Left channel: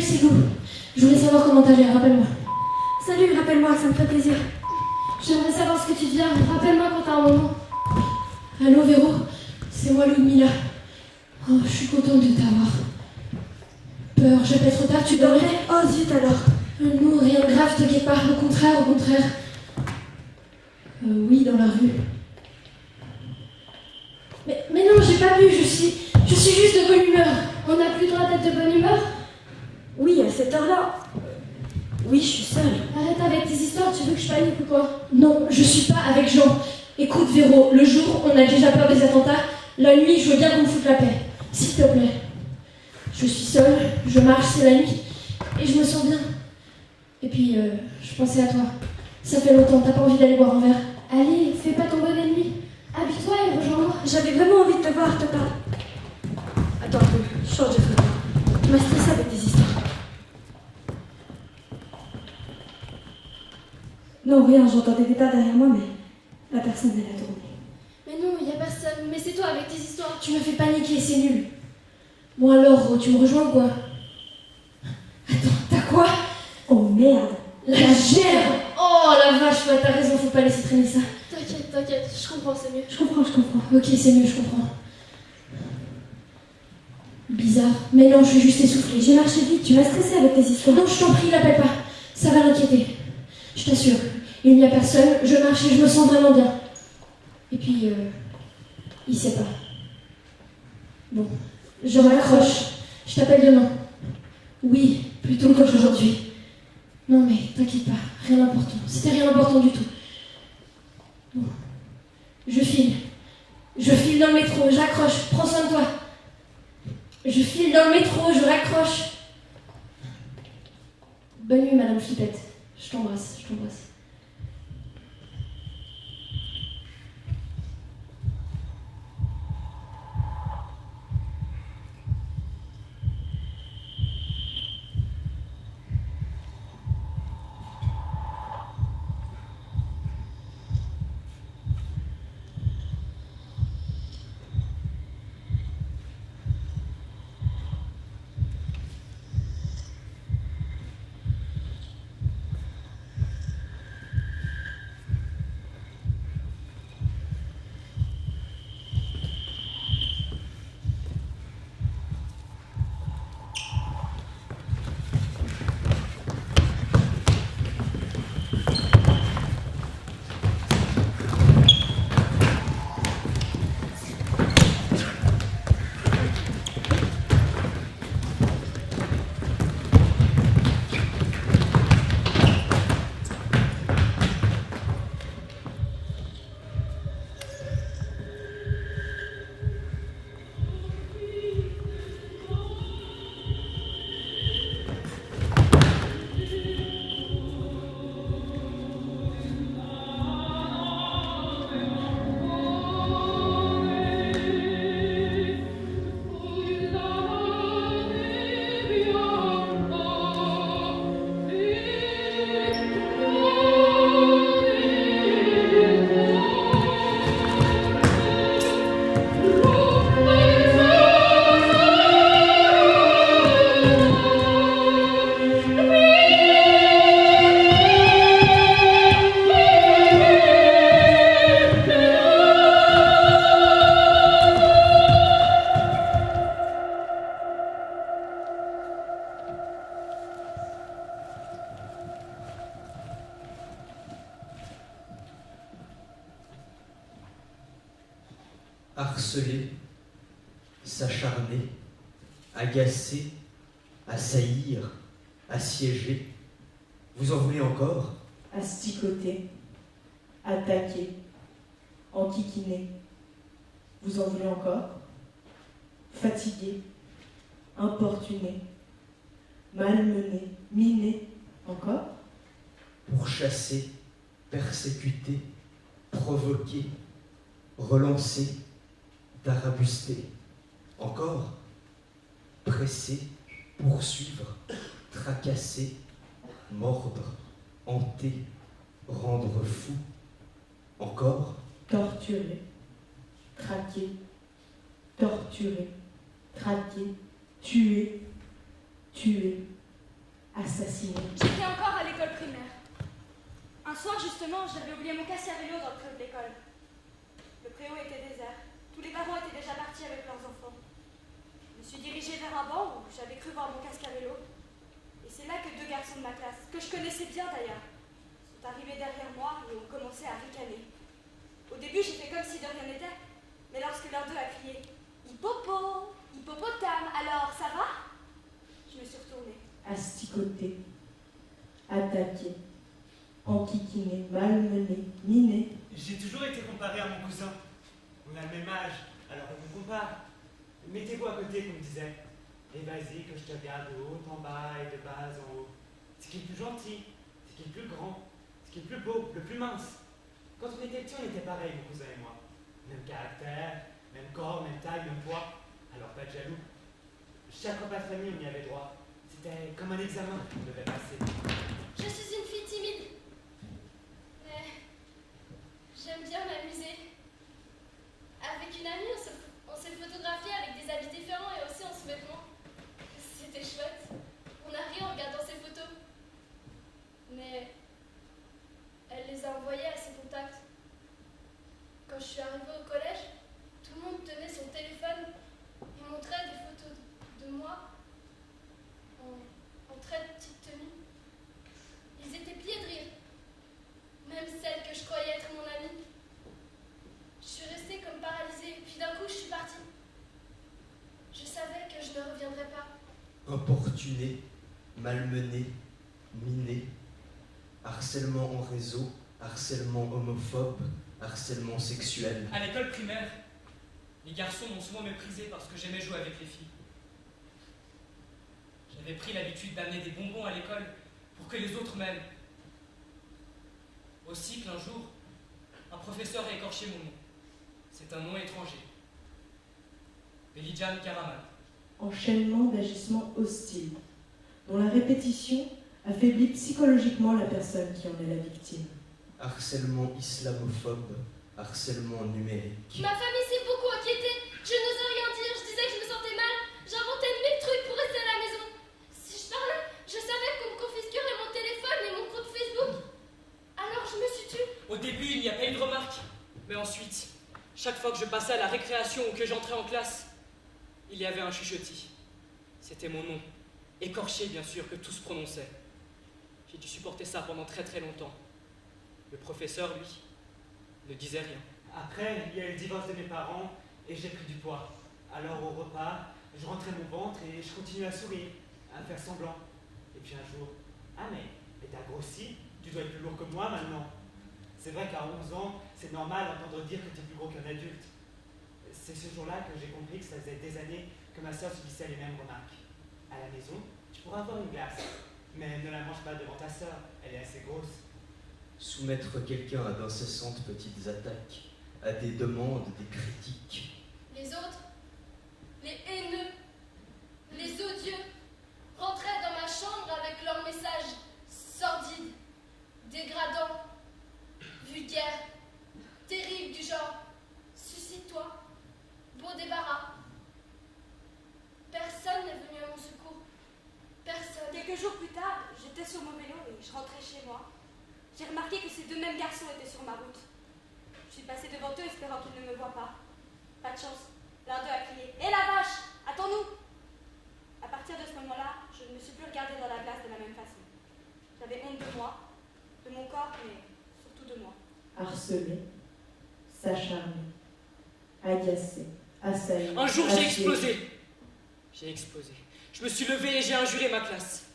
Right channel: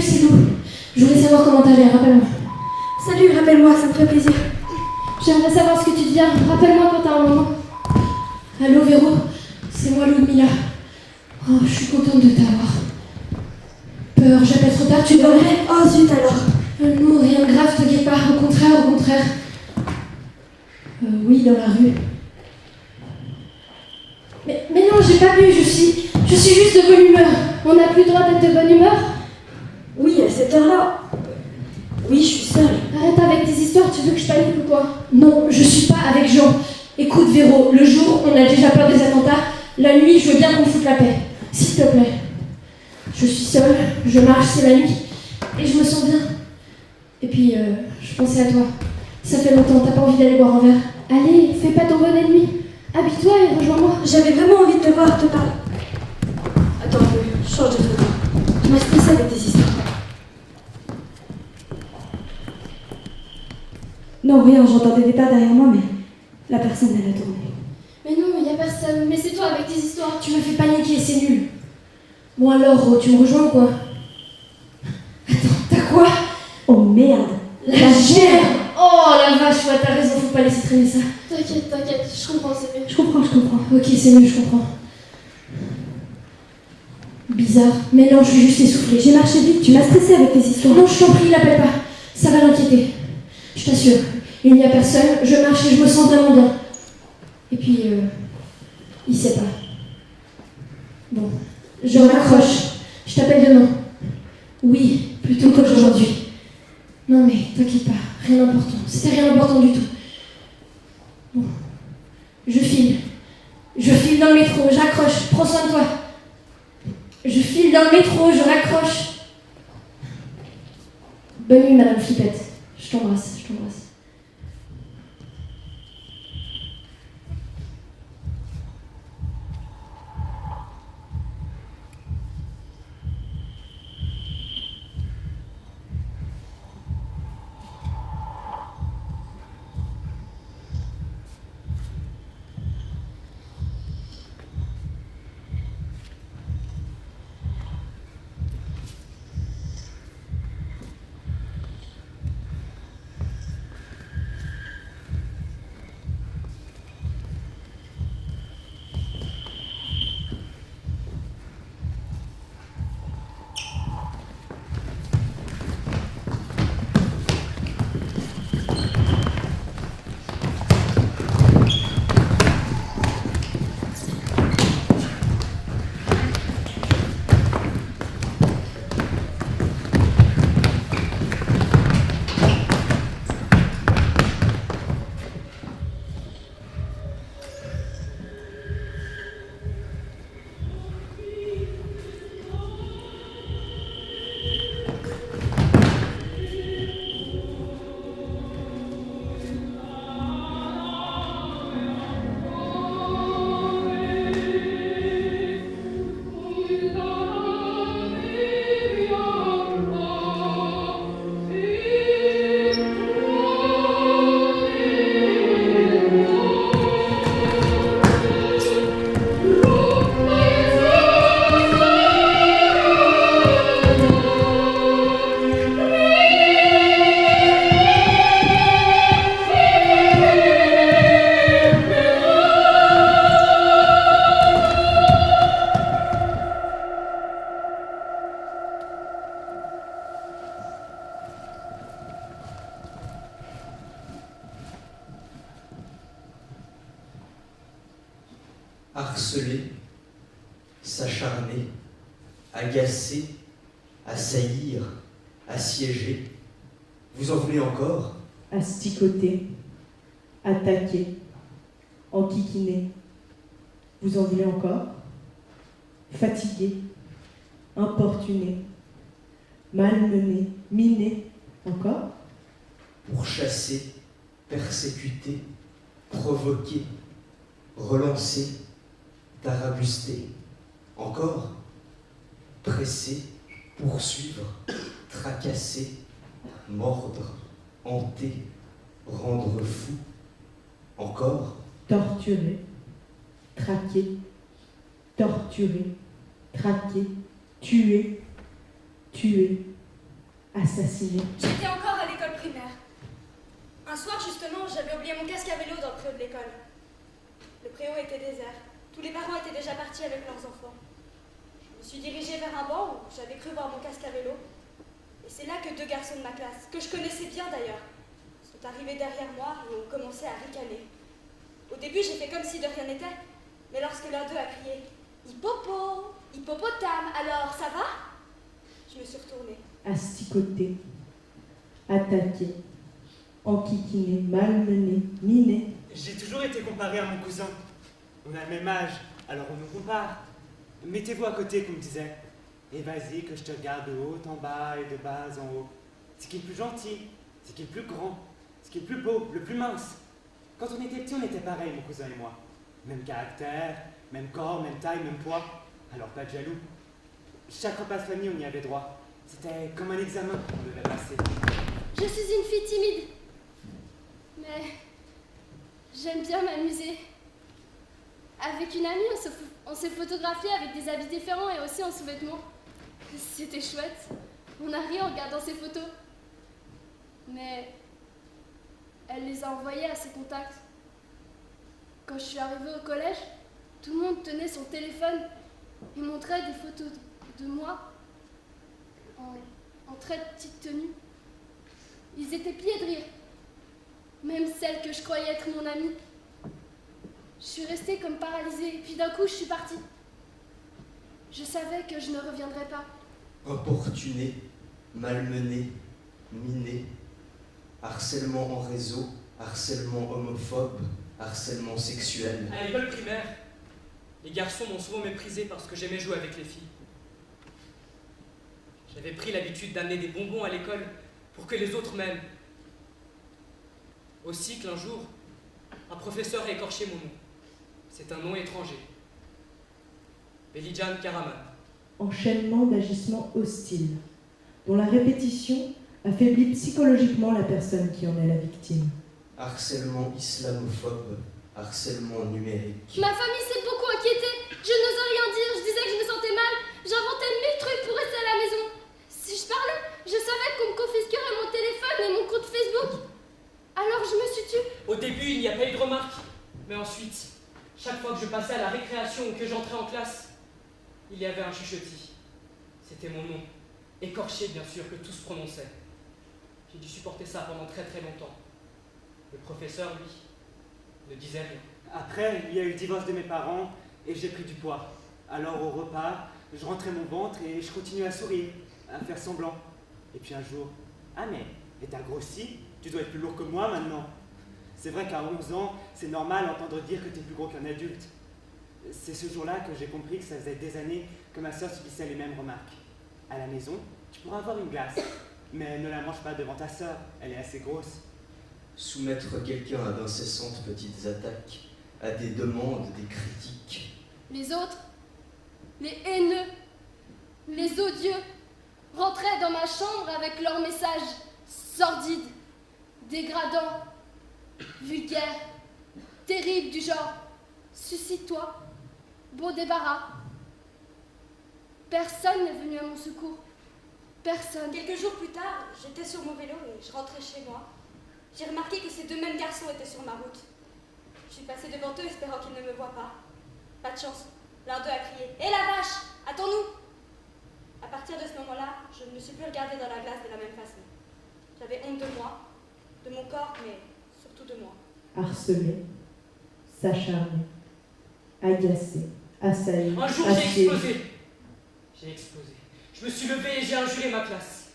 Salut, c'est Lou. Je voulais savoir comment t'allais, rappelle-moi. Salut, rappelle-moi, ça me ferait plaisir. J'aimerais savoir ce que tu deviens, rappelle-moi quand t'as un moment. Allô, Véro, c'est moi, Ludmilla. Oh, je suis contente de t'avoir. Peur, j'appelle trop tard, tu dormais? Oh zut alors. Non, rien de grave, t'inquiète pas, au contraire, au contraire. Oui, dans la rue. Mais non, j'ai pas bu, je suis juste de bonne humeur. On n'a plus le droit d'être de bonne humeur? Oui, à cette heure-là. Oui, je suis seule. Arrête avec tes histoires, tu veux que je panique ou quoi? Non, je suis pas avec Jean. Écoute Véro, le jour, on a déjà peur des attentats. La nuit, je veux bien qu'on foute la paix. S'il te plaît. Je suis seule, je marche, c'est la nuit. Et je me sens bien. Et puis, je pensais à toi. Ça fait longtemps, t'as pas envie d'aller boire un verre? Allez, fais pas ton bonnet de nuit. Habille-toi et rejoins-moi. J'avais vraiment envie de te voir, te parler. Attends un peu, change de truc. Tu m'as stressée avec tes histoires. Non, rien, j'entendais des pas derrière moi, mais la personne, elle a tourné. Mais non, y a personne. Mais c'est toi avec tes histoires. Tu me fais paniquer, c'est nul. Bon alors, tu me rejoins ou quoi? Attends, t'as quoi? Oh merde. La gerbe. Oh la vache, ouais, t'as raison, faut pas laisser traîner ça. T'inquiète, je comprends, c'est mieux. Je comprends. Ok, c'est mieux, je comprends. Bizarre. Mais non, je suis juste essoufflée. J'ai marché vite, tu m'as stressée avec tes histoires. Non, je t'en prie, l'appelle pas. Ça va l'inquiéter. Je t'assure, il n'y a personne, je marche et je me sens vraiment bien. Et puis, il sait pas. Bon, je raccroche. Je t'appelle demain. Oui, plutôt qu'aujourd'hui. Non mais, t'inquiète pas, rien d'important. C'était rien d'important du tout. Bon, je file. Je file dans le métro, j'accroche, prends soin de toi. Je file dans le métro, je raccroche. Bonne nuit, Madame Flippette. Je t'embrasse. Harceler, s'acharner, agacer, assaillir, assiéger. Vous en voulez encore? Asticoter, attaquer, enquiquiner. Vous en voulez encore? Fatiguer, importuner, malmener, miner. Encore? Pourchasser, persécuter, provoquer, relancer, tarabuster. Encore? Presser, poursuivre, tracasser, mordre, hanter, rendre fou. Encore? Torturer, traquer, torturer, traquer, tuer, tuer, assassiné. J'étais encore à l'école primaire. Un soir, justement, j'avais oublié mon casque à vélo dans le préau de l'école. Le préau était désert. Tous les parents étaient déjà partis avec leurs enfants. Je me suis dirigée vers un banc où j'avais cru voir mon casque à vélo. Et c'est là que deux garçons de ma classe, que je connaissais bien d'ailleurs, sont arrivés derrière moi et ont commencé à ricaner. Au début, j'ai fait comme si de rien n'était, mais lorsque l'un d'eux a crié « Hippopo, hippopotame, alors ça va ?» Je me suis retournée. Asticoté, attaqué, enquiquiné, malmené, miné. J'ai toujours été comparé à mon cousin. On a le même âge, alors on nous compare. Mettez-vous à côté, qu'on me disait. Et vas-y, que je te regarde de haut en bas et de bas en haut. C'est qui est le plus gentil, c'est qui est le plus grand, c'est qui est le plus beau, le plus mince. Quand on était petits, on était pareil, mon cousin et moi. Même caractère, même corps, même taille, même poids. Alors pas de jaloux. Chaque repas de famille, on y avait droit. C'était comme un examen qu'on devait passer. Je suis une fille timide, mais j'aime bien m'amuser. Avec une amie, on s'est photographié avec des habits différents et aussi en sous-vêtements. C'était chouette. On a ri en regardant ses photos. Mais elle les a envoyées à ses contacts. Quand je suis arrivée au collège, tout le monde tenait son téléphone et montrait des photos de moi en très petite tenue. Ils étaient pliés de rire. Même celle que je croyais être mon amie. Je suis restée comme paralysée, et puis d'un coup, je suis partie. Je savais que je ne reviendrais pas. Importuné, malmené, miné, harcèlement en réseau, harcèlement homophobe, harcèlement sexuel. À l'école primaire, les garçons m'ont souvent méprisé parce que j'aimais jouer avec les filles. J'avais pris l'habitude d'amener des bonbons à l'école pour que les autres m'aiment. Au cycle, un jour, un professeur a écorché mon nom. C'est un nom étranger. Belijan Karaman. Enchaînement d'agissements hostiles, dont la répétition affaiblit psychologiquement la personne qui en est la victime. Harcèlement islamophobe, harcèlement numérique. Ma famille s'est beaucoup inquiétée. Je n'osais rien dire. Je disais que je me sentais mal. J'inventais 1000 trucs pour rester à la maison. Si je parlais, je savais qu'on me confisquerait mon téléphone et mon compte Facebook. Alors je me suis tue. Au début, il n'y a pas eu de remarques. Mais ensuite, chaque fois que je passais à la récréation ou que j'entrais en classe, il y avait un chuchotis. C'était mon nom, écorché bien sûr, que tous prononçaient. J'ai dû supporter ça pendant très très longtemps. Le professeur, lui, ne disait rien. Après, il y a eu le divorce de mes parents et j'ai pris du poids. Alors au repas, je rentrais mon ventre et je continuais à sourire, à faire semblant. Et puis un jour, ah mais t'as grossi, tu dois être plus lourd que moi maintenant. C'est vrai qu'à 11 ans, c'est normal d'entendre dire que t'es plus gros qu'un adulte. C'est ce jour-là que j'ai compris que ça faisait des années que ma soeur subissait les mêmes remarques. À la maison, tu pourras avoir une glace, mais ne la mange pas devant ta soeur, elle est assez grosse. Soumettre quelqu'un à d'incessantes petites attaques, à des demandes, des critiques. Les autres, les haineux, les odieux, rentraient dans ma chambre avec leurs messages sordides, dégradants, vulgaires, terribles du genre « Suicide-toi, beau débarras ». Personne n'est venu à mon secours. Personne. Quelques jours plus tard, j'étais sur mon vélo et je rentrais chez moi. J'ai remarqué que ces deux mêmes garçons étaient sur ma route. Je suis passée devant eux espérant qu'ils ne me voient pas. Pas de chance. L'un d'eux a crié « Hé la vache, attends-nous !» À partir de ce moment-là, je ne me suis plus regardée dans la glace de la même façon. J'avais honte de moi, de mon corps, mais surtout de moi. Harcelé, s'acharner, agacé, assailli, Un jour, j'ai haché. explosé. J'ai explosé. Je me suis levé et j'ai injuré ma classe.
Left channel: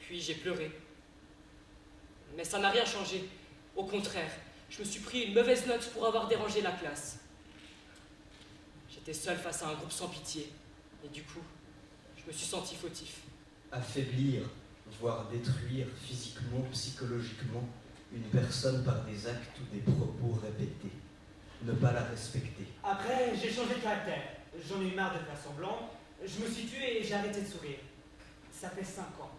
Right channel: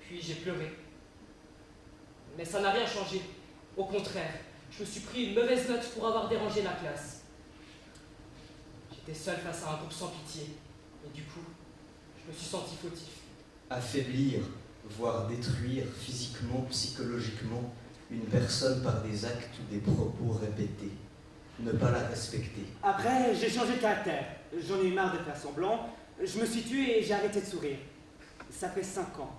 Puis j'ai pleuré. Mais ça n'a rien changé. Au contraire, je me suis pris une mauvaise note pour avoir dérangé la classe. J'étais seul face à un groupe sans pitié. Et du coup, je me suis senti fautif. Affaiblir, voire détruire physiquement, psychologiquement, une personne par des actes ou des propos répétés. Ne pas la respecter. Après, j'ai changé de caractère. J'en ai eu marre de faire semblant. Je me suis tué et j'ai arrêté de sourire. Ça fait 5 ans.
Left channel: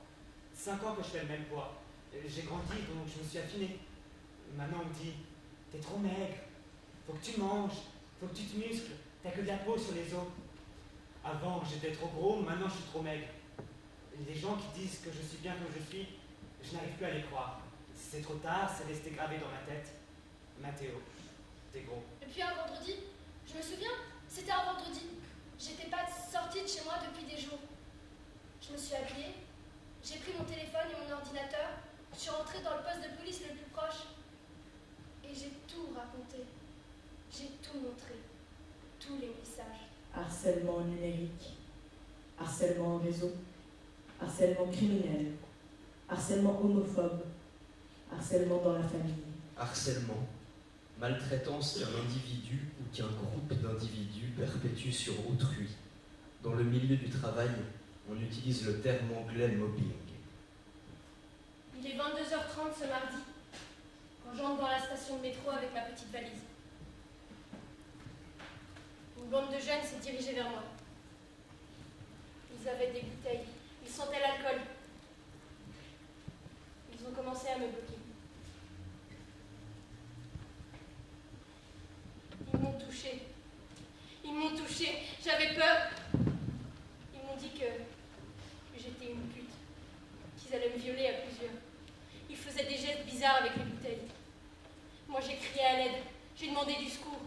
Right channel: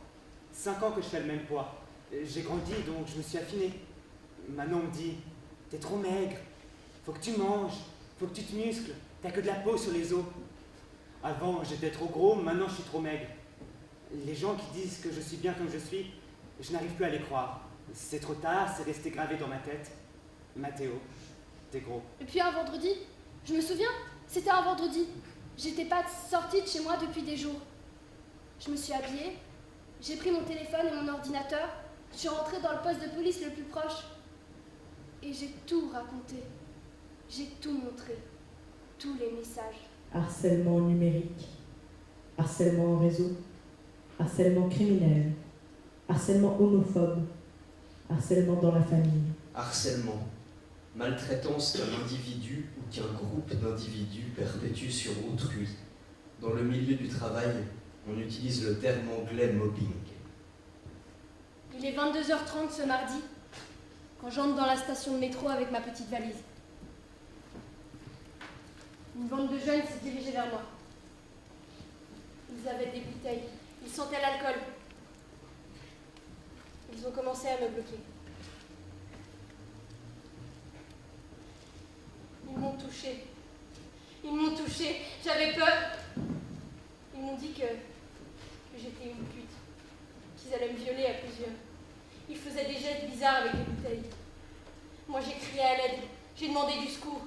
5 ans que je fais le même poids. J'ai grandi, donc je me suis affiné. Maintenant, on me dit, t'es trop maigre. Faut que tu manges. Faut que tu te muscles. T'as que de la peau sur les os. Avant, j'étais trop gros. Maintenant, je suis trop maigre. Les gens qui disent que je suis bien comme je suis, je n'arrive plus à les croire. C'est trop tard, c'est resté gravé dans ma tête. Mathéo, t'es gros. Et puis un vendredi, je me souviens, c'était un vendredi. J'étais pas sortie de chez moi depuis des jours. Je me suis habillée, j'ai pris mon téléphone et mon ordinateur, je suis rentrée dans le poste de police le plus proche. Et j'ai tout raconté. J'ai tout montré. Tous les messages. Harcèlement numérique, harcèlement en réseau, harcèlement criminel, harcèlement homophobe, harcèlement dans la famille. Harcèlement, maltraitance qu'un individu ou qu'un groupe d'individus perpétue sur autrui. Dans le milieu du travail, on utilise le terme anglais mobbing. Il est 22h30 ce mardi, quand j'entre dans la station de métro avec ma petite valise. Une bande de jeunes s'est dirigée vers moi. Ils avaient des bouteilles, ils sentaient l'alcool. Ils ont commencé à me bloquer. Ils m'ont touchée. Ils m'ont touchée. J'avais peur. Ils m'ont dit que j'étais une pute, qu'ils allaient me violer à plusieurs. Ils faisaient des gestes bizarres avec les bouteilles. Moi, j'ai crié à l'aide. J'ai demandé du secours.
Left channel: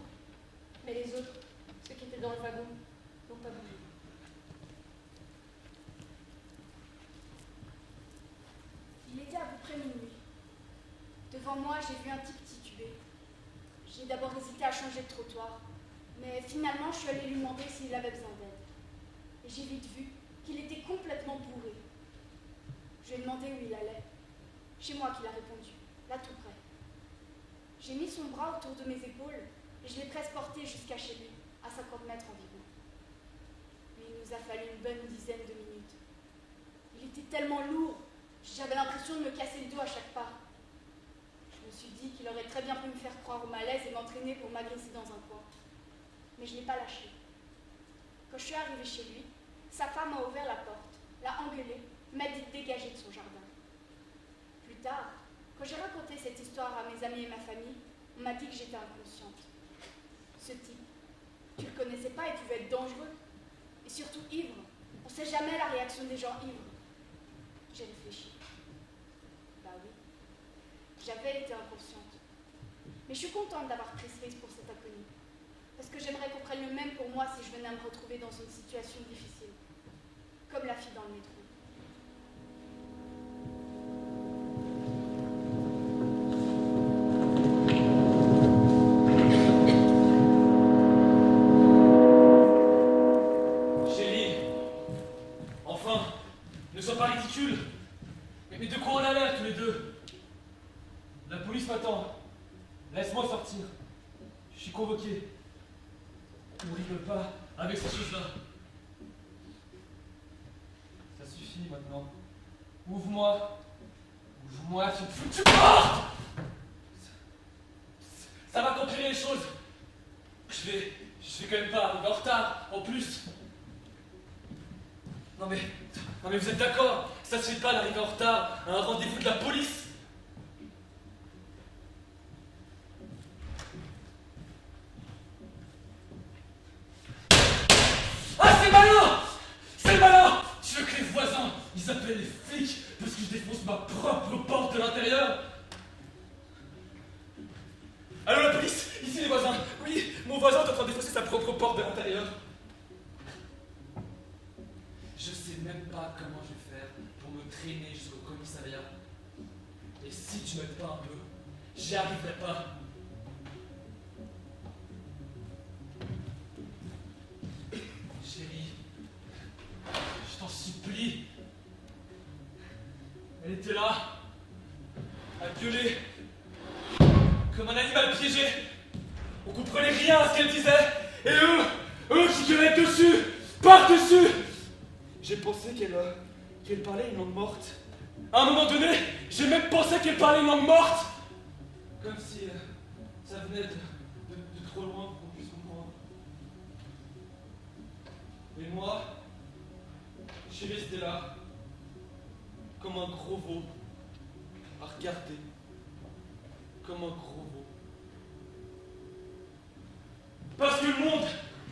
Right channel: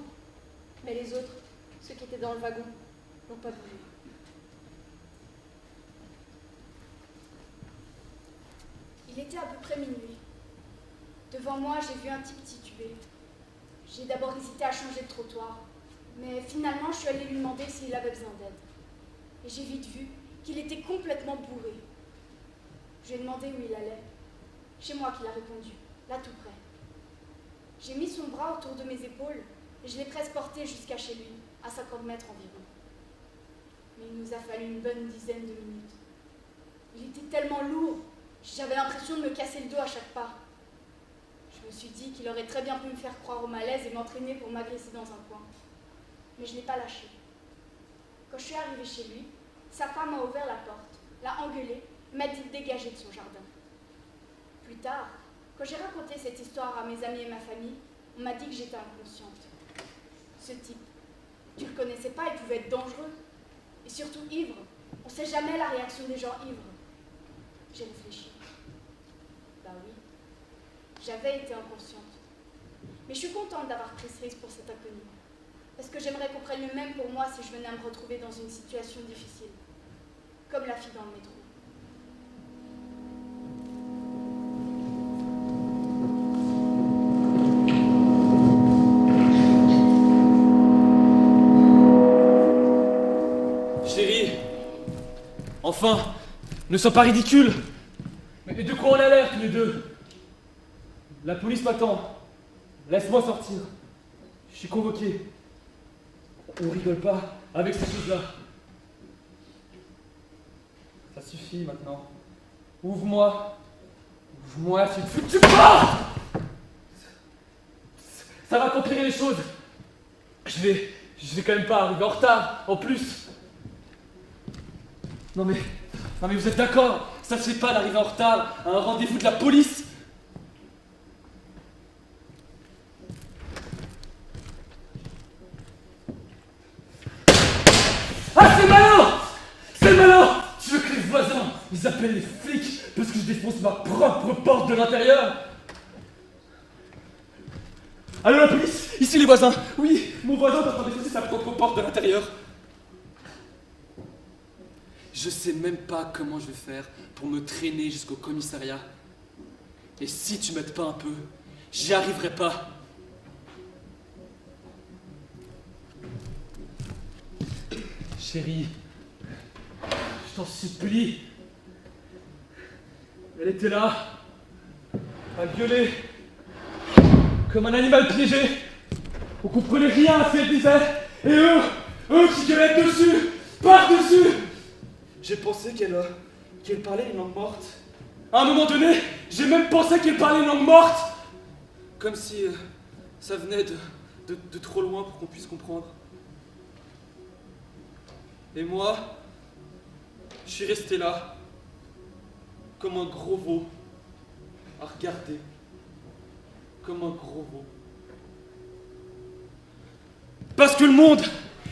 Mais les autres, ceux qui étaient dans le wagon, n'ont pas bougé. Il était à peu près minuit. Devant moi, j'ai vu un type titubé. J'ai d'abord hésité à changer de trottoir, mais finalement, je suis allée lui demander s'il avait besoin d'aide. Et j'ai vite vu qu'il était complètement bourré. Je lui ai demandé où il allait. Chez moi qu'il a répondu, là tout près. J'ai mis son bras autour de mes épaules et je l'ai presque porté jusqu'à chez lui, à 50 mètres environ. Mais il nous a fallu une bonne dizaine de minutes. Il était tellement lourd, j'avais l'impression de me casser le dos à chaque pas. Je me suis dit qu'il aurait très bien pu me faire croire au malaise et m'entraîner pour m'agresser dans un coin. Mais je ne l'ai pas lâché. Quand je suis arrivée chez lui, sa femme a ouvert la porte, l'a engueulé, m'a dit de dégager de son jardin. Plus tard, quand j'ai raconté cette histoire à mes amis et ma famille, on m'a dit que j'étais inconsciente. Ce type, tu le connaissais pas, il pouvait être dangereux. Et surtout ivre. On sait jamais la réaction des gens ivres. J'ai réfléchi. Ben oui, j'avais été inconsciente. Mais je suis contente d'avoir pris ce risque pour cet inconnu. Parce que j'aimerais qu'on prenne le même pour moi si je venais à me retrouver dans une situation difficile. Comme la fille dans le métro. Chérie, enfin, ne sois pas ridicule. Mais de quoi on a l'air tous les deux? La police m'attend. Laisse-moi sortir. Je suis convoqué. On rigole pas avec ces choses-là. Ça suffit maintenant. Ouvre-moi. Ouvre-moi, tu pars. Ça va compliquer les choses. Je vais quand même pas arriver en retard, en plus. Non mais vous êtes d'accord? Ça se fait pas d'arriver en retard à un rendez-vous de la police. Ah, c'est malin! C'est malin! Tu veux que les voisins, ils appellent les flics parce que je défonce ma propre porte de l'intérieur? Allô, la police? Ici les voisins. Oui, mon voisin est en train de défoncer sa propre porte de l'intérieur. Je sais même pas comment je vais faire pour me traîner jusqu'au commissariat. Et si tu m'aides pas un peu, j'y arriverai pas. Chérie, je t'en supplie. Elle était là, à gueuler, comme un animal piégé. On comprenait rien à ce qu'elle disait. Et eux qui gueulaient dessus, par-dessus. J'ai pensé qu'elle parlait une langue morte. À un moment donné, j'ai même pensé qu'elle parlait une langue morte. Comme si ça venait de trop loin pour qu'on puisse comprendre. Et moi, je suis resté là, comme un gros veau, à regarder, comme un gros veau. Parce que le monde,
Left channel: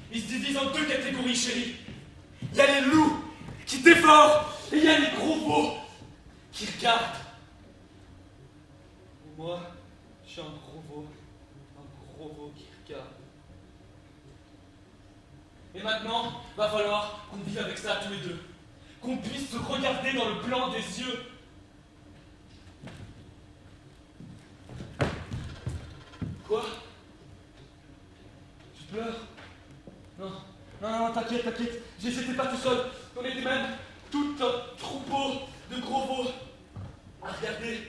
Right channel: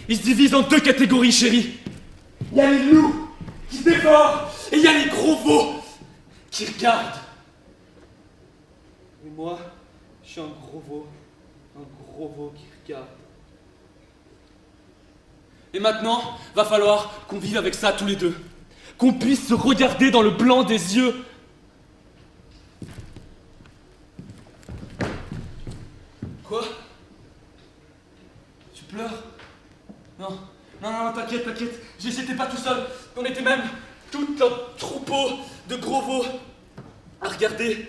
il se divise en deux catégories, chérie. Il y a les loups qui dévorent et il y a les gros veaux qui regardent. Et moi, je suis un gros veau qui regarde. Et maintenant, va falloir qu'on vive avec ça tous les deux. Qu'on puisse se regarder dans le blanc des yeux. Quoi? Tu pleures? Non, t'inquiète, j'étais pas tout seul. On était même tout un troupeau de gros veaux à regarder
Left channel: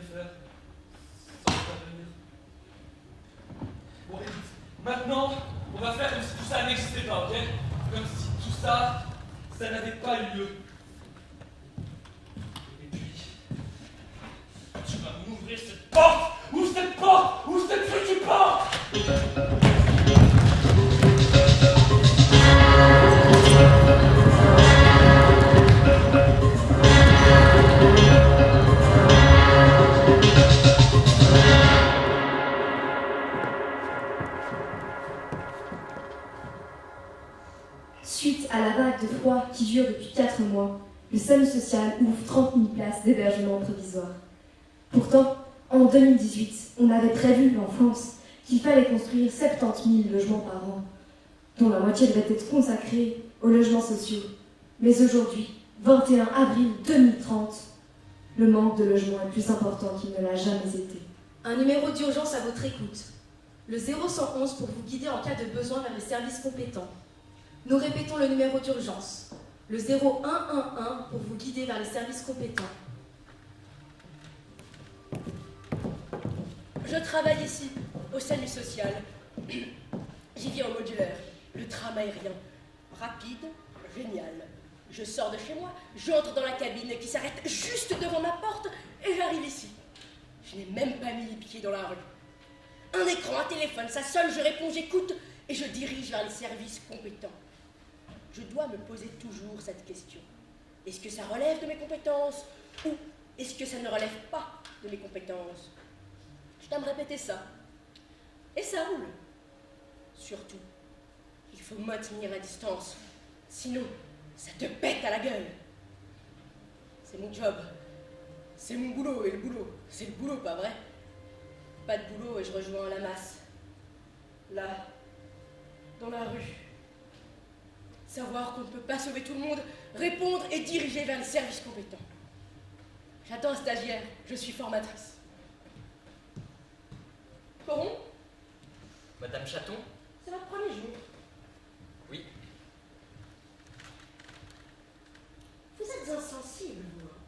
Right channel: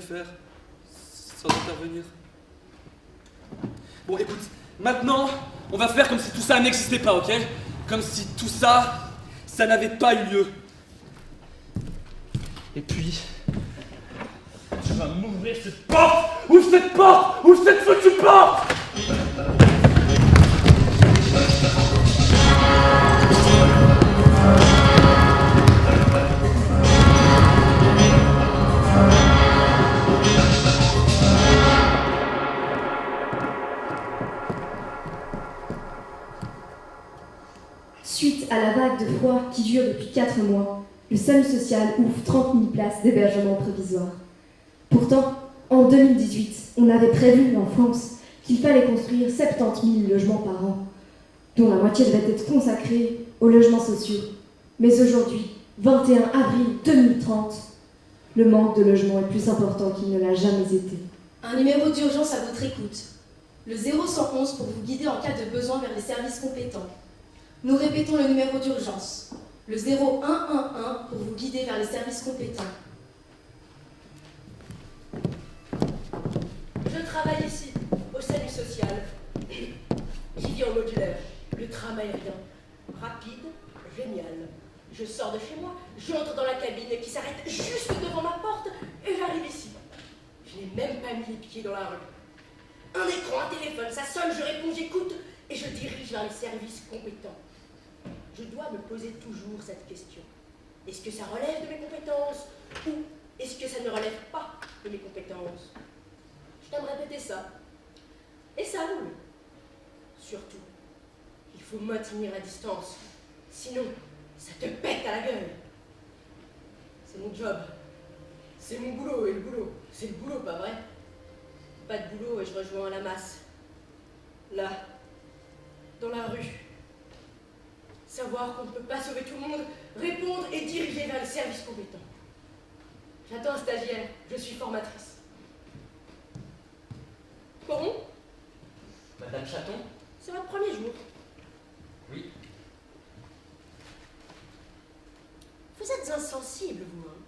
faire sans intervenir. Bon, écoute, maintenant, on va faire comme si tout ça n'existait pas, ok? Comme si tout ça, ça n'avait pas eu lieu. Et puis, tu vas m'ouvrir cette porte! Ouvre cette porte! Ouvre cette foutue porte! Suite à la vague de froid qui dure depuis 4 mois, le SAMU social ouvre 30 000 places d'hébergement provisoire. Pourtant, en 2018, on avait prévu en France qu'il fallait construire 70 000 logements par an, dont la moitié devait être consacrée aux logements sociaux. Mais aujourd'hui, 21 avril 2030, le manque de logements est plus important qu'il ne l'a jamais été. Un numéro d'urgence à votre écoute. Le 0111 pour vous guider en cas de besoin vers les services compétents. Nous répétons le numéro d'urgence. Le 0111 pour vous guider vers les services compétents. Je travaille ici, au SAMU social. J'y vis en modulaire. Le tram aérien. Rapide, génial. Je sors de chez moi, j'entre dans la cabine qui s'arrête juste devant ma porte et j'arrive ici. Je n'ai même pas mis les pieds dans la rue. Un écran, un téléphone, ça sonne, je réponds, j'écoute et je dirige vers les services compétents. Je dois me poser toujours cette question. Est-ce que ça relève de mes compétences ou est-ce que ça ne relève pas de mes compétences? Je dois me répéter ça. Et ça roule. Surtout, il faut maintenir la distance. Sinon, ça te pète à la gueule. C'est mon job. C'est mon boulot et le boulot, c'est le boulot, pas vrai? Pas de boulot et je rejoins la masse. Là, dans la rue. Savoir qu'on ne peut pas sauver tout le monde, répondre et diriger vers les services compétents. J'attends un stagiaire, je suis formatrice. Coron? Madame Chaton? C'est votre premier jour. Oui. Vous êtes insensible, vous, hein?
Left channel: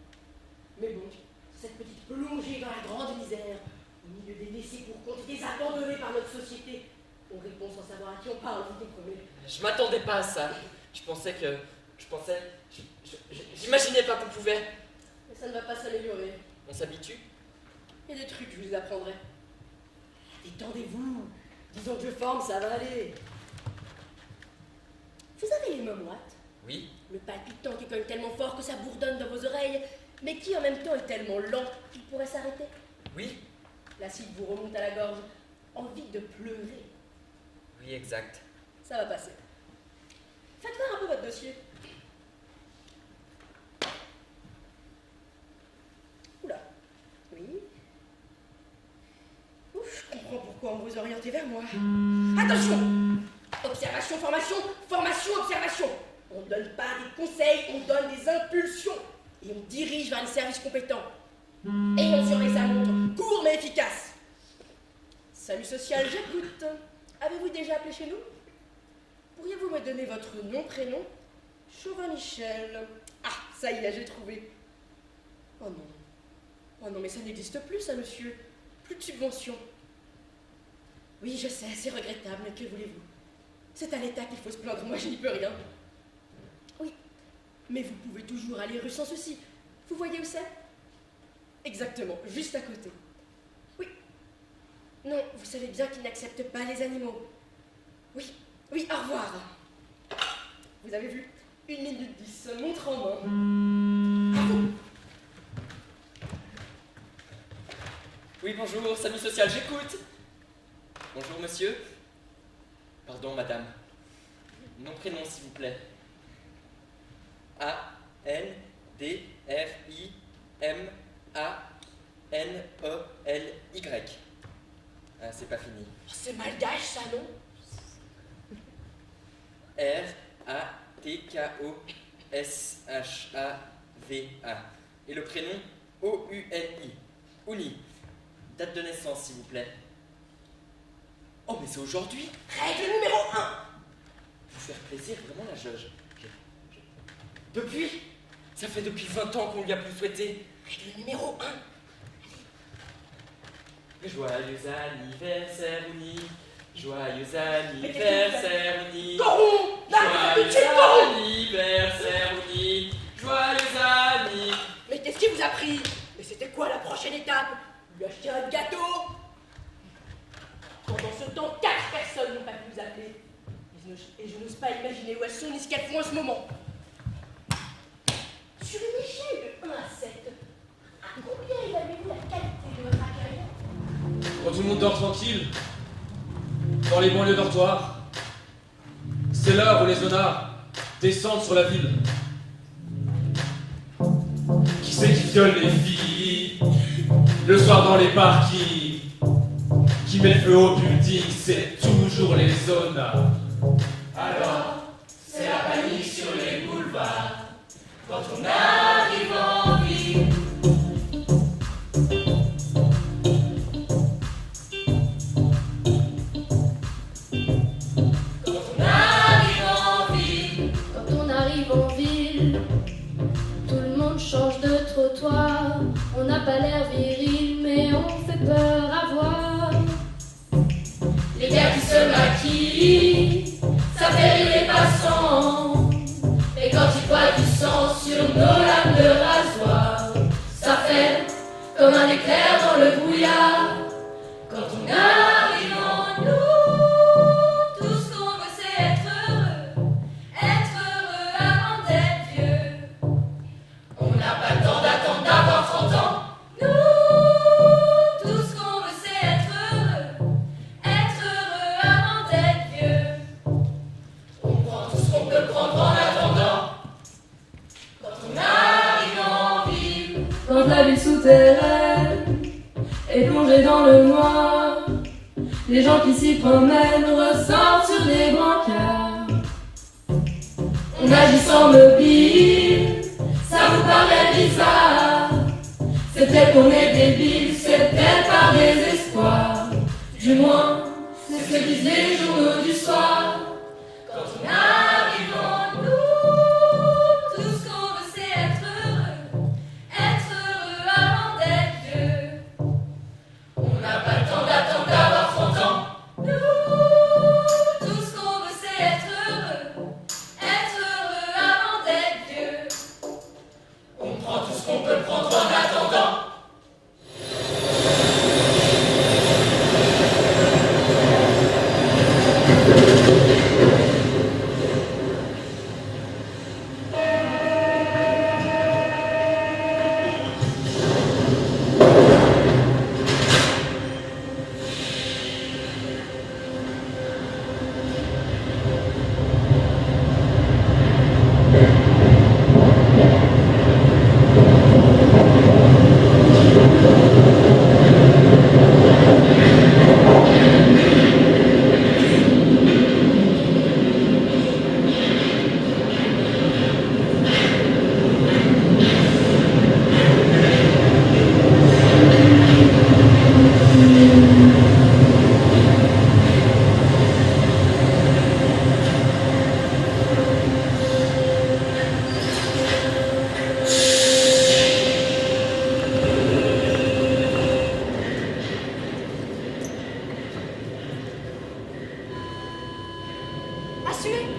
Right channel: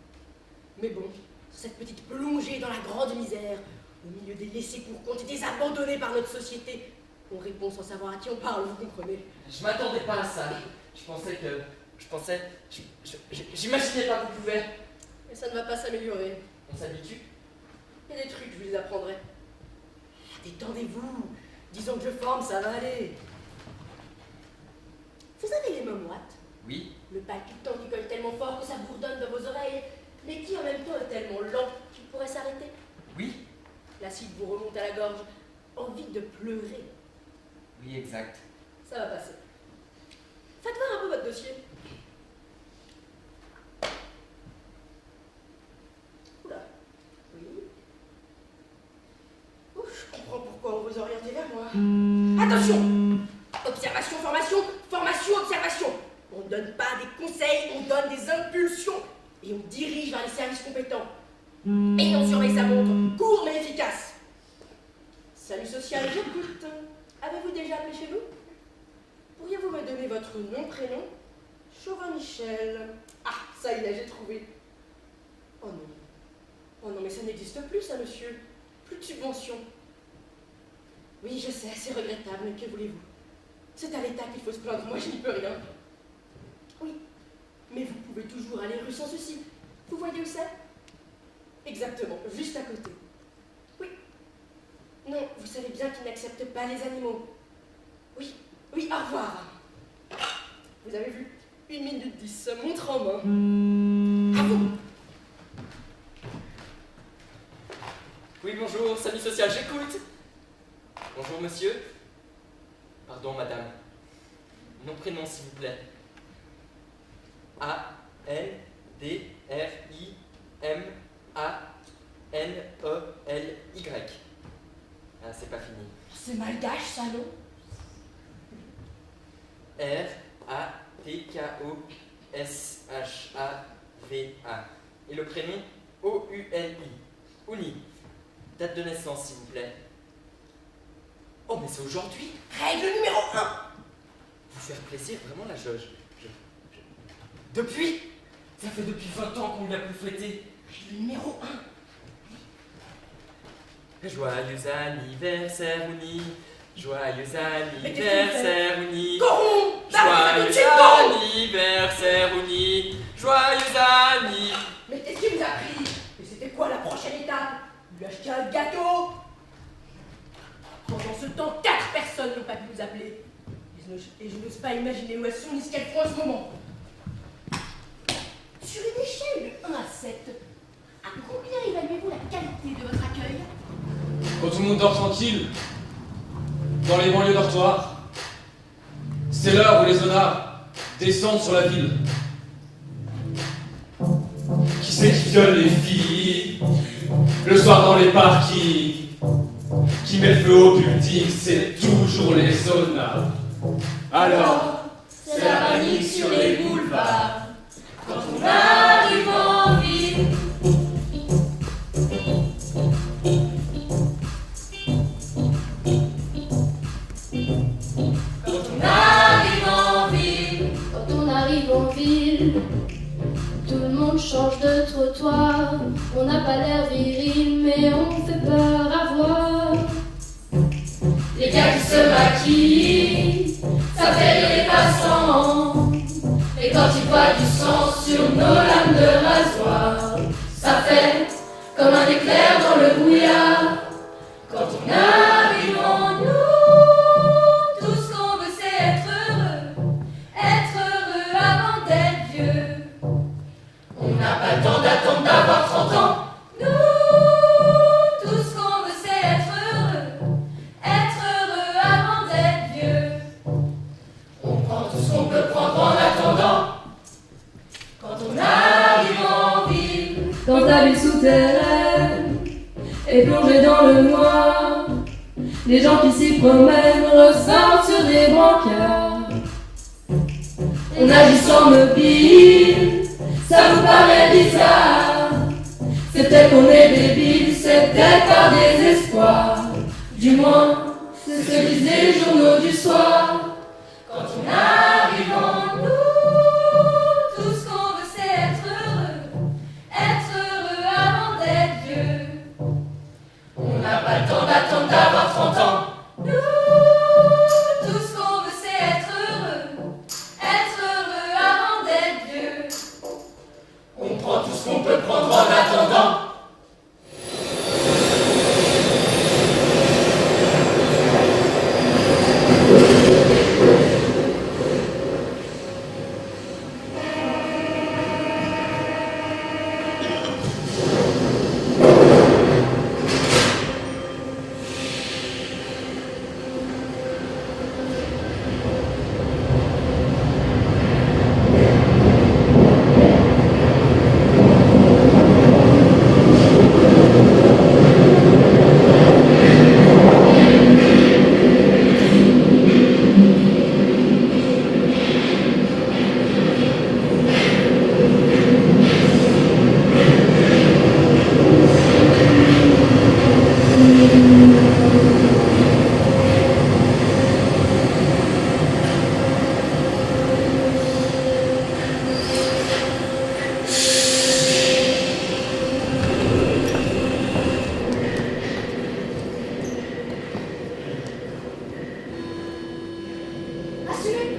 Mais bon, sur cette petite plongée dans la grande misère, au milieu des laissés pour compte et des abandonnés par notre société, on répond sans savoir à qui on parle, vous comprenez? Je m'attendais pas à ça. J'imaginais pas qu'on pouvait. Mais ça ne va pas s'améliorer. On s'habitue. Il y a des trucs, je vous les apprendrai. Détendez-vous. Disons que je forme, ça va aller. Vous avez les mains moites? Oui. Le palpitant qui cogne tellement fort que ça bourdonne dans vos oreilles, mais qui en même temps est tellement lent qu'il pourrait s'arrêter? Oui. L'acide vous remonte à la gorge. Envie de pleurer. Oui, exact. Ça va passer. Faites voir un peu votre dossier. Oula. Oui. Ouf, je comprends pourquoi on vous orientez vers moi. Attention! Observation, formation, formation, observation. On ne donne pas des conseils, on donne des impulsions. Et on dirige vers les services compétents. Et on surveille sa montre, court mais efficace. SAMU social, j'écoute. Avez-vous déjà appelé chez nous? Pourriez-vous me donner votre nom, prénom? Chauvin-Michel. Ah, ça y est, j'ai trouvé. Oh non. Oh non, mais ça n'existe plus, ça, monsieur. Plus de subventions. Oui, je sais, c'est regrettable, mais que voulez-vous? C'est à l'État qu'il faut se plaindre, moi je n'y peux rien. Oui, mais vous pouvez toujours aller rue sans souci. Vous voyez où c'est? Exactement, juste à côté. Oui. Non, vous savez bien qu'ils n'acceptent pas les animaux. Oui, oui, au revoir. Vous avez vu? 1 minute 10, montre en main. À vous. Oui, bonjour, SAMU social, j'écoute. Bonjour, monsieur. Pardon, madame. Nom, prénom, s'il vous plaît. A-L-D-R-I-M-A-N-E-L-Y. Ah, c'est pas fini. C'est malgache, ça, non? R-A-T-K-O-S-H-A-V-A. Et le prénom O-U-N-I. Ouni. Date de naissance, s'il vous plaît. Oh, mais c'est aujourd'hui. Règle numéro 1. Vous faire plaisir, vraiment, là, Depuis? Ça fait depuis 20 ans qu'on lui a plus souhaité. Règle numéro 1. Joyeux anniversaire, Ouni. Joyeux anniversaire, Ouni. Coron! Joyeux anniversaire, Ouni. Joyeux anniversaire. Mais qu'est-ce qui vous a pris? Mais c'était quoi la prochaine étape? Lui acheter un gâteau? Pendant ce temps, 4 personnes n'ont pas pu vous appeler. Et je n'ose pas imaginer où elles sont ni ce qu'elles font en ce moment. Sur une échelle de 1 à 7, à combien évaluez-vous la qualité de votre accueil? Quand tout le monde dort tranquille, dans les banlieues dortoirs, c'est l'heure où les honnards descendent sur la ville. Qui c'est qui viole les filles le soir dans les parkings? Qui met le feu au building? C'est toujours les honnards. Alors, c'est la panique sur les boulevards quand on arrive en ville. Quand on arrive en ville. Quand on arrive en ville, tout le monde change de trottoir. On n'a pas l'air viril, mais on fait peur à voir. Les gars qui se maquillent, ça fait les passants. Et quand ils voient du sang sur nos lames de rasoir, ça fait comme un éclair dans le brouillard. Quand on arrive en nous, tout ce qu'on veut c'est être heureux avant d'être vieux. On n'a pas le temps d'attendre d'avoir 30 ans. Nous, tout ce qu'on veut c'est être heureux avant d'être vieux. On prend tout ce qu'on peut prendre en attendant. Quand on arrive en ville. Dans ta ville souterraine et plongée dans le noir, les gens qui s'y promènent ressortent sur des brancards. On agit sans mobile, ça vous paraît bizarre. C'est peut-être qu'on est débile, c'est peut-être par désespoir. Du moins, c'est ce que disaient les journaux du soir. Quand on arrive en nous, tout ce qu'on veut c'est être heureux avant d'être vieux. On n'a pas le temps d'attendre d'avoir 30 ans. Nous, tout ce qu'on veut c'est être heureux avant d'être vieux. On prend tout ce qu'on peut prendre en attendant.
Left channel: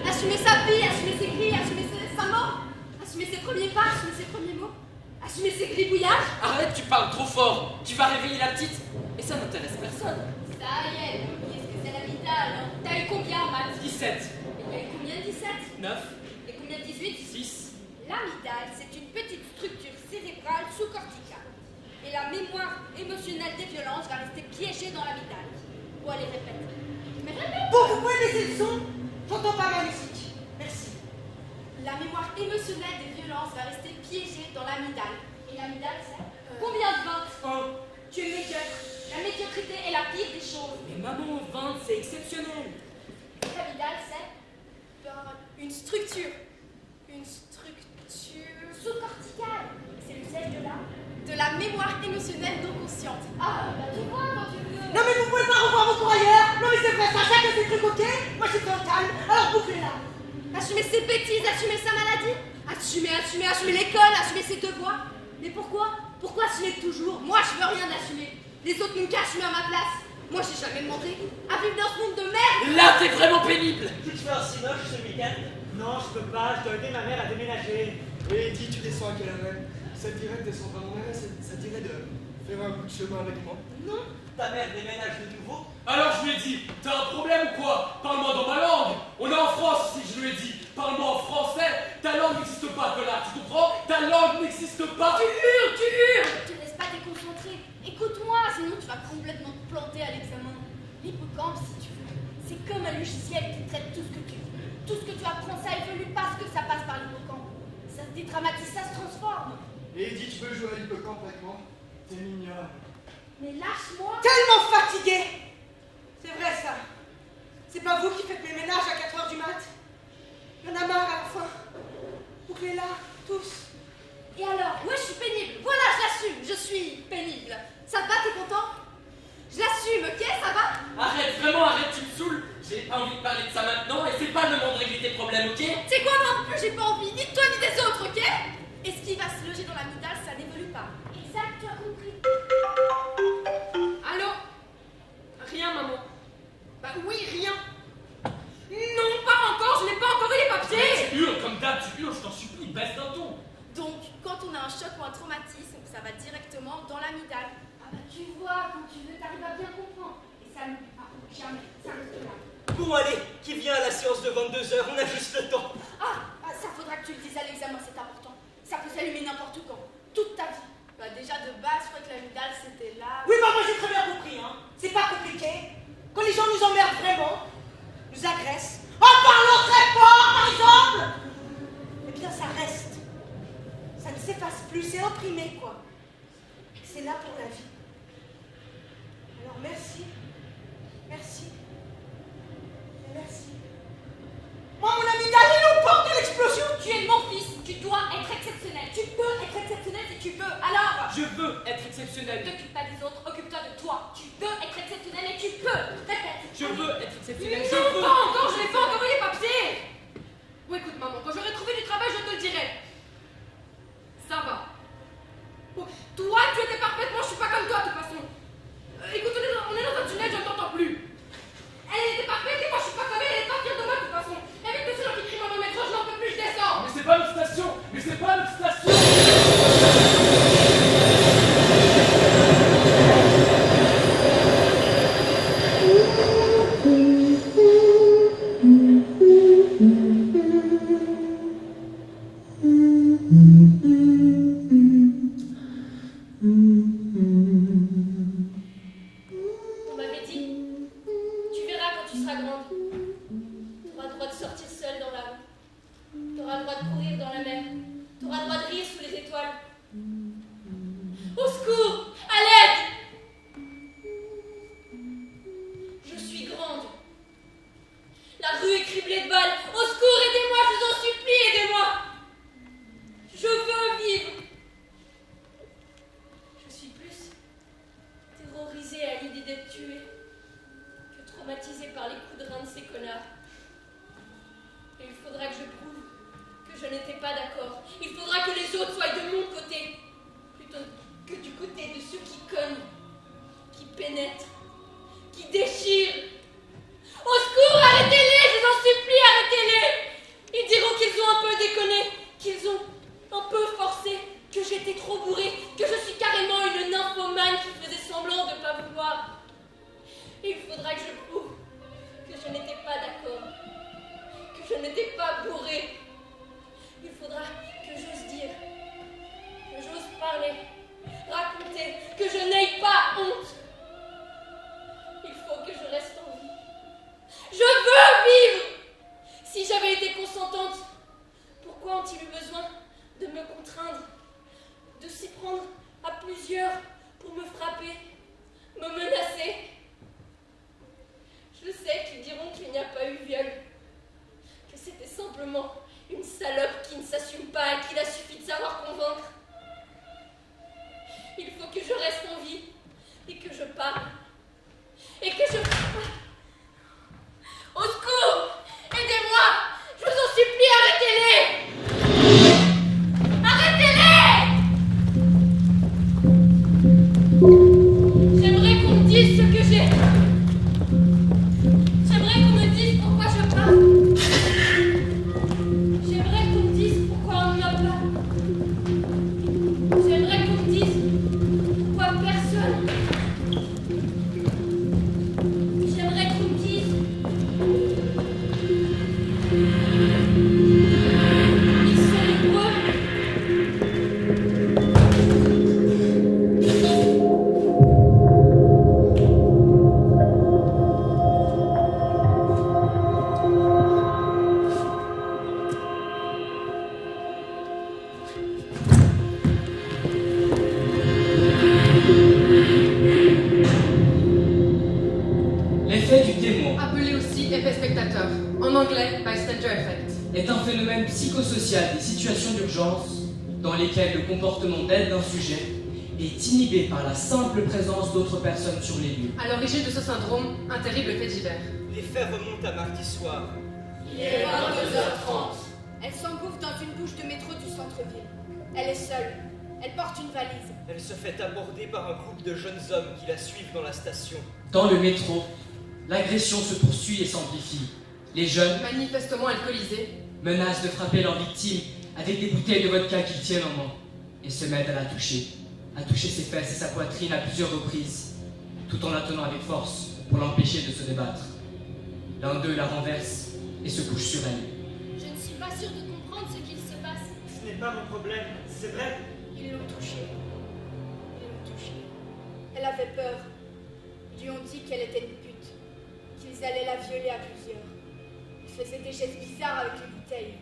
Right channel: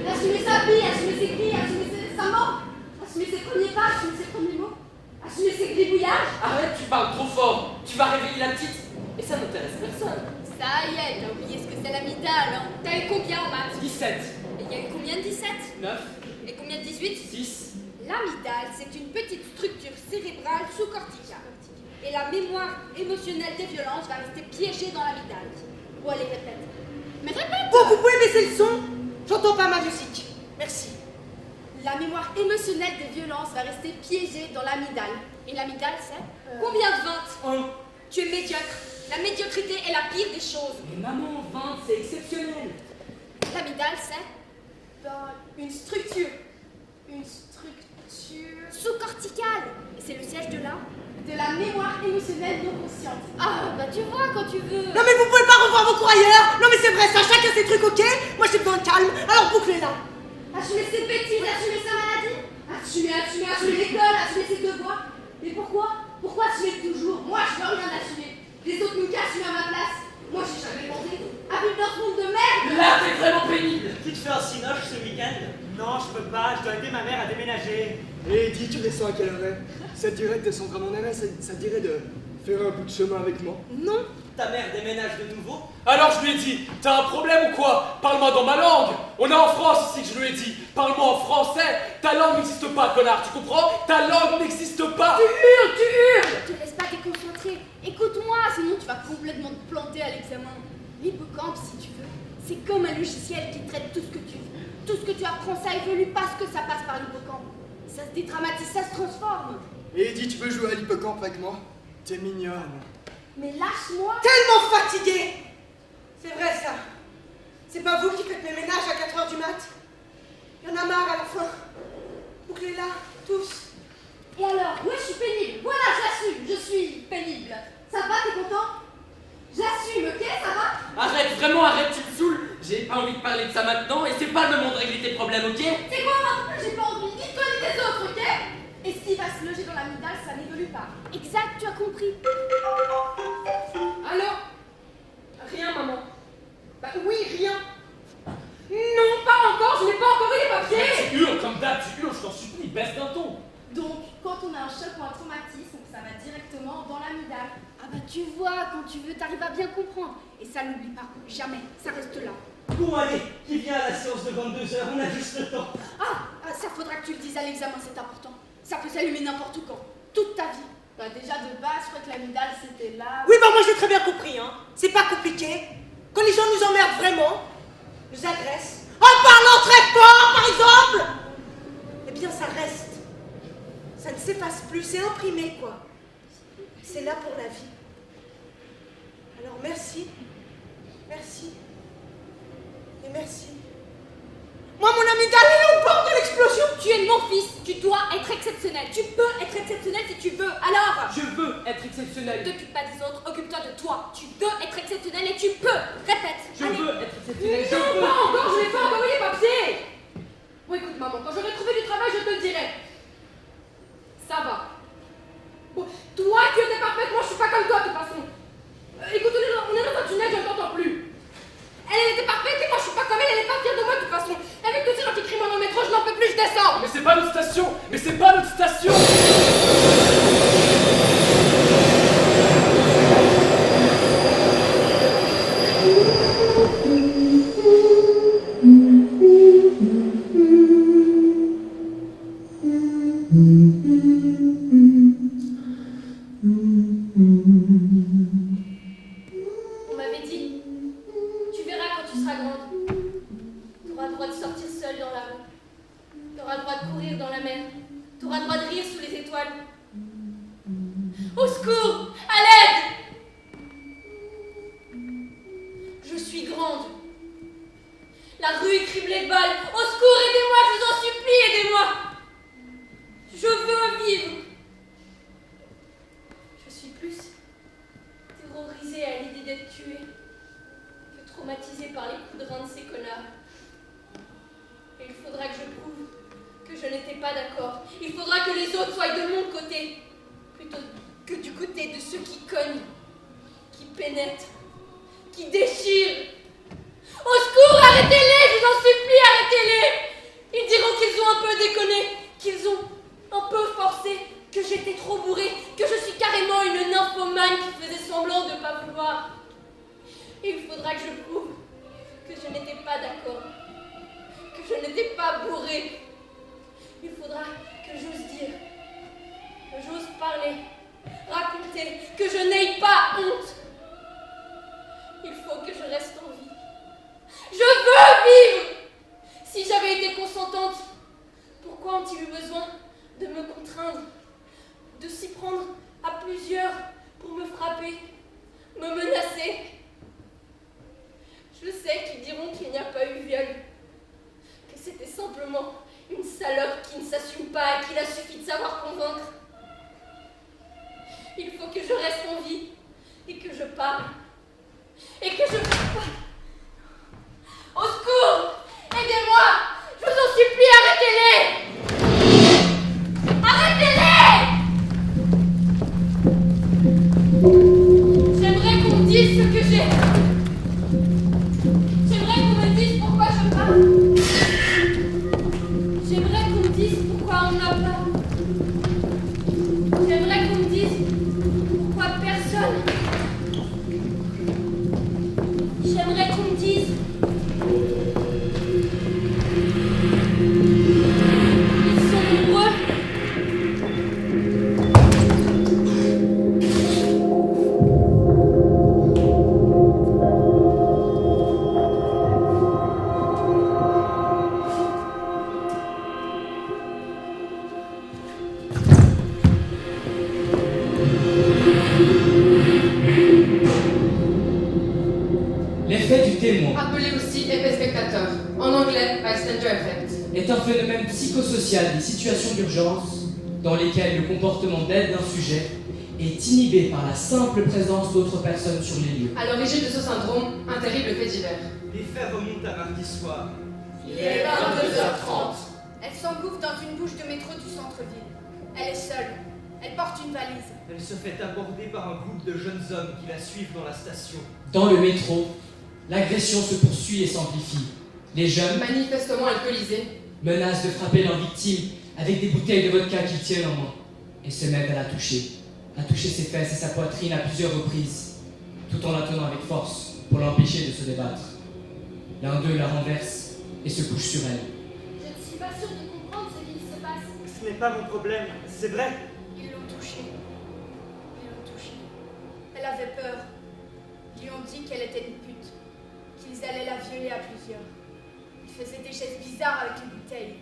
Assumer sa vie, assumer ses cris, assumer sa mort, assumer ses premiers pas, assumer ses premiers mots, assumer ses gribouillages. Arrête, tu parles trop fort. Tu vas réveiller la petite. Et ça n'intéresse personne. Ça y est, t'as oublié ce que c'est l'amygdale, hein. T'as eu combien en maths? 17. Et il y a eu combien de 17? 9. Et combien de 18? 10. L'amygdale, c'est une petite structure cérébrale sous-corticale. Et la mémoire émotionnelle des violences va rester piégée dans l'amygdale. Bon, allez, répète. Mais répète! Oh, vous pouvez baisser le son? J'entends pas ma musique. Merci. la mémoire émotionnelle des violences va rester piégée dans l'amygdale. Et l'amygdale, c'est combien de 20? Tu es médiocre. La médiocrité est la pire des choses. Mais maman, 20, c'est exceptionnel. L'amygdale, c'est une structure. Une structure sous-corticale. Et c'est le siège de la mémoire émotionnelle non consciente. Ah, bah tu vois quand tu veux. Non mais vous pouvez pas revoir vos croyeurs. Non mais c'est vrai, ça, chacun ses trucs, ok? Moi j'ai besoin de calme, alors bouclez-la. Assumer ses bêtises, assumer sa maladie. Assumer l'école, assumer ses devoirs. Mais pourquoi? Pourquoi assumer toujours? Moi je peux rien assumer. Les autres n'ont qu'à assumer à ma place. Moi j'ai jamais demandé à vivre dans ce monde de merde. Là, t'es vraiment pénible. Tu te fais un cinoche ce week-end? Non, je peux pas, je dois aider ma mère à déménager. Et dis, tu descends à quelle heure? Ça te dirait de descendre à mon arrêt, ça te dirait de faire un bout de chemin avec moi? Non. Ta mère déménage de nouveau? Alors je lui ai dit, t'as un problème ou quoi? Parle-moi dans ma langue. On est en France ici que je lui ai dit. Parle-moi en français. Ta langue n'existe pas, connard, tu comprends? Ta langue n'existe pas. Tu hurles. Te laisse pas déconcentrer. Écoute-moi, sinon tu vas complètement te planter à l'examen. L'hippocampe, si tu veux, c'est comme un logiciel qui traite tout ce que tu veux. Tout ce que tu apprends, ça évolue parce que ça passe par l'hippocampe. Ça se dédramatise, ça se transforme. Et dis, tu peux jouer à l'hippocampe avec moi? T'es mignonne. Mais lâche-moi. Tellement fatiguée. C'est vrai ça. C'est pas vous qui faites mes ménages à 4h du mat. Y'en a marre à la fin. Bouclez-la, tous. Et alors, ouais, je suis pénible. Voilà, j'assume, je suis pénible. Ça va, t'es content? J'assume, ok, ça va? Arrête, vraiment, arrête, tu me saoules. J'ai pas envie de parler de ça maintenant et c'est pas le moment de régler tes problèmes, ok? C'est quoi, moi non plus, j'ai pas envie, ni de toi ni des autres, ok? Et ce qui va se loger dans l'amygdale, ça n'évolue pas. Exact, tu as compris. Allô? Rien, maman. Bah oui, rien. Non, pas encore, je n'ai pas encore eu les papiers. Tu hurles comme d'hab, tu hurles, je t'en supplie, baisse d'un ton. Donc, quand on a un choc ou un traumatisme, ça va directement dans l'amygdale. Ah bah tu vois, quand tu veux, t'arrives à bien comprendre. Et ça n'oublie pas, jamais, ça reste là. Bon, allez, qui vient à la séance de 22h? On a juste le temps. Ça faudra que tu le dises à l'examen, c'est important. Ça peut s'allumer n'importe quand, toute ta vie. Bah déjà de base, je crois que l'amygdale c'était là. Oui, bah moi j'ai très bien compris, hein. C'est pas compliqué. Quand les gens nous emmerdent vraiment, nous agressent, en parlant très fort par exemple, eh bien ça reste. Ça ne s'efface plus, c'est imprimé quoi. C'est là pour la vie. Alors merci, merci, et merci. Moi mon amygdale elle est au bord de l'explosion. Tu es mon fils, tu dois être exceptionnel. Tu peux être exceptionnel si tu veux, alors. Je veux être exceptionnel. T'occupe pas des autres, occupe-toi de toi. Tu veux être exceptionnel et tu peux. Répète. Je veux être exceptionnel. Je Non, veux. pas encore, je n'ai pas encore eu les papiers. Bon écoute maman, quand j'aurai trouvé du travail, je te le dirai. Ça va. Bon, toi tu étais parfaite, moi je suis pas comme toi de toute façon. Écoute, on est dans un tunnel, je ne t'entends plus. Elle était parfaite et moi je suis pas comme elle est pas fière de moi de toute façon. Avec tous ces gens qui crient moi dans le métro, je n'en peux plus, je descends. Mais c'est pas notre station. Mais c'est pas notre station. On m'avait dit, tu verras quand tu seras grande. T'auras le droit de sortir seule dans la rue. T'auras le droit de courir dans la mer. T'auras le droit de rire sous les étoiles. Au secours! À l'aide! Je suis grande. La rue est criblée de balles. Au secours, aidez-moi, je vous en supplie, aidez-moi! Je veux vivre! Je suis plus terrorisée à l'idée d'être tuée que traumatisée par les coups de rein de ces connards. Et il faudra que je prouve que je n'étais pas d'accord. Il faudra que les autres soient de mon côté, plutôt que du côté de ceux qui cognent, qui pénètrent, qui déchirent. Au secours, arrêtez-les, je vous en supplie, arrêtez-les! Ils diront qu'ils ont un peu déconné, qu'ils ont un peu forcé, que j'étais trop bourrée, que je suis carrément une nymphomane qui faisait semblant de ne pas vouloir. Et il faudra que je prouve que je n'étais pas d'accord, que je n'étais pas bourrée. Il faudra que j'ose dire, que j'ose parler, raconter, que je n'aie pas honte. Il faut que je reste en vie. Je veux vivre! Si j'avais été consentante, pourquoi craindre, de s'y prendre à plusieurs pour me frapper, me menacer. Je sais qu'ils diront qu'il n'y a pas eu viol, que c'était simplement une salope qui ne s'assume pas, qu'il a suffi de savoir convaincre. Il faut que je reste en vie, et que je parle, et que je... Au secours! Aidez-moi! Je vous en supplie, arrêtez-les! Arrêtez-les! J'aimerais qu'on me dise ce que j'ai. J'aimerais qu'on me dise pourquoi je parle. J'aimerais qu'on me dise pourquoi on n'a pas. J'aimerais qu'on me dise pourquoi personne. J'aimerais qu'on me dise. Ils sont nombreux. L'effet du témoin, Appelé aussi effet spectateur, en anglais bystander effect, est un phénomène psychosocial des situations d'urgence dans lesquelles le comportement d'aide d'un sujet est inhibé par la simple présence d'autres personnes sur les lieux. à l'origine de ce syndrome, un terrible fait divers. Les faits remontent à mardi soir. Il est 22h30. Elle s'engouffre dans une bouche de métro du centre-ville. Elle est seule. Elle porte une valise. Elle se fait aborder par un groupe de jeunes hommes qui la suivent dans la station. Dans le métro, l'agression se poursuit et s'amplifie. Les jeunes Manifestement alcoolisés, menacent de frapper leur victime avec des bouteilles de vodka qu'ils tiennent en main et se mettent à toucher ses fesses et sa poitrine à plusieurs reprises, tout en la tenant avec force pour l'empêcher de se débattre. L'un d'eux la renverse et se couche sur elle. Je ne suis pas sûre de comprendre ce qu'il se passe. Ce n'est pas mon problème, c'est vrai. Ils l'ont touchée. Ils l'ont touchée. Elle avait peur. Ils lui ont dit qu'elle était une pute. Qu'ils allaient la violer à plusieurs. Ils faisaient des gestes bizarres avec les bouteilles.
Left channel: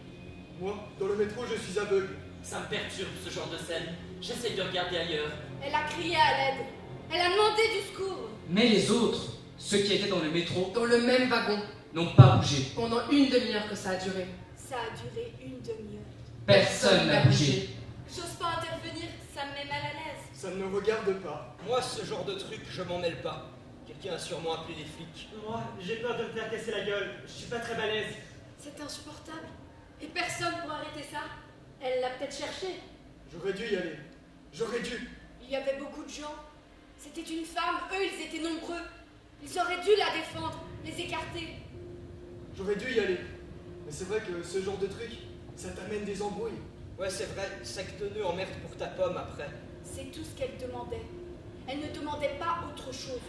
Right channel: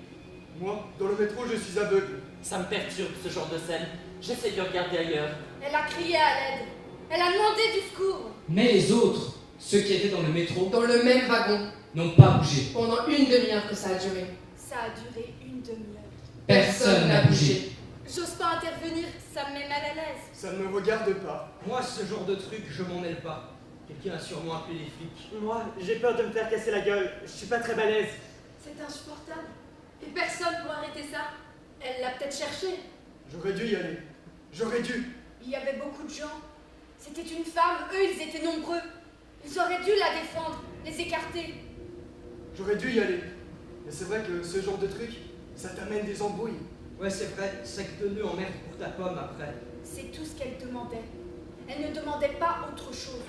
Moi, dans le métro, je suis aveugle. Ça me perturbe ce genre de scène. J'essaie de regarder ailleurs. Elle a crié à l'aide. Elle a demandé du secours. Mais les autres, ceux qui étaient dans le métro, dans le même wagon, n'ont pas bougé. pendant une demi-heure que ça a duré. Ça a duré une demi-heure. Personne n'a bougé. J'ose pas intervenir, ça me met mal à l'aise. Ça ne me regarde pas. Moi, ce genre de truc, je m'en mêle pas. Quelqu'un a sûrement appelé les flics. Moi, j'ai peur de me faire casser la gueule. Je suis pas très balèze. C'est insupportable. Et personne pour arrêter ça. Elle l'a peut-être cherché. J'aurais dû y aller. J'aurais dû. Il y avait beaucoup de gens. C'était une femme, eux, ils étaient nombreux. Ils auraient dû la défendre, les écarter. J'aurais dû y aller. Mais c'est vrai que ce genre de truc, ça t'amène des embrouilles. Ouais, c'est vrai, secte-nœud en merde pour ta pomme après. C'est tout ce qu'elle demandait. Elle ne demandait pas autre chose.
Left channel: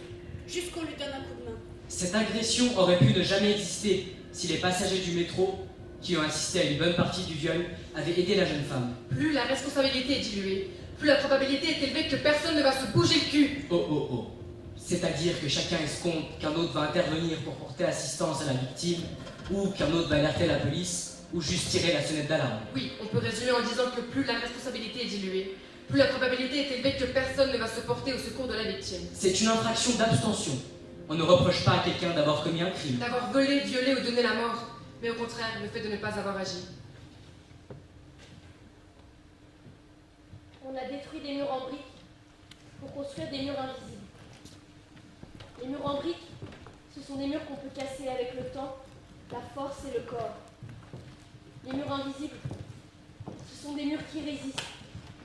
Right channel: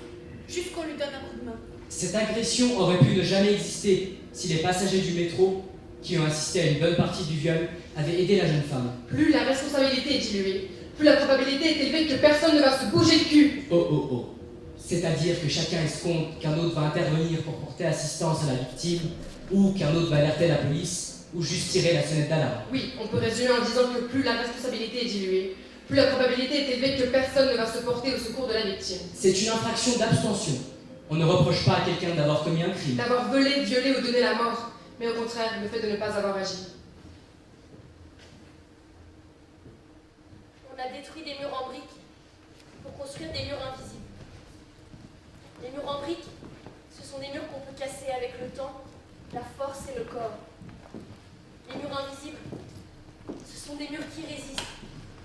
Juste qu'on lui donne un coup de main. Cette agression aurait pu ne jamais exister si les passagers du métro, qui ont assisté à une bonne partie du viol, avaient aidé la jeune femme. Plus la responsabilité est diluée, plus la probabilité est élevée que personne ne va se bouger le cul. Oh. C'est-à-dire que chacun escompte qu'un autre va intervenir pour porter assistance à la victime, ou qu'un autre va alerter la police, ou juste tirer la sonnette d'alarme. Oui, on peut résumer en disant que plus la responsabilité est diluée, plus la probabilité est élevée que personne ne va se porter au secours de la victime. C'est une infraction d'abstention. On ne reproche pas à quelqu'un d'avoir commis un crime. D'avoir volé, violé ou donné la mort, mais au contraire, le fait de ne pas avoir agi. On a détruit des murs en briques pour construire des murs invisibles. Les murs en briques, ce sont des murs qu'on peut casser avec le temps, la force et le corps. Les murs invisibles, ce sont des murs qui résistent,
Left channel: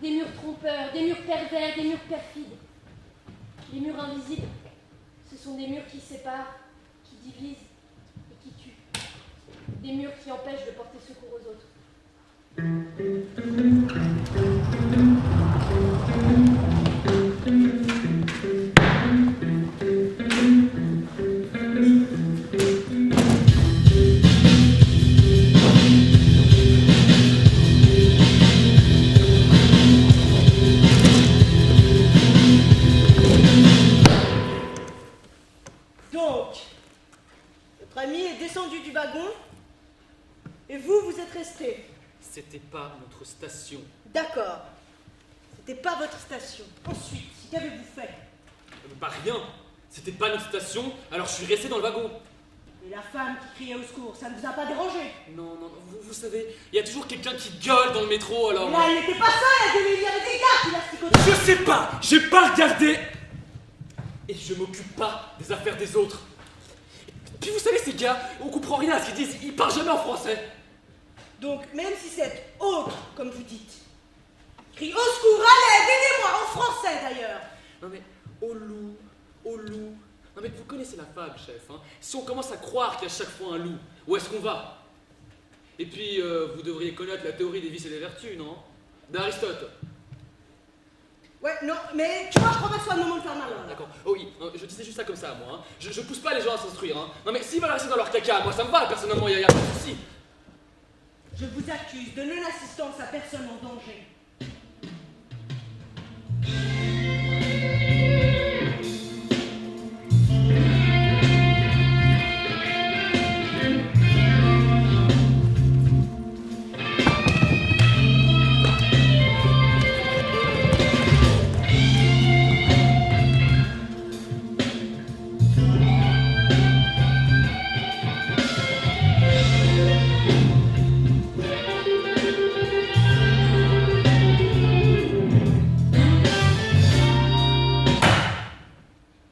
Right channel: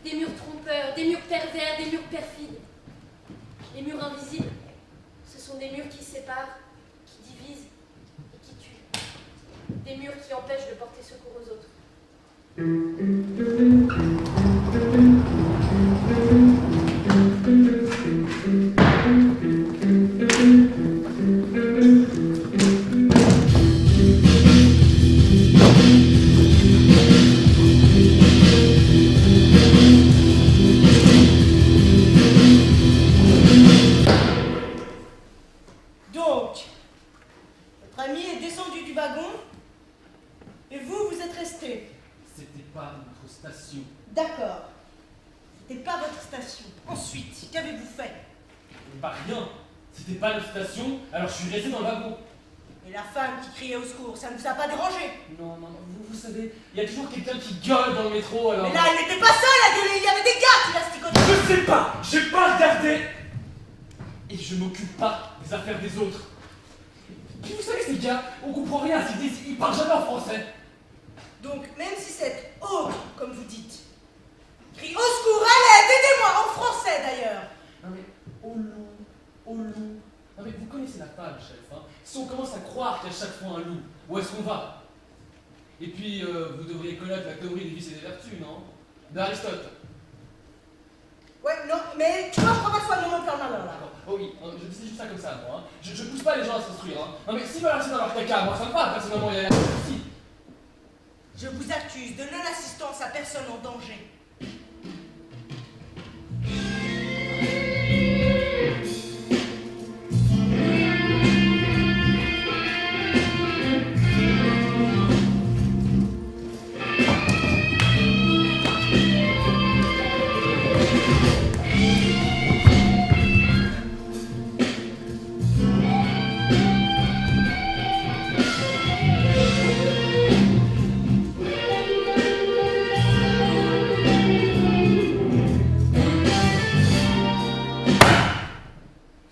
des murs trompeurs, des murs pervers, des murs perfides. Les murs invisibles, ce sont des murs qui séparent, qui divisent et qui tuent. Des murs qui empêchent de porter secours aux autres. Donc, votre ami est descendu du wagon et vous êtes resté. C'était pas notre station. D'accord. C'était pas votre station. Ensuite, qu'avez-vous fait? Bah rien. C'était pas notre station, alors je suis resté dans le wagon. Et la femme qui criait au secours, ça ne vous a pas dérangé? Non, vous savez, il y a toujours quelqu'un qui gueule dans le métro, alors... Mais là, elle n'était pas seule à gueuler, il y avait des gars qui la sticotaient. Je sais pas, j'ai pas regardé. Et je m'occupe pas des affaires des autres. Puis vous savez, ces gars, on comprend rien à ce qu'ils disent, ils parlent jamais en français. Donc, même si cet autre, comme vous dites, crie au secours, à l'aide, aidez-moi, en français d'ailleurs. Non mais, au loup, au loup. Non mais vous connaissez la fable, chef, hein. Si on commence à croire qu'il y a chaque fois un loup, où est-ce qu'on va? Et puis, vous devriez connaître la théorie des vices et des vertus, non? D'Aristote. Ouais, non, mais tu vois, je crois pas que ce soit le moment de faire malin, là. D'accord. Oh oui, je disais juste ça comme ça, moi. Hein. Je pousse pas les gens à s'instruire, hein. Non mais s'ils veulent rester dans leur caca, moi ça me va, personnellement, il y a pas de souci. Je vous accuse de non-assistance à personne en danger.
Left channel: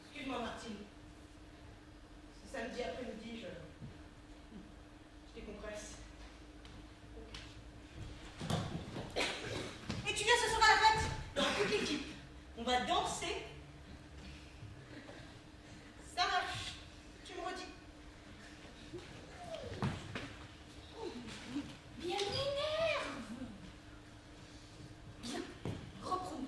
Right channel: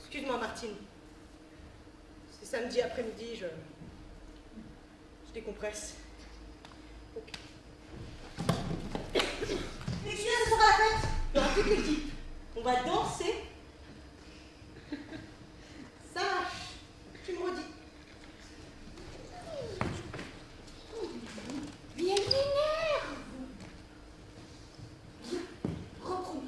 Excuse-moi, Martine. C'est samedi après-midi, je décompresse. Et tu viens ce soir à la fête? Il y aura toute l'équipe. On va danser. Ça marche. Tu me redis. Bien lunaire. Bien, reprenons.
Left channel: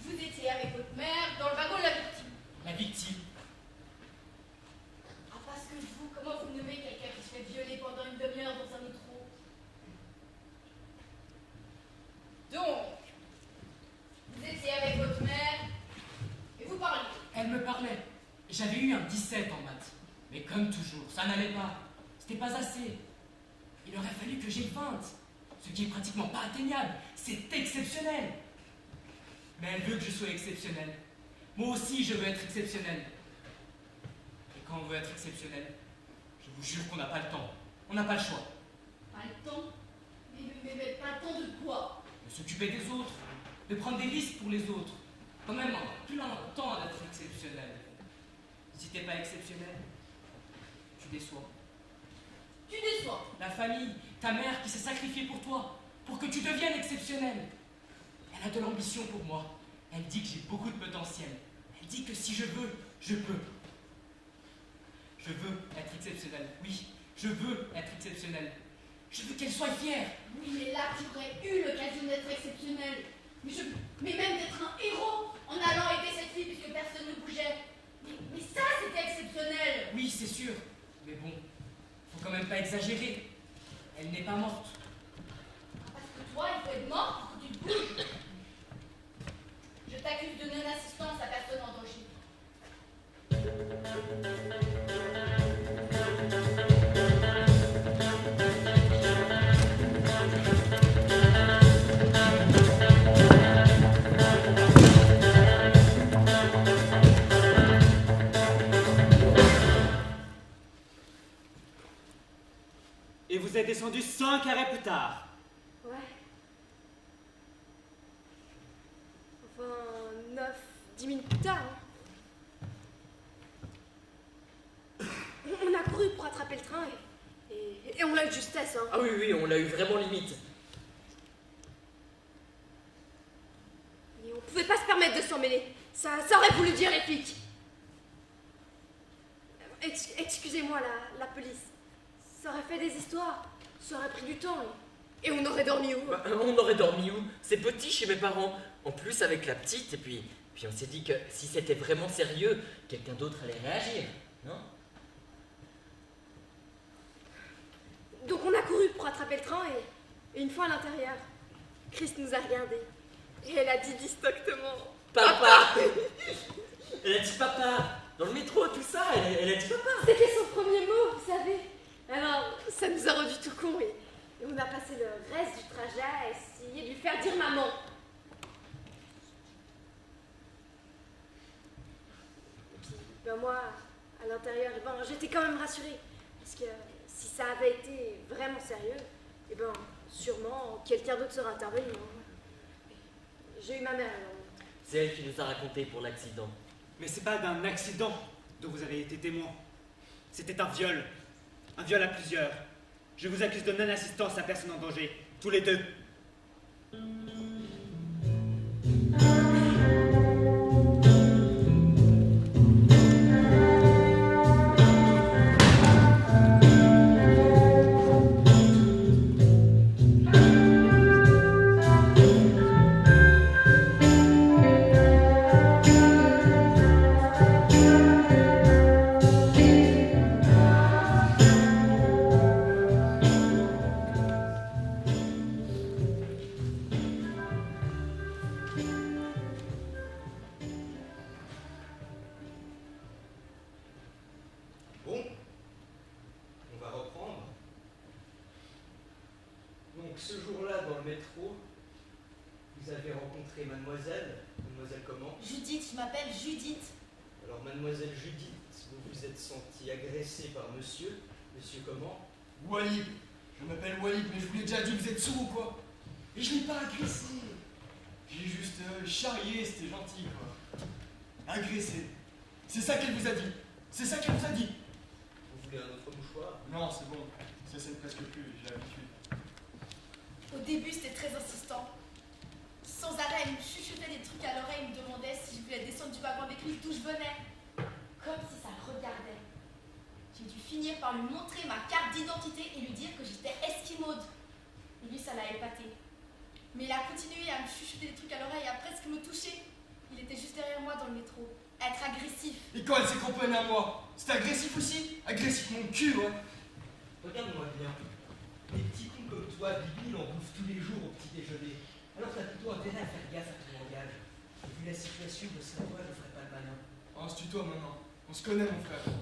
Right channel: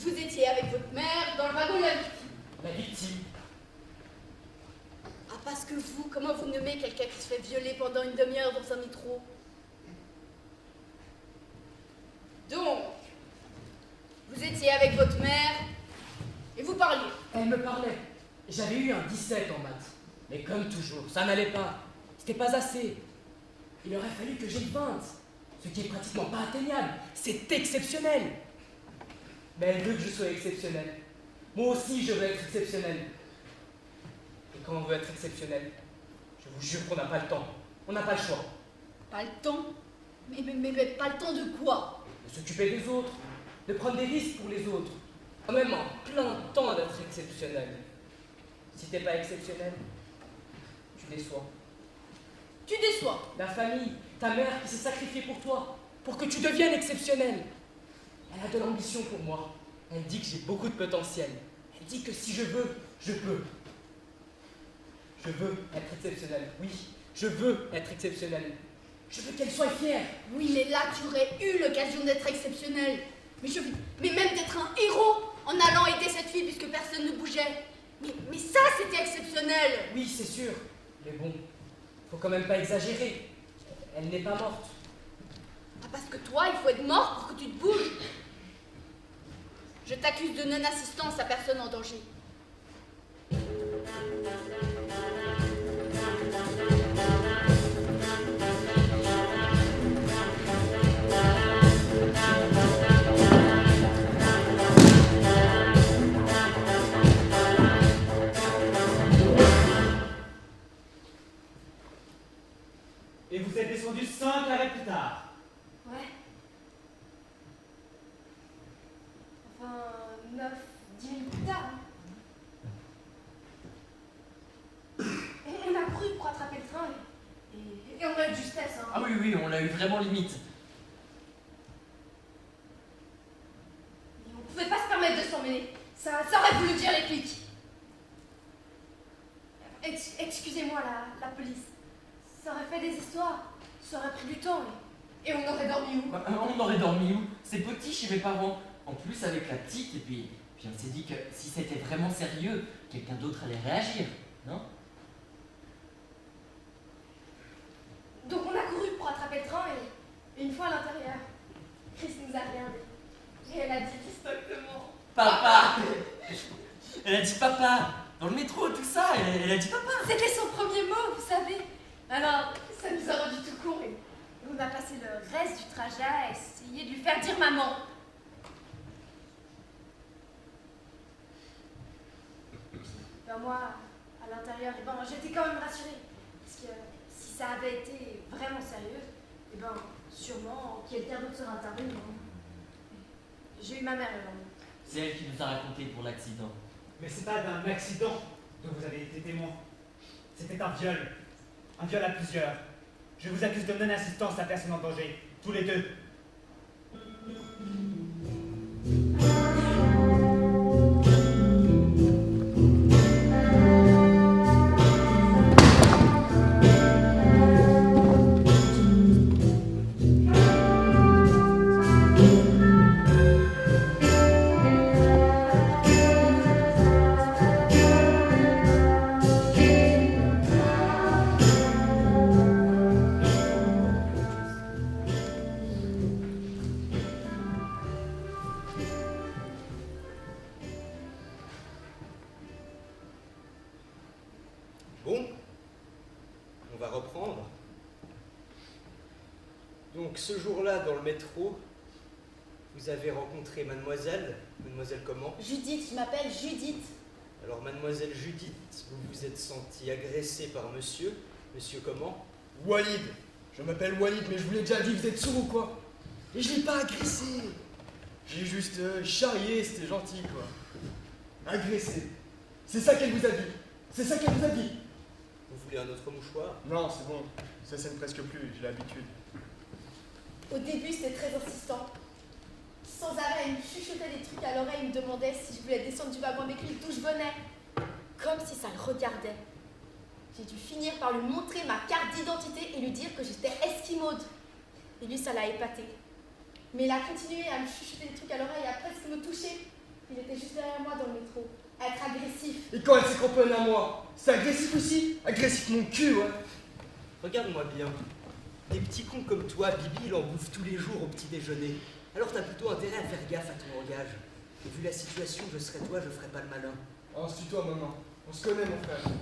Vous étiez avec votre mère dans le wagon de la victime. La victime. Ah, parce que vous, comment vous nommez quelqu'un qui se fait violer pendant une demi-heure dans un métro? Donc, vous étiez avec votre mère et vous parliez. Elle me parlait. J'avais eu un 17 en maths. Mais comme toujours, ça n'allait pas. C'était pas assez. Il aurait fallu que j'aie 20. Ce qui est pratiquement pas atteignable. C'est exceptionnel. Mais elle veut que je sois exceptionnel. Moi aussi, je veux être exceptionnel. Et quand on veut être exceptionnel, je vous jure qu'on n'a pas le temps. On n'a pas le choix. Pas le temps? Mais pas le temps de quoi? De s'occuper des autres. De prendre des risques pour les autres. En même plein temps d'être exceptionnel. Si t'es pas exceptionnel, tu déçois. Tu déçois? La famille, ta mère qui s'est sacrifiée pour toi, pour que tu deviennes exceptionnel. Elle a de l'ambition pour moi. Elle dit que j'ai beaucoup de potentiel. Elle dit que si je veux, je peux. Je veux être exceptionnel. Oui, je veux être exceptionnel. Je veux qu'elle soit fière. Oui, mais là, tu aurais eu l'occasion d'être exceptionnel. Mais même d'être un héros en allant aider cette fille puisque personne ne bougeait. Mais ça, c'était exceptionnel. Oui, c'est sûr. Mais bon, faut quand même pas exagérer. Elle n'est pas morte. Ah, parce que toi, il faut être mort pour que tu te bouges. Je t'accuse de non-assistance à personne en danger. Et vous êtes descendu 5 arrêts plus tard. Ouais. Enfin, 9, 10 minutes plus tard. Hein. On a couru pour attraper le train et on a eu de justesse. Hein. Ah oui, on l'a eu vraiment limite. Et on pouvait pas se permettre de s'en mêler. Ça aurait voulu dire les flics. Excusez-moi, la police. Ça aurait fait des histoires. Ça aurait pris du temps. Et on aurait dormi où? On aurait dormi où? C'est petit chez mes parents. En plus avec la petite, et puis on s'est dit que si c'était vraiment sérieux, quelqu'un d'autre allait réagir, non? Donc on a couru pour attraper le train et une fois à l'intérieur, Chris nous a regardés. Et elle a dit distinctement Papa. Elle a dit papa. Dans le métro, tout ça, elle a dit papa. C'était son premier mot, vous savez. Alors, ça nous a rendu tout con Et on a passé le reste du trajet à essayer de lui faire dire maman. Ben moi, à l'intérieur, eh ben, j'étais quand même rassurée. Parce que si ça avait été vraiment sérieux, eh ben, sûrement quelqu'un d'autre serait intervenu. J'ai eu ma mère. C'est elle qui nous a raconté pour l'accident. Mais c'est pas d'un accident dont vous avez été témoin. C'était un viol. Un viol à plusieurs. Je vous accuse de non-assistance à personne en danger. Tous les deux. Bon, on va reprendre. Donc ce jour-là, dans le métro, vous avez rencontré mademoiselle. Mademoiselle comment? Judith, je m'appelle Judith. Alors mademoiselle Judith, vous vous êtes sentie agressée par monsieur. Monsieur comment? Walid. Je m'appelle Walid, mais je vous l'ai déjà dit, vous êtes sourd ou quoi? Et je l'ai pas agressé. J'ai juste charrié, c'était gentil quoi. Agressé. C'est ça qu'elle vous a dit. C'est ça qu'elle vous a dit. Vous voulez un autre mouchoir? Non, c'est bon. Ça saigne presque plus, j'ai l'habitude. Au début, c'était très insistant. Sans arrêt, il me chuchotait des trucs à l'oreille, il me demandait si je voulais descendre du wagon avec lui, d'où je venais. Comme si ça le regardait. J'ai dû finir par lui montrer ma carte d'identité et lui dire que j'étais esquimaude. Et lui, ça l'a épaté. Mais il a continué à me chuchoter des trucs à l'oreille, à presque me toucher. Il était juste derrière moi dans le métro. À être agressif. Et quand elle s'est cramponnée à moi, c'était agressif aussi? Agressif mon cul, ouais. Regarde-moi bien. Des petits cons comme toi, Bibi, il en bouffe tous les jours au petit déjeuner. Alors t'as plutôt intérêt à faire gaffe à ton langage. Et vu la situation, je serais toi, je ferais pas le malin. Oh, on se tutoie maintenant. On se connaît, mon frère.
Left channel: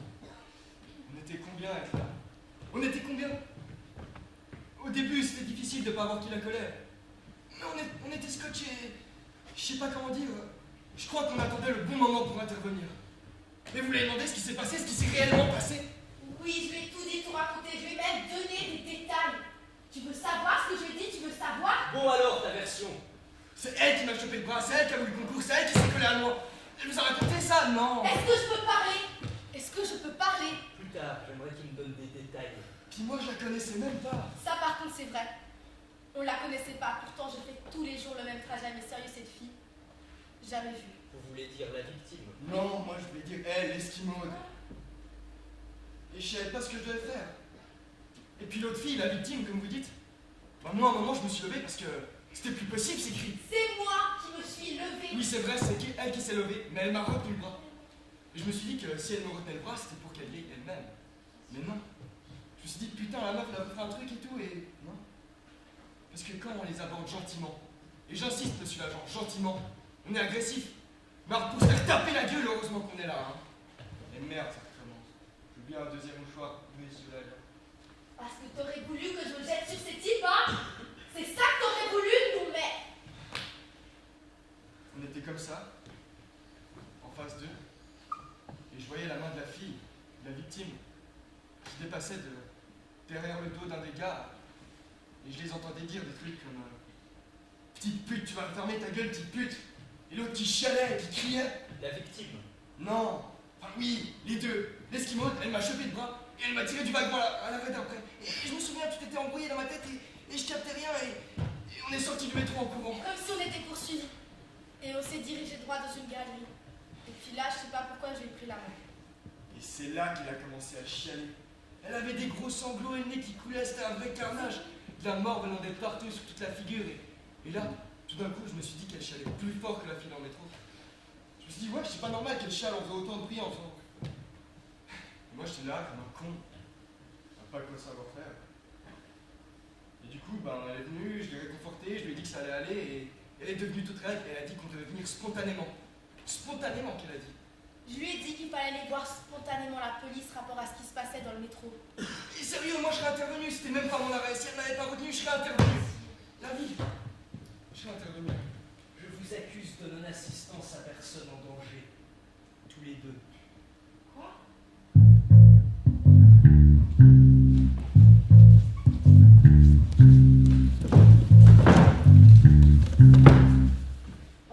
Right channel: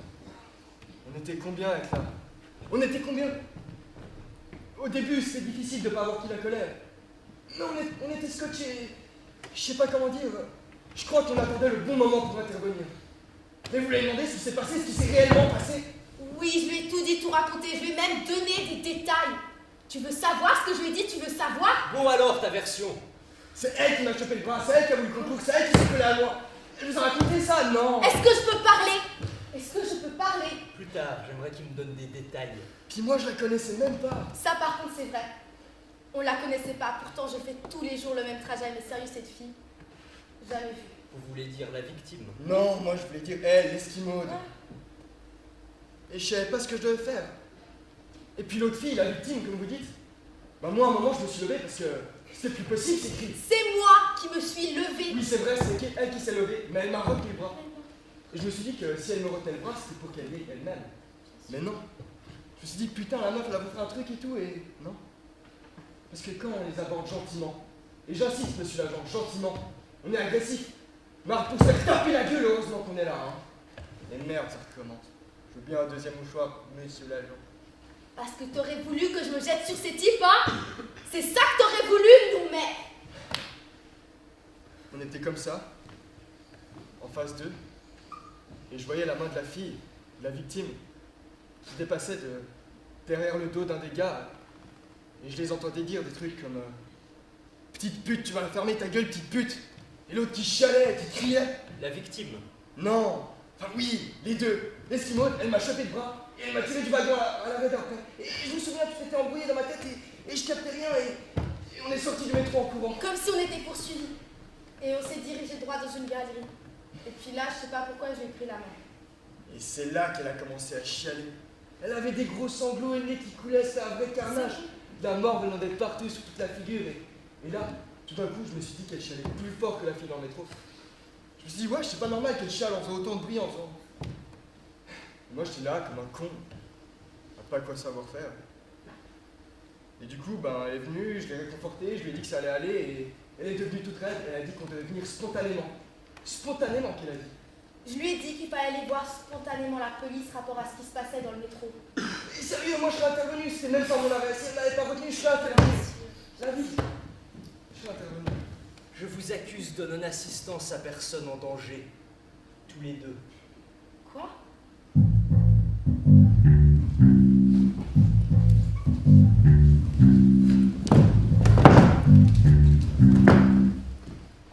On était combien avec là? On était combien? Au début, c'était difficile de pas avoir qui la colère. Mais on était scotchés. Je sais pas comment dire. Je crois qu'on attendait le bon moment pour intervenir. Mais vous l'avez demandé ce qui s'est passé, ce qui s'est réellement passé? Oui, je lui ai tout dit, tout raconté. Je lui ai même donné des détails. Tu veux savoir ce que je lui ai dit? Tu veux savoir? Bon alors, ta version. C'est elle qui m'a chopé le bras, c'est elle qui a voulu le concours, c'est elle qui s'est collée à moi. Elle vous a raconté ça? Non. Est-ce que je peux parler? Est-ce que je peux parler? Plus tard, j'aimerais qu'il me donne des détails. Puis moi, je la connaissais même pas. Ça, par contre, c'est vrai. On la connaissait pas. Pourtant, j'ai fait tous les jours le même trajet. Mais sérieux, cette fille, jamais vue. Vous voulez dire la victime? Non, moi je voulais dire elle, l'esquimaude. Et je savais pas ce que je devais faire. Et puis l'autre fille, la victime, comme vous dites, bah moi à un moment je me suis levé parce que c'était plus possible ces cris. C'est moi qui me suis levée. Oui, c'est vrai, c'est elle qui s'est levée, mais elle m'a retenu le bras. Et je me suis dit que si elle me retenait le bras, c'était pour qu'elle y aille elle-même. Mais non. Je me suis dit, putain, la meuf, elle avait fait un truc et tout, et non. Parce que quand on les aborde gentiment, et j'insiste, monsieur l'agent, gentiment, on est agressif. Mais pour se faire taper la gueule, heureusement qu'on est là, hein. Et merde, ça recommence. Je veux bien un deuxième mouchoir, monsieur l'agent. Parce que t'aurais voulu que je me jette sur ces types, hein? C'est ça que t'aurais voulu, non mais... On était comme ça, en face d'eux, et je voyais la main de la fille, de la victime, qui dépassait de derrière le dos d'un des gars, et je les entendais dire des trucs comme petite pute, tu vas fermer ta gueule, petite pute. Et l'autre qui chialait, qui criait. La victime? Non. Enfin oui, les deux. L'esquimaude, elle m'a chopé le bras et elle m'a tiré du wagon à l'arrêt d'après. Et je me souviens, tout était embrouillé dans ma tête et je captais rien et on est sorti du métro en courant. Comme si on était poursuivis. Et on s'est dirigé droit dans une galerie. Et puis là, je sais pas pourquoi, j'ai pris la main. Et c'est là qu'elle a commencé à chialer. Elle avait des gros sanglots et le nez qui coulait, c'était un vrai carnage. De la mort venant d'être partout sur toute la figure et là, tout d'un coup, je me suis dit qu'elle chialait plus fort que la fille dans le métro. Je me suis dit, ouais, c'est pas normal qu'elle chiale en faisant autant de bruit en faisant. Moi, j'étais là comme un con, à pas quoi savoir faire. Et du coup, ben, elle est venue, je l'ai réconfortée, je lui ai dit que ça allait aller, et elle est devenue toute raide, et elle a dit qu'on devait venir spontanément. Spontanément, qu'elle a dit. Je lui ai dit qu'il fallait aller voir spontanément la police rapport à ce qui se passait dans le métro. Sérieux, moi je serais intervenu, c'était même pas mon arrêt. Si elle m'avait pas retenu, je serais intervenu. La vie. Je serais intervenu. Je vous accuse de non-assistance à personne en danger. Tous les deux. Quoi?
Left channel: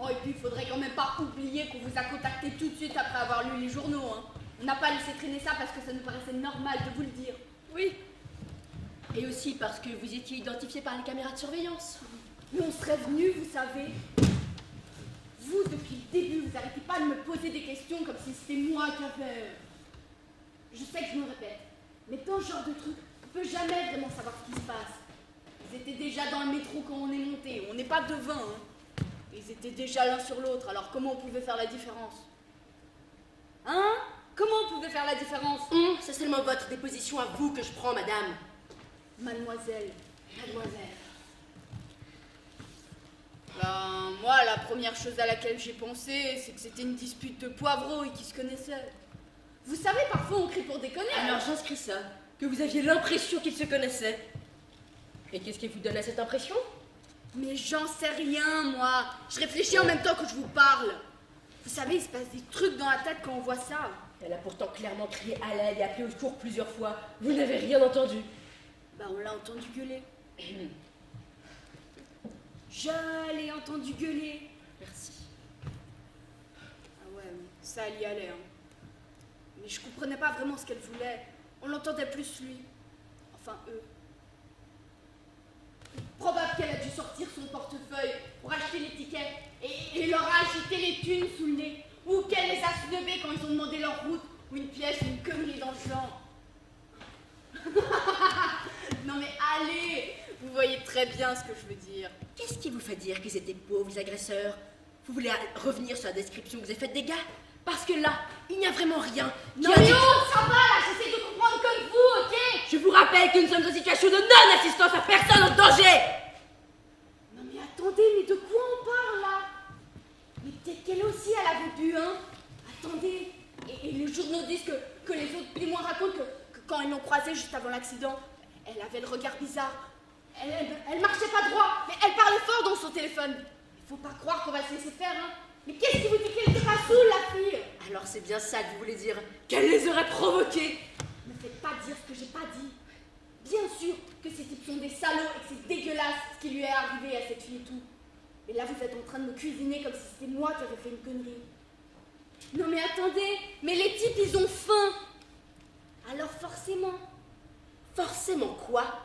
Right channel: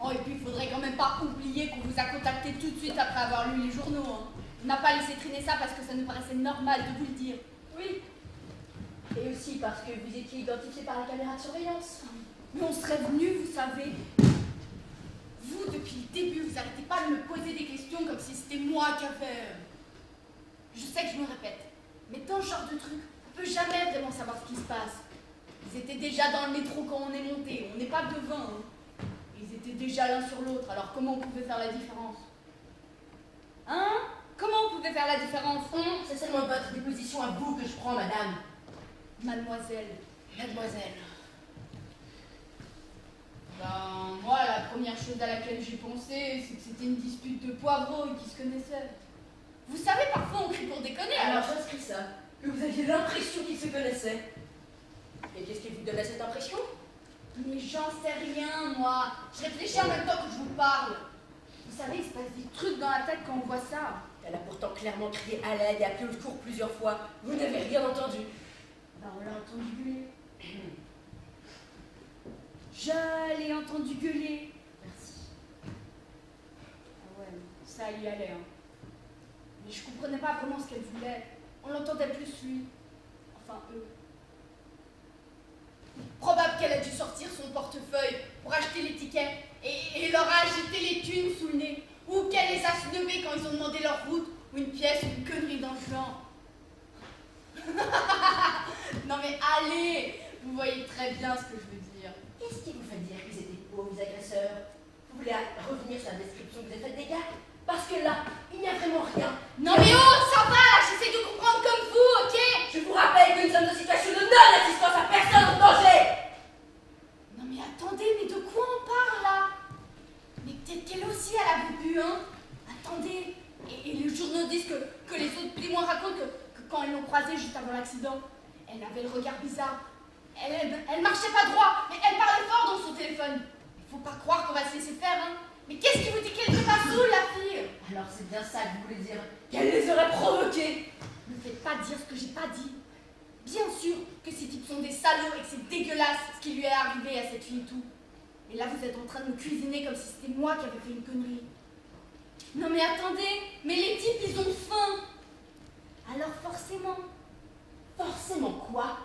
Oh, et puis il faudrait quand même pas oublier qu'on vous a contacté tout de suite après avoir lu les journaux, hein. On n'a pas laissé traîner ça parce que ça nous paraissait normal de vous le dire. Oui. Et aussi parce que vous étiez identifié par les caméras de surveillance. Mais on serait venu, vous savez. Vous, depuis le début, vous n'arrêtez pas de me poser des questions comme si c'était moi qui avais... Je sais que je me répète, mais dans ce genre de truc, on peut jamais vraiment savoir ce qui se passe. Ils étaient déjà dans le métro quand on est monté, on n'est pas devin, hein. Ils étaient déjà l'un sur l'autre, alors comment on pouvait faire la différence? Hein? Comment on pouvait faire la différence? C'est seulement votre déposition à vous que je prends, madame. Mademoiselle. Mademoiselle. Ben, moi, la première chose à laquelle j'ai pensé, c'est que c'était une dispute de poivreaux et qu'ils se connaissaient. Vous savez, parfois on crie pour déconner. Alors j'inscris ça, que vous aviez l'impression qu'ils se connaissaient. Mais qu'est-ce qui vous donnait cette impression? Mais j'en sais rien, moi. Je réfléchis en même temps que je vous parle. Vous savez, il se passe des trucs dans la tête quand on voit ça. Elle a pourtant clairement crié à l'aide et appelé au secours plusieurs fois. Vous n'avez rien entendu. Ben, on l'a entendu gueuler. Je l'ai entendu gueuler. Merci. Ah ouais, ça y allait, hein. Mais je comprenais pas vraiment ce qu'elle voulait. On l'entendait plus lui. Enfin, eux. Probable qu'elle a dû sortir son portefeuille pour acheter les tickets et leur a agité les thunes sous le nez. Ou qu'elle les a snobés quand ils ont demandé leur route ou une pièce ou une connerie dans le genre. Non mais allez, vous voyez très bien ce que je veux dire. Qu'est-ce qui vous fait dire qu'ils étaient pauvres agresseurs? Vous voulez revenir sur la description que vous avez faite des gars? Parce que là, il n'y a vraiment rien. Non mais oh, ça va là, j'essaie de comprendre comme vous, ok? Je vous rappelle que nous sommes dans une situation de non-assistance à personne en danger. Non mais attendez, mais de quoi on parle là? Mais peut-être qu'elle aussi, elle avait bu, hein? Attendez, et les journaux disent que les autres témoins racontent que quand elles l'ont croisée juste avant l'accident, elle avait le regard bizarre. Elle marchait pas droit, mais elle parlait fort dans son téléphone. Faut pas croire qu'on va se laisser faire, hein? Mais qu'est-ce qui vous dit qu'elle était pas saoule, la fille? Alors c'est bien ça que vous voulez dire, qu'elle les aurait provoqués. Ne faites pas dire ce que j'ai pas dit. Bien sûr que ces types sont des salauds et que c'est dégueulasse ce qui lui est arrivé à cette fille et tout. Et là, vous êtes en train de me cuisiner comme si c'était moi qui avais fait une connerie. Non mais attendez, mais les types, ils ont faim. Alors forcément. Forcément quoi?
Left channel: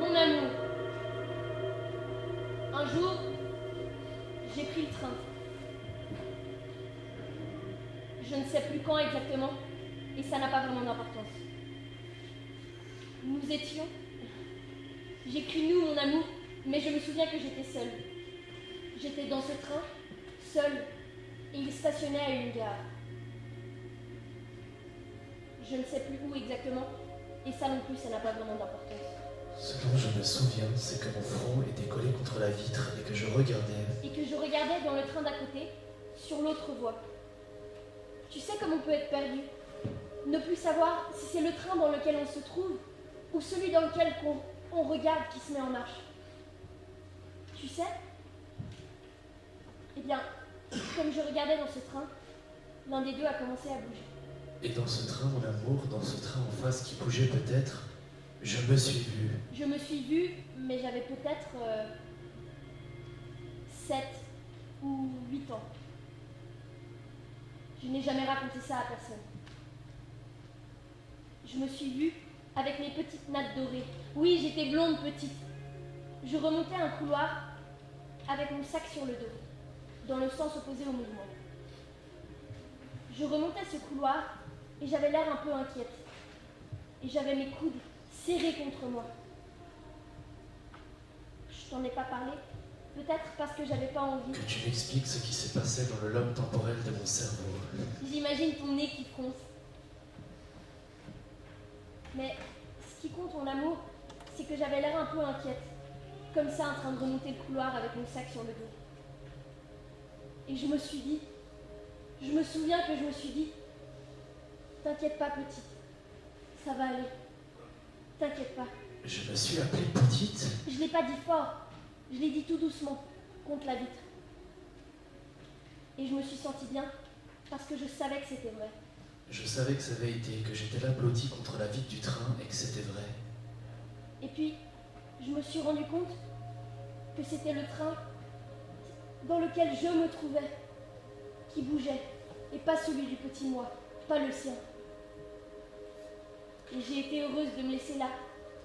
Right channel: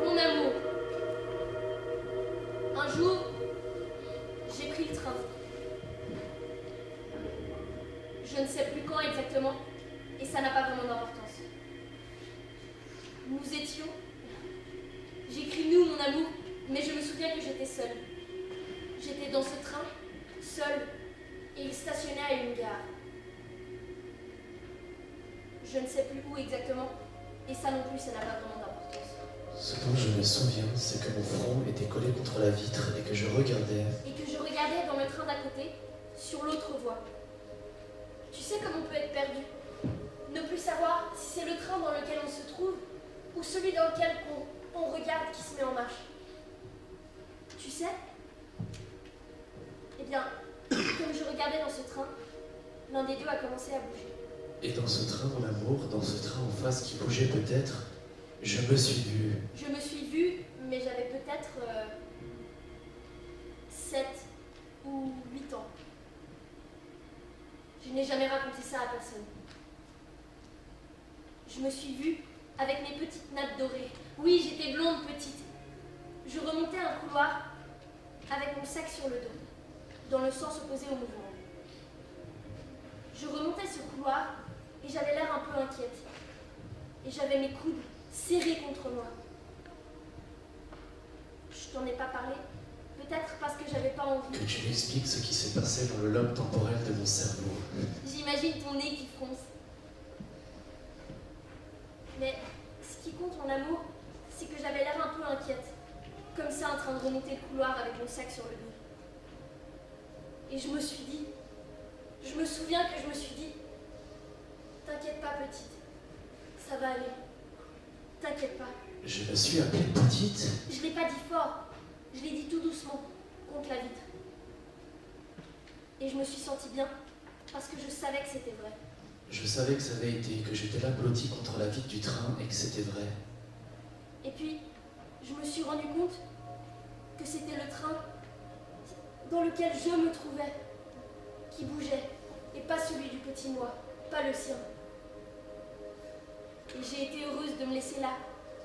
Mon amour, un jour, j'ai pris le train. Je ne sais plus quand exactement, et ça n'a pas vraiment d'importance. Nous étions... J'écris nous, mon amour, mais je me souviens que j'étais seule. J'étais dans ce train, seule, et il stationnait à une gare. Je ne sais plus où exactement, et ça non plus, ça n'a pas vraiment d'importance. Ce dont je me souviens, c'est que mon front était collé contre la vitre et que je regardais. Et que je regardais dans le train d'à côté, sur l'autre voie. Tu sais comme on peut être perdu. Ne plus savoir si c'est le train dans lequel on se trouve ou celui dans lequel on regarde qui se met en marche. Tu sais? Eh bien, comme je regardais dans ce train, l'un des deux a commencé à bouger. Et dans ce train, mon amour, dans ce train en face qui bougeait peut-être, je me suis vue. Je me suis vue, mais j'avais peut-être 7 ou 8 ans. Je n'ai jamais raconté ça à personne. Je me suis vue avec mes petites nattes dorées. Oui, j'étais blonde petite. Je remontais un couloir avec mon sac sur le dos, dans le sens opposé au mouvement. Je remontais ce couloir et j'avais l'air un peu inquiète. Et j'avais mes coudes serrés contre moi. Je t'en ai pas parlé, peut-être parce que j'avais pas envie. Que tu m'expliques ce qui s'est passé dans le lobe temporel de mon cerveau. J'imagine ton nez qui fronce. Mais ce qui compte en amour, c'est que j'avais l'air un peu inquiète, comme ça en train de remonter le couloir avec mon sac sur le dos. Et je me suis dit, je me souviens que je me suis dit, t'inquiète pas petite, ça va aller, t'inquiète pas. Je me suis appelée petite. Je l'ai pas dit fort, je l'ai dit tout doucement, contre la vitre. Et je me suis sentie bien, parce que je savais que c'était vrai. Je savais que ça avait été, que j'étais là blotti contre la vitre du train et que c'était vrai. Et puis, je me suis rendu compte que c'était le train dans lequel je me trouvais, qui bougeait, et pas celui du petit moi, pas le sien. Et j'ai été heureuse de me laisser là,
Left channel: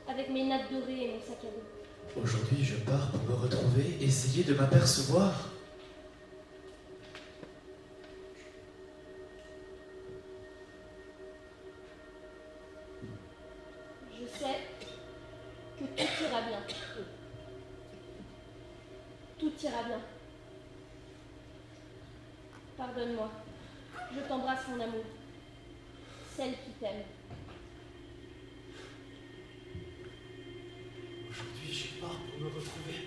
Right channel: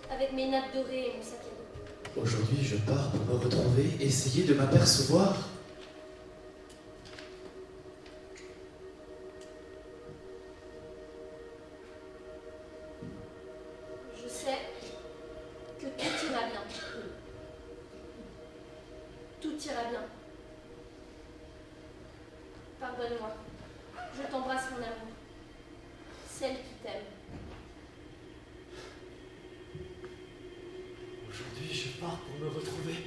avec mes nattes dorées et mon sac à dos. Aujourd'hui, je pars pour me retrouver, essayer de m'apercevoir. Je sais que tout ira bien. Tout ira bien. Pardonne-moi. Je t'embrasse, mon amour. Celle qui t'aime. Aujourd'hui, je pars pour me retrouver.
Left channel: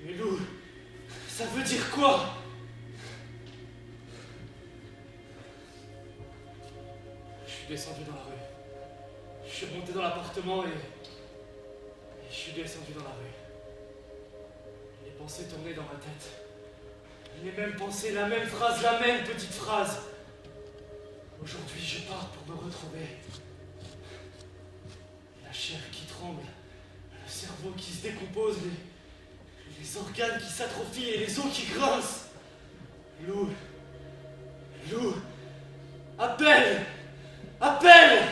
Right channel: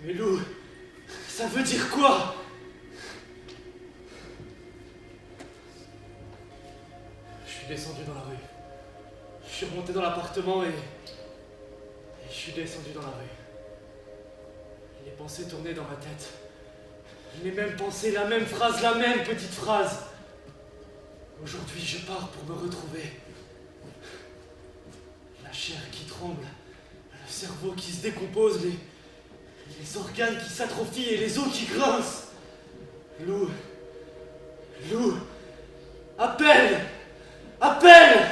Mais Lou, ça veut dire quoi? Je suis descendu dans la rue. Je suis remonté dans l'appartement et je suis descendu dans la rue. Les pensées tournaient dans ma tête. Les mêmes pensées, la même phrase, la même petite phrase. Aujourd'hui, je pars pour me retrouver. La chair qui tremble, le cerveau qui se décompose, les organes qui s'atrophient et les os qui grincent. Lou, Lou, appelle, appelle!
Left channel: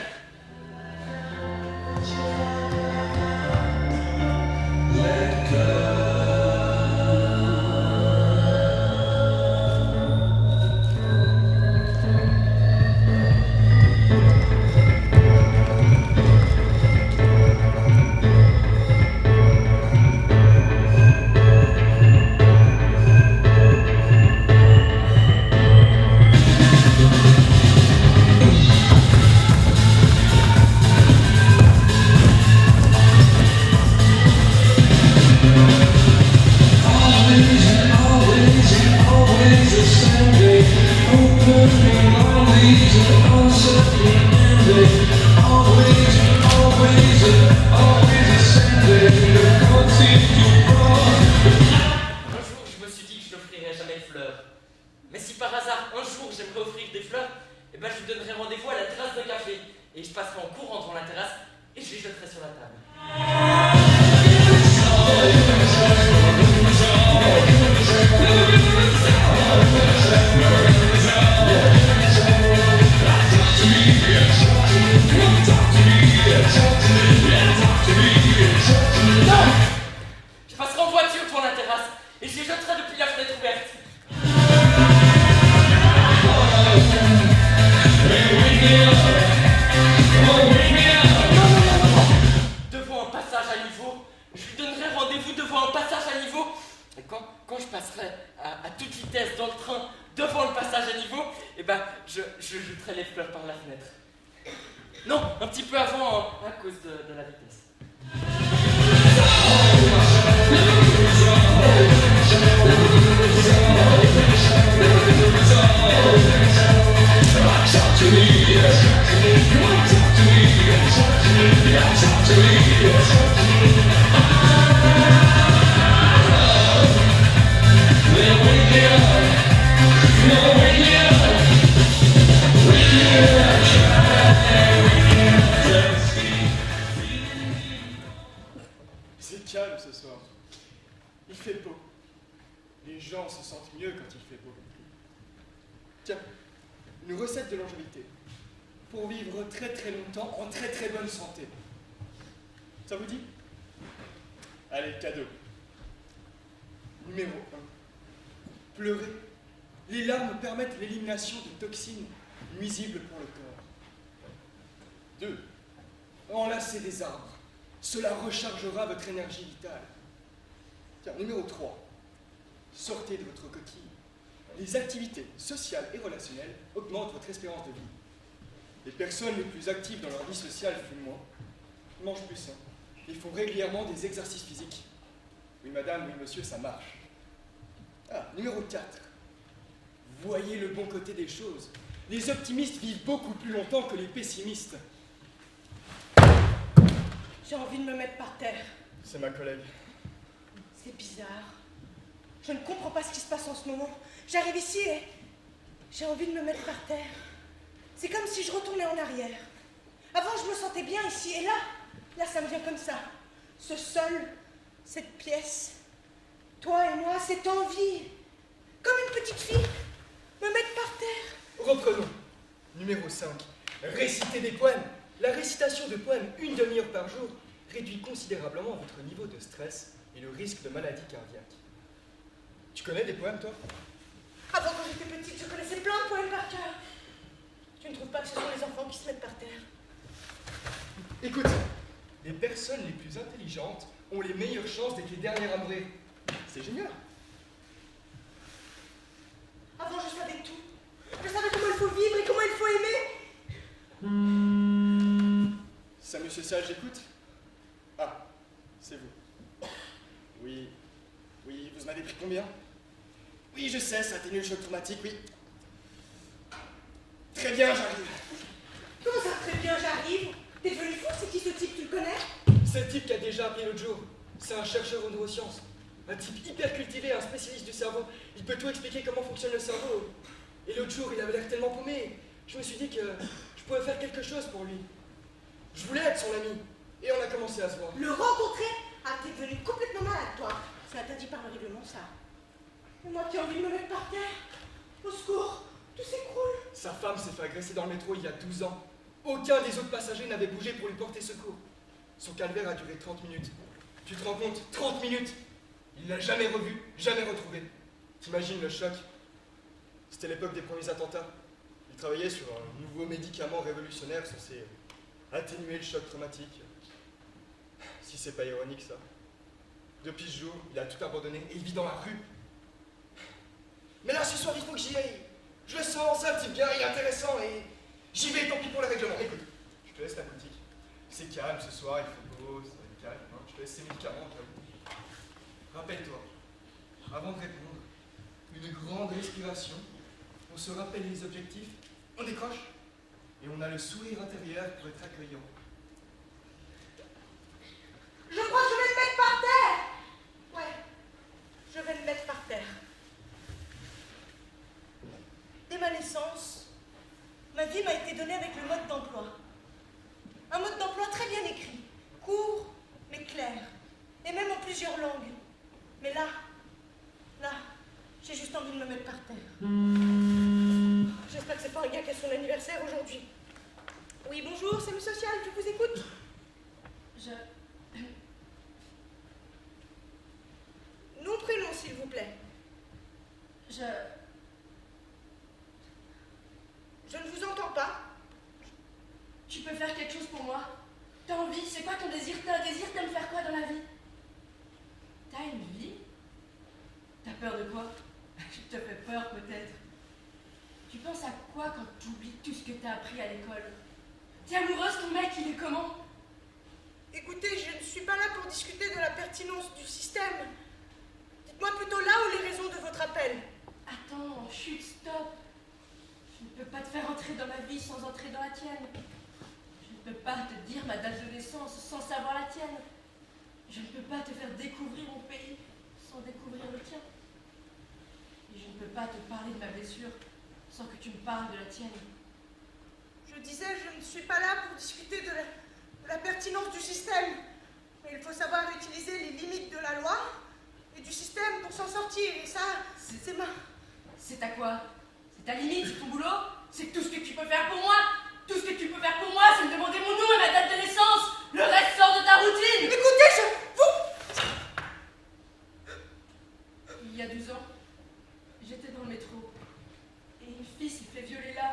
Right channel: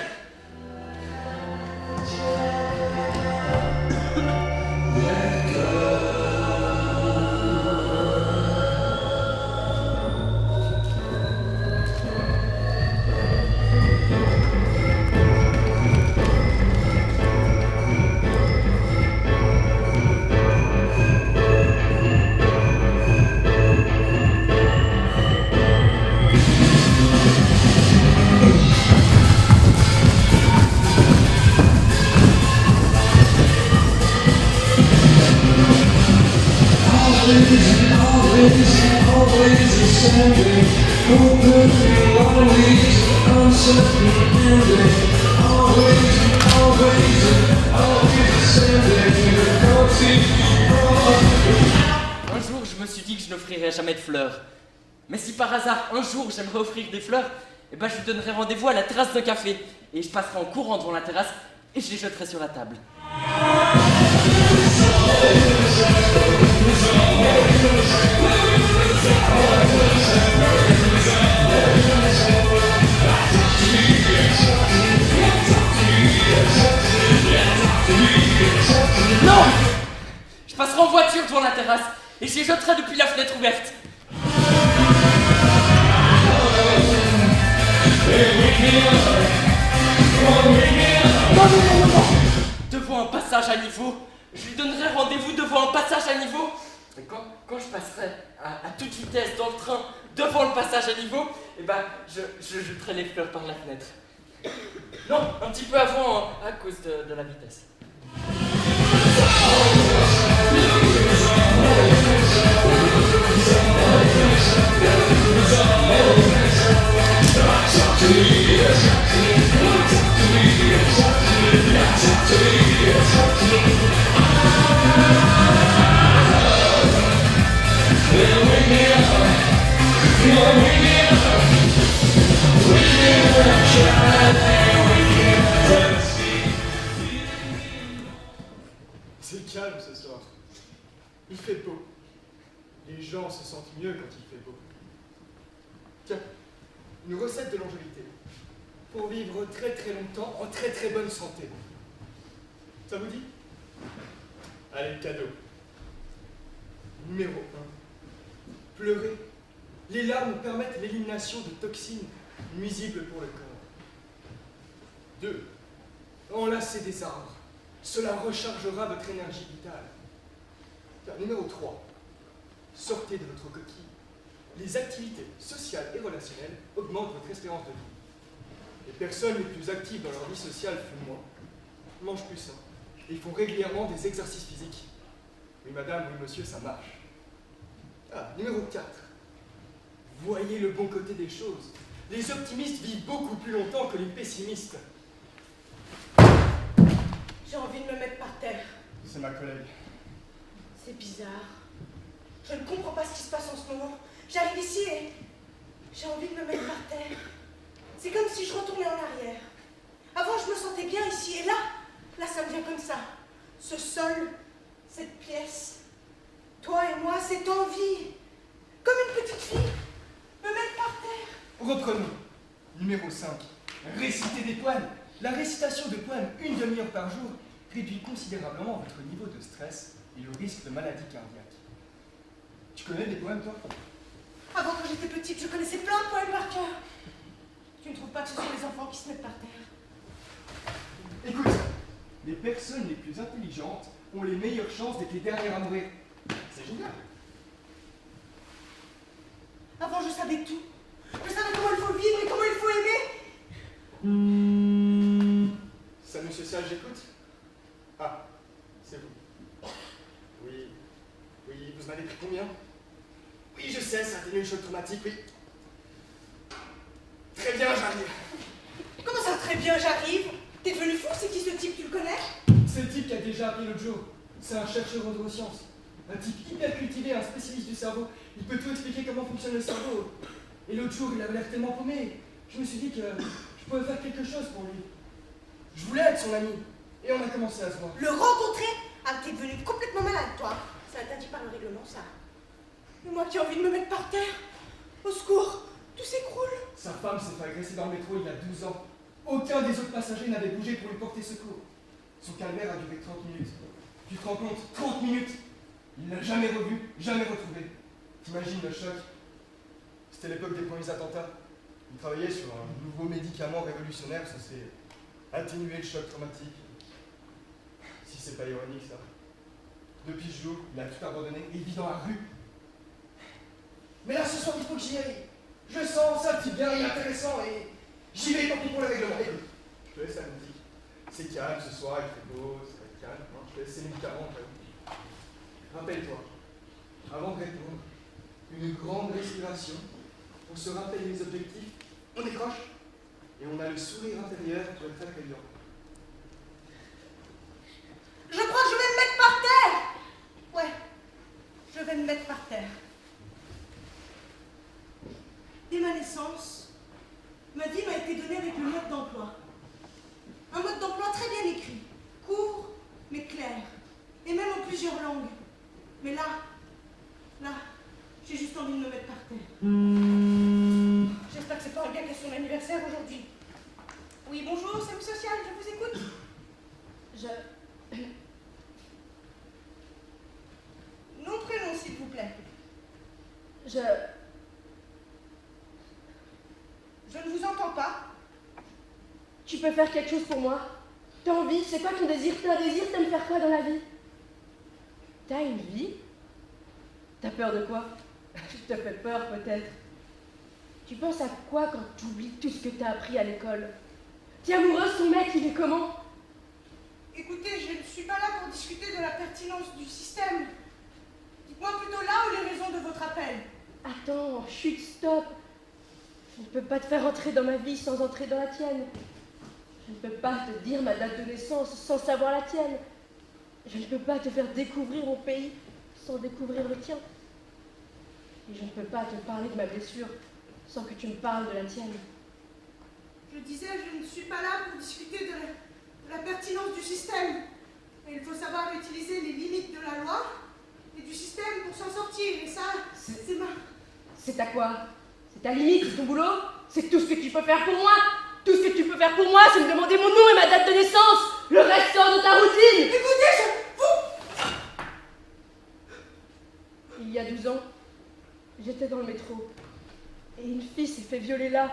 Jamais de fleurs. Mais si par hasard un jour j'aimerais offrir des fleurs, eh ben je lui donnerai rendez-vous à la terrasse d'un café et je passerai en courant devant la terrasse et je les jetterai sur la table. Non! Je passerai en voiture devant la terrasse et je les jetterai depuis la fenêtre ouverte. Non. Devant un passage à niveau, je lui donnerai rendez-vous devant un passage à niveau. Et quand je passerai à toute vitesse dans le train devant le passage à niveau, eh ben, je jetterai les fleurs par la fenêtre. Non, un petit peu avant, à cause de la vitesse. C'est calme ce soir. Il fait beau. Les gens se sentent mieux quand il fait beau. Tiens, une recette de longévité. Pour vivre très très longtemps en très très bonne santé. Ça vous dit? Allez, cadeau. Numéro 1. Pleurer Les larmes permettent l'élimination de toxines nuisibles pour le corps. 2. Enlacez des arbres. Cela rechargera votre énergie vitale. Numéro 3. Sortez de votre coquille. Les activités sociales et relationnelles augmentent votre espérance de vie. Les personnes les plus actives dans leur vie sociale fument moins, mangent plus sain et font régulièrement des exercices physiques. Oui madame, oui monsieur, ça marche. Numéro 4. Voyez le bon côté des choses. Les optimistes vivent beaucoup plus longtemps que les pessimistes. J'ai envie de me mettre par terre. C'est ma collègue. C'est bizarre. Je ne comprends pas ce qui se passe en ce moment. J'arrive ici et j'ai envie de me mettre par terre. C'est comme si je retournais en arrière. Avant, je me sentais bien ici et là, ça me vient comme ça. Ce sol, cette pièce, toi et moi, cette envie. Comme une petite fille, me mettre par terre. Reprenons. Numéro 5. Réciter des poèmes. La récitation de poèmes 1 demi-heure par jour réduit considérablement votre niveau de stress et le risque de maladie cardiaque. Tu connais des poèmes, toi? Avant, quand j'étais petite, je connaissais plein de poèmes par cœur. Tu ne trouves pas que ce sont les enfants qui se mettent par terre? Écoute, les personnes les plus intelligentes ont les meilleures chances d'être les dernières à mourir. C'est génial. Avant, je savais tout. Je savais comment il faut vivre et comment il faut aimer. Salut social, j'écoute. Ah, c'est vous. Oui, vous m'avez pris combien? Oui, je sais, ça atténue le choc traumatique, oui. Très bien, j'arrive. Comment ça, très bien, j'arrive? T'es devenu fou, c'est qui ce type, tu le connais? C'est le type qui a déjà appelé l'autre jour. C'est un chercheur en neurosciences. Un type hyper cultivé, un spécialiste du cerveau. Il peut tout expliquer comment fonctionne le cerveau. Et l'autre jour, il avait l'air tellement paumé. Je me suis dit que je pouvais faire quelque chose pour lui. Je voulais être son ami. Et on a commencé à se voir. Le rencontrer? Ah, t'es devenu complètement malade, toi. C'est interdit par le règlement, ça. Et moi qui ai envie de me mettre par terre. Au secours, tout s'écroule. Sa femme s'est fait agresser dans le métro il y a 12 ans. Aucun des autres passagers n'avait bougé pour lui porter secours. Son calvaire a duré 30 minutes. Tu te rends compte? 30 minutes! Il l'a jamais revu, jamais retrouvé. T'imagines le choc? C'était l'époque des premiers attentats. Il travaillait sur un nouveau médicament révolutionnaire censé atténuer le choc traumatique. Si c'est pas ironique, ça. Depuis ce jour, il a tout abandonné et il vit dans la rue. Mais là, ce soir, il faut que j'y aille. Je le sens, c'est un type bien et intéressant et j'y vais, tant pis pour le règlement. Écoute, je te laisse la boutique. C'est calme ce soir, il fait beau, c'est calme. Non, je te laisse ces médicaments. Rappelle-toi, avant de répondre, une grande respiration, on se rappelle les objectifs, on décroche et on a le sourire intérieur pour être accueillant. Je crois que je vais me mettre par terre. Ouais, je vais me mettre par terre. Dès ma naissance, ma vie m'a été donnée avec le mode d'emploi. Un mode d'emploi très bien écrit, court mais clair, et même en plusieurs langues. Mais là, j'ai juste envie de me mettre par terre. J'espère que c'est pas un gars qui a son anniversaire aujourd'hui. Oui, bonjour, c'est le social, je vous écoute. Nom, prénom, s'il vous plaît. Je ne vous entends pas. Tu peux faire quelque chose pour moi? T'as envie? C'est quoi ton désir? T'as un désir? T'aimes faire quoi dans la vie? T'as une vie? T'as peur de quoi? Tu te fais peur peut-être. Tu penses à quoi quand tu oublies tout ce que t'as appris à l'école? T'es amoureuse, ton mec, il est comment? Écoutez, je ne suis pas là pour discuter de la pertinence du système. Dites-moi plutôt là où les raisons de votre appel. Attends, chut, stop. Je ne peux pas te faire entrer dans ma vie sans entrer dans la tienne. Je ne peux pas te dire ma date de naissance sans savoir la tienne. Je ne peux pas te faire découvrir mon pays sans découvrir le tien. Et je ne peux pas te parler de ma blessure sans que tu me parles de la tienne. Je disais, je ne suis pas là pour discuter de la pertinence du système. Mais il faut savoir utiliser les limites de la loi et du système pour s'en sortir. Et ça, c'est ma... C'est ta quoi? C'est ta limite, c'est ton boulot? C'est tout ce que tu peux faire pour moi? Tout ce que tu peux faire pour moi, c'est me demander mon nom et ma date de naissance. Le reste sort de ta routine. Écoutez, Il y a 12 ans, j'étais dans le métro. violée là,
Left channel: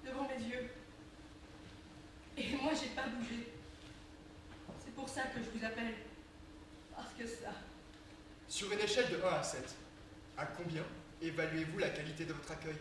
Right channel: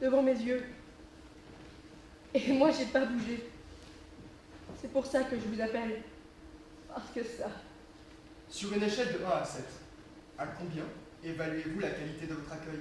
devant mes yeux. Et moi, j'ai pas bougé. C'est pour ça que je vous appelle. Parce que ça... Sur une échelle de 1 à 7, à combien évaluez-vous la qualité de votre accueil?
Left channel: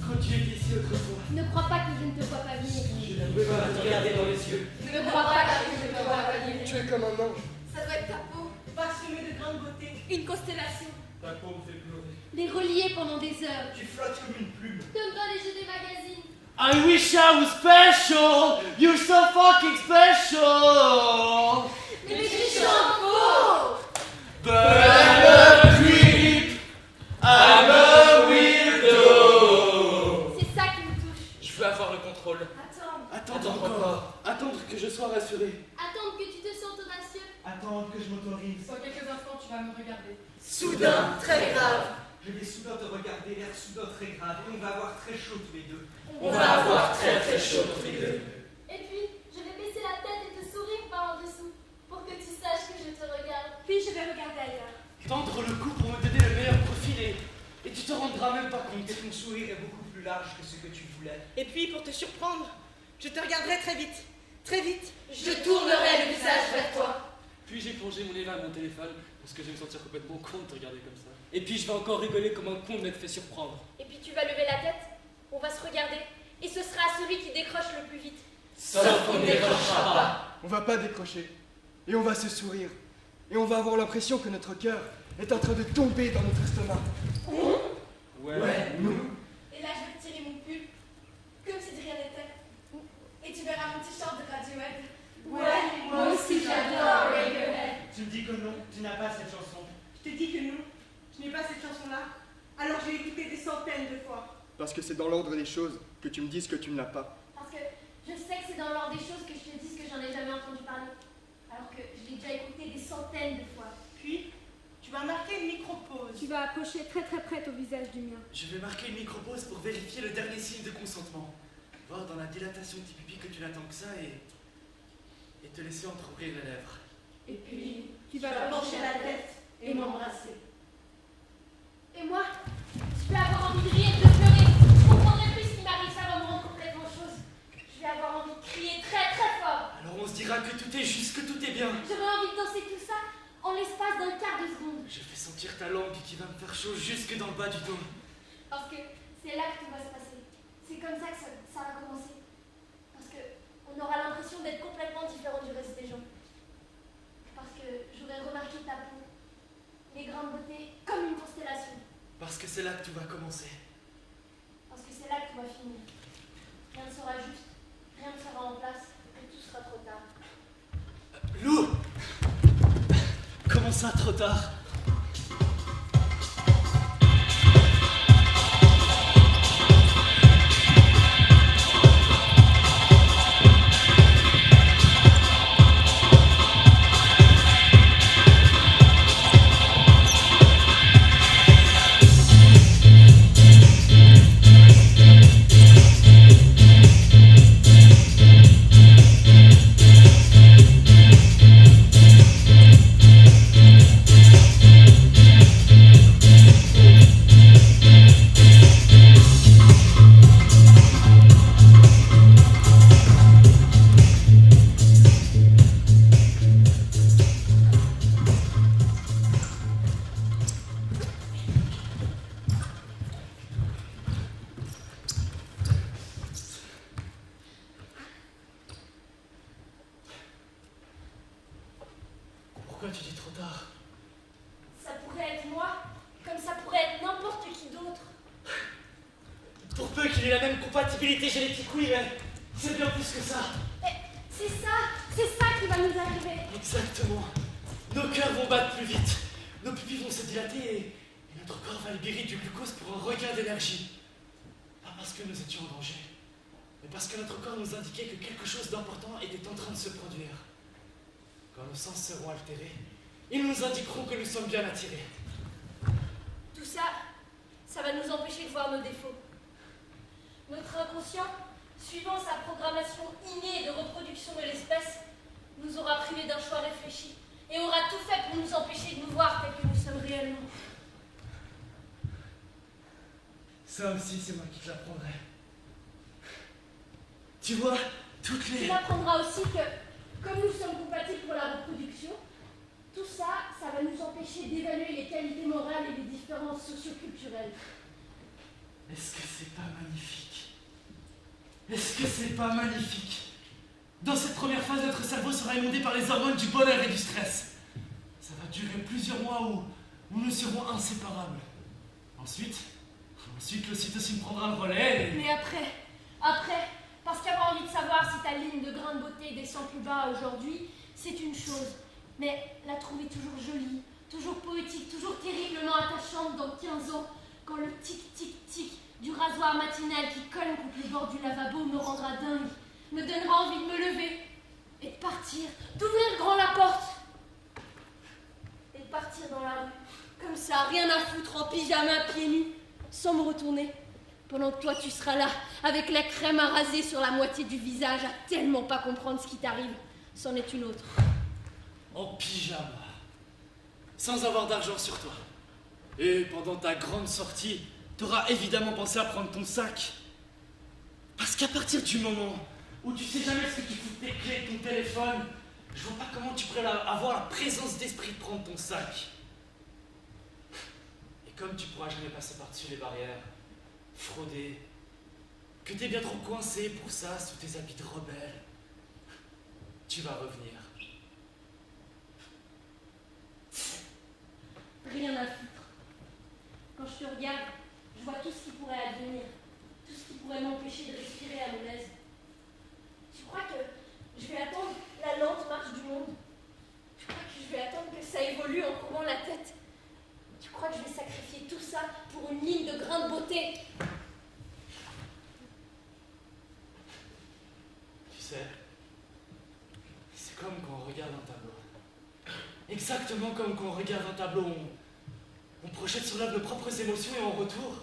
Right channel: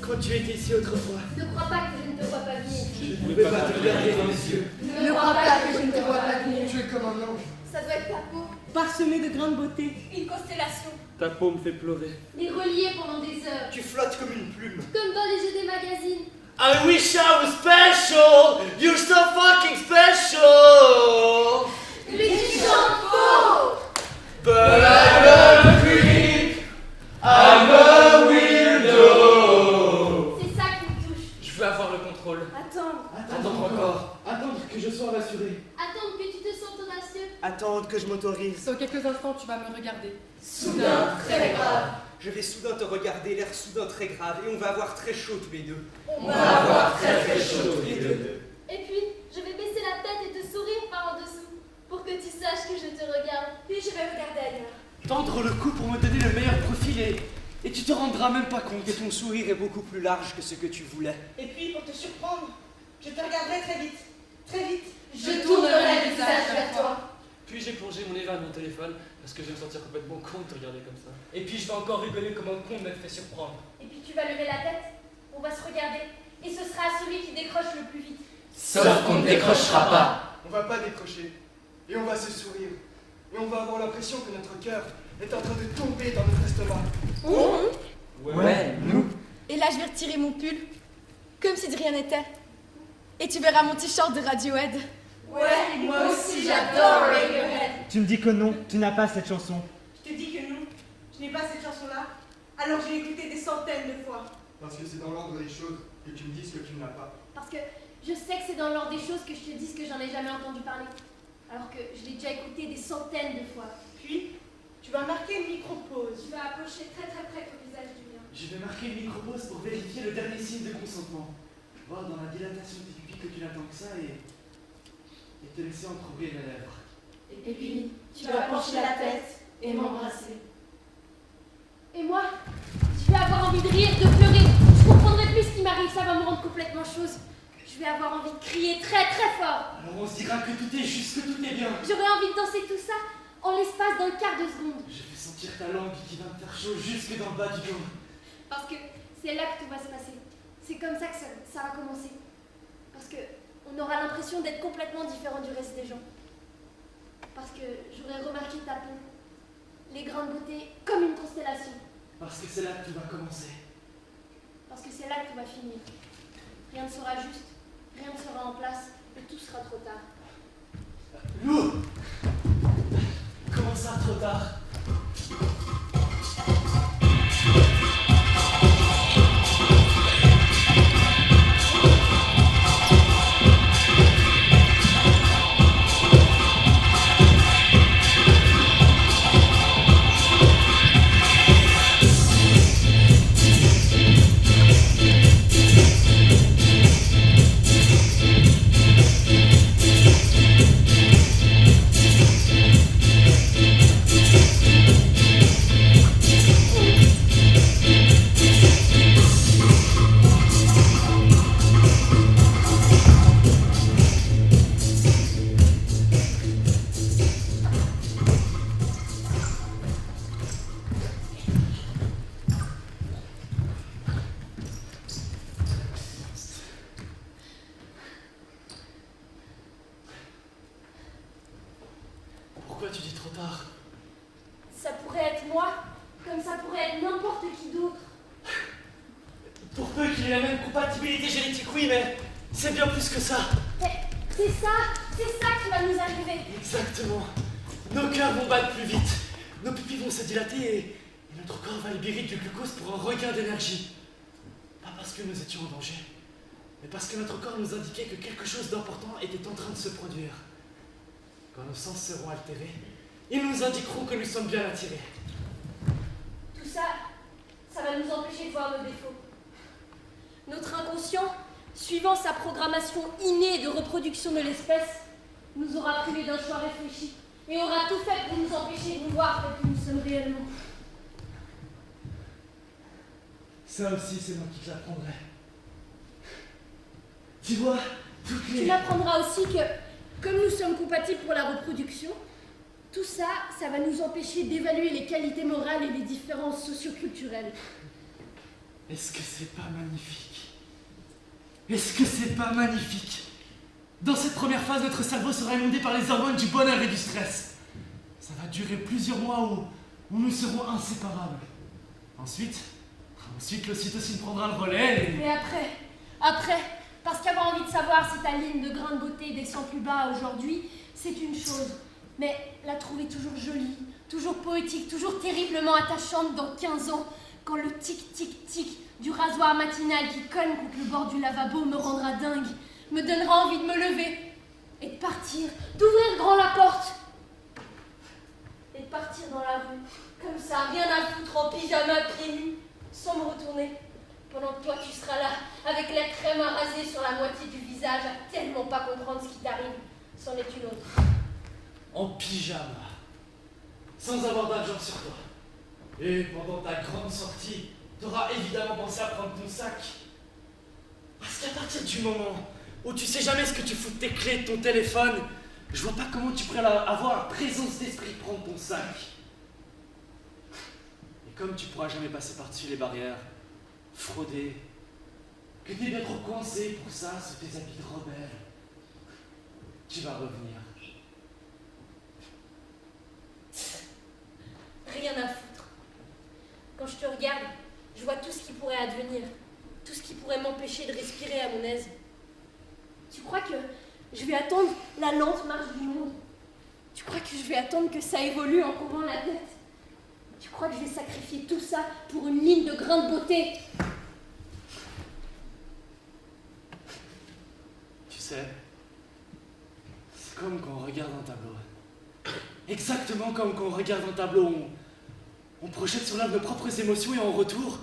Quand tu étais ici autrefois, Ne crois pas que je ne te vois pas venir. je ne peux pas te regarder dans les yeux. Ne crois pas que je ne te vois pas venir. Tu es comme un ange. Ça doit être ta peau. Parsemée de grains de beauté. Une constellation. Ta peau me fait pleurer. Les relier pendant des heures. Tu flottes comme une plume. Comme dans les jeux des magazines. I wish I was special. You're so fucking special. Mais tu chantes faux. But I'm a creep. I'm a weirdo. C'est ça qui me touche. Je veux avoir le contrôle. Attendre. Attendre encore. Attendre que je sois rassuré. Attendre que tu te sentes audacieux. Attendre que je m'autorise. Dans quelques instants, tu vas me regarder. Soudain, très grave. Je vais soudain te regarder, l'air soudain très grave, et on va avoir très chaud tous les deux. On va avoir très très chaud tous les deux. Et puis, je vais baisser la tête et te sourire par en dessous. Pour que tu saches que je te regarde. Puis je vais regarder ailleurs. Tendre le cou pour me donner le meilleur profil et tu te rendras même pas compte que ton sourire est beaucoup plus large que ce que tu voulais. Et puis, pour te surprendre, je te regarderai très vite. Très vite. Je tournerai le visage vers toi. Puis j'ai plongé mon nez vers mon téléphone parce que je vais me sentir complètement con de te regarder comme ça. Et puis je vais encore rigoler comme un con de m'être fait surprendre. Et puis tu vas lever la tête. On va se regarder. Et ce sera celui qui décroche le plus vite. Sauf qu'on ne décrochera pas. On va pas décrocher. Et on va se sourire. Et on va avoir l'impression que notre cœur est en train de tomber dans notre estomac. Ouais, nous. Et là, je vais retirer mon pull, comme si de rien n'était. Et tu verras mon t-shirt de Radiohead. Ouais, moi aussi j'adore Radiohead. Tu me dis que non, tu n'as pas cette chanson. Je te dis que non, je n'ai pas cette chanson-là. Alors j'ai écouté des centaines de fois. Parce que c'est dans l'ordre des choses que tu me dises que tu ne l'as pas. Parce que je sais que c'est dans l'ordre des choses que je te dise que j'en ai jamais entendu parler. Alors que je l'ai déjà écouté des centaines de fois. Puis, tu vas marquer une micro-pause. Tu vas accrocher très très près au visage du mien. Je vais marquer une micro-pause pour vérifier le dernier signe de consentement. Voir dans la dilatation du pupille que tu n'attends que ça et te laisser entreouvrir les lèvres. Et puis, tu vas pencher la tête et m'embrasser. Et moi, je vais avoir envie de rire, de pleurer. Je comprendrai plus ce qui m'arrive, ça va me rendre complètement chose. Je vais avoir envie de crier très très fort. Alors on se dira que tout est juste, que tout est bien. J'aurais envie de danser tout ça en l'espace d'un quart de seconde. Je vais sentir ta langue qui va me faire chaud jusque dans le bas du dos. Parce que c'est là que tout va se passer. C'est comme ça que ça va commencer. Parce que on aura l'impression d'être complètement différent du reste des gens. Parce que j'aurais remarqué ta peau, les grains de beauté comme une constellation. Parce que c'est là que tout va commencer. Parce que c'est là que tout va finir. Rien ne sera juste, rien ne sera en place, et tout sera trop tard. Lou! Comment ça, trop tard? Pourquoi tu dis trop tard? Ça pourrait être moi, comme ça pourrait être n'importe qui d'autre. Pour peu qu'il ait la même compatibilité génétique, oui, mais c'est bien plus que ça. Mais c'est ça qui va nous arriver. Exactement. Nos cœurs vont battre plus vite, nos pupilles vont se dilater et nos Notre corps va libérer du glucose pour un regain d'énergie. Pas parce que nous étions en danger, mais parce que notre corps nous indiquait que quelque chose d'important était en train de se produire. Quand nos sens seront altérés, ils nous indiqueront que nous sommes bien attirés. Tout ça, ça va nous empêcher de voir nos défauts. Notre inconscient, suivant sa programmation innée de reproduction de l'espèce, nous aura privés d'un choix réfléchi et aura tout fait pour nous empêcher de nous voir tels que nous sommes réellement. Ça aussi, c'est moi qui te l'apprendrai. Tu vois, toutes les... Tu m'apprendras aussi que, comme nous sommes compatibles pour la reproduction, tout ça, ça va nous empêcher d'évaluer les qualités morales et les différences socio-culturelles. Est-ce que c'est pas magnifique? Est-ce que c'est pas magnifique? Dans cette première phase, notre cerveau sera inondé par les hormones du bonheur et du stress. Ça va durer plusieurs mois où nous serons inséparables. Ensuite, l'ocytocine prendra le relais et... Mais après, parce qu'avoir envie de savoir si ta ligne de grain de beauté descend plus bas aujourd'hui, c'est une chose. Mais la trouver toujours jolie, toujours poétique, toujours terriblement attachante dans 15 ans, quand le tic-tic-tic du rasoir matinal qui cogne contre le bord du lavabo me rendra dingue, me donnera envie de me lever et de partir, d'ouvrir grand la porte et de partir dans la rue, comme ça, rien à foutre, en pyjama, pieds nus, sans me retourner, pendant que toi tu seras là, avec la crème à raser sur la moitié du visage, à tellement pas comprendre ce qui t'arrive. C'en est une autre. En pyjama, sans avoir d'argent sur toi. Et pendant ta grande sortie, t'auras évidemment pensé à prendre ton sac. Parce qu'à partir du moment où tu sais jamais ce que tu fous de tes clés, de ton téléphone, je vois pas comment tu pourrais avoir la présence d'esprit de prendre ton sac. Et comme tu pourras jamais passer par-dessus les barrières, frauder, que t'es bien trop coincé pour ça sous tes habits de rebelle, tu vas revenir. Rien à foutre. Quand je te regarde, je vois tout ce qui pourrait advenir, tout ce qui pourrait m'empêcher de respirer à mon aise. Tu crois que je vais attendre la lente marche du monde? Tu crois que je vais attendre que ça évolue en courbant la tête? Tu crois que je vais sacrifier tout ça pour une ligne de grain de beauté? Tu sais, c'est comme quand on regarde un tableau. Exactement comme quand on regarde un tableau, on projette sur l'œuvre nos propres émotions et en retour,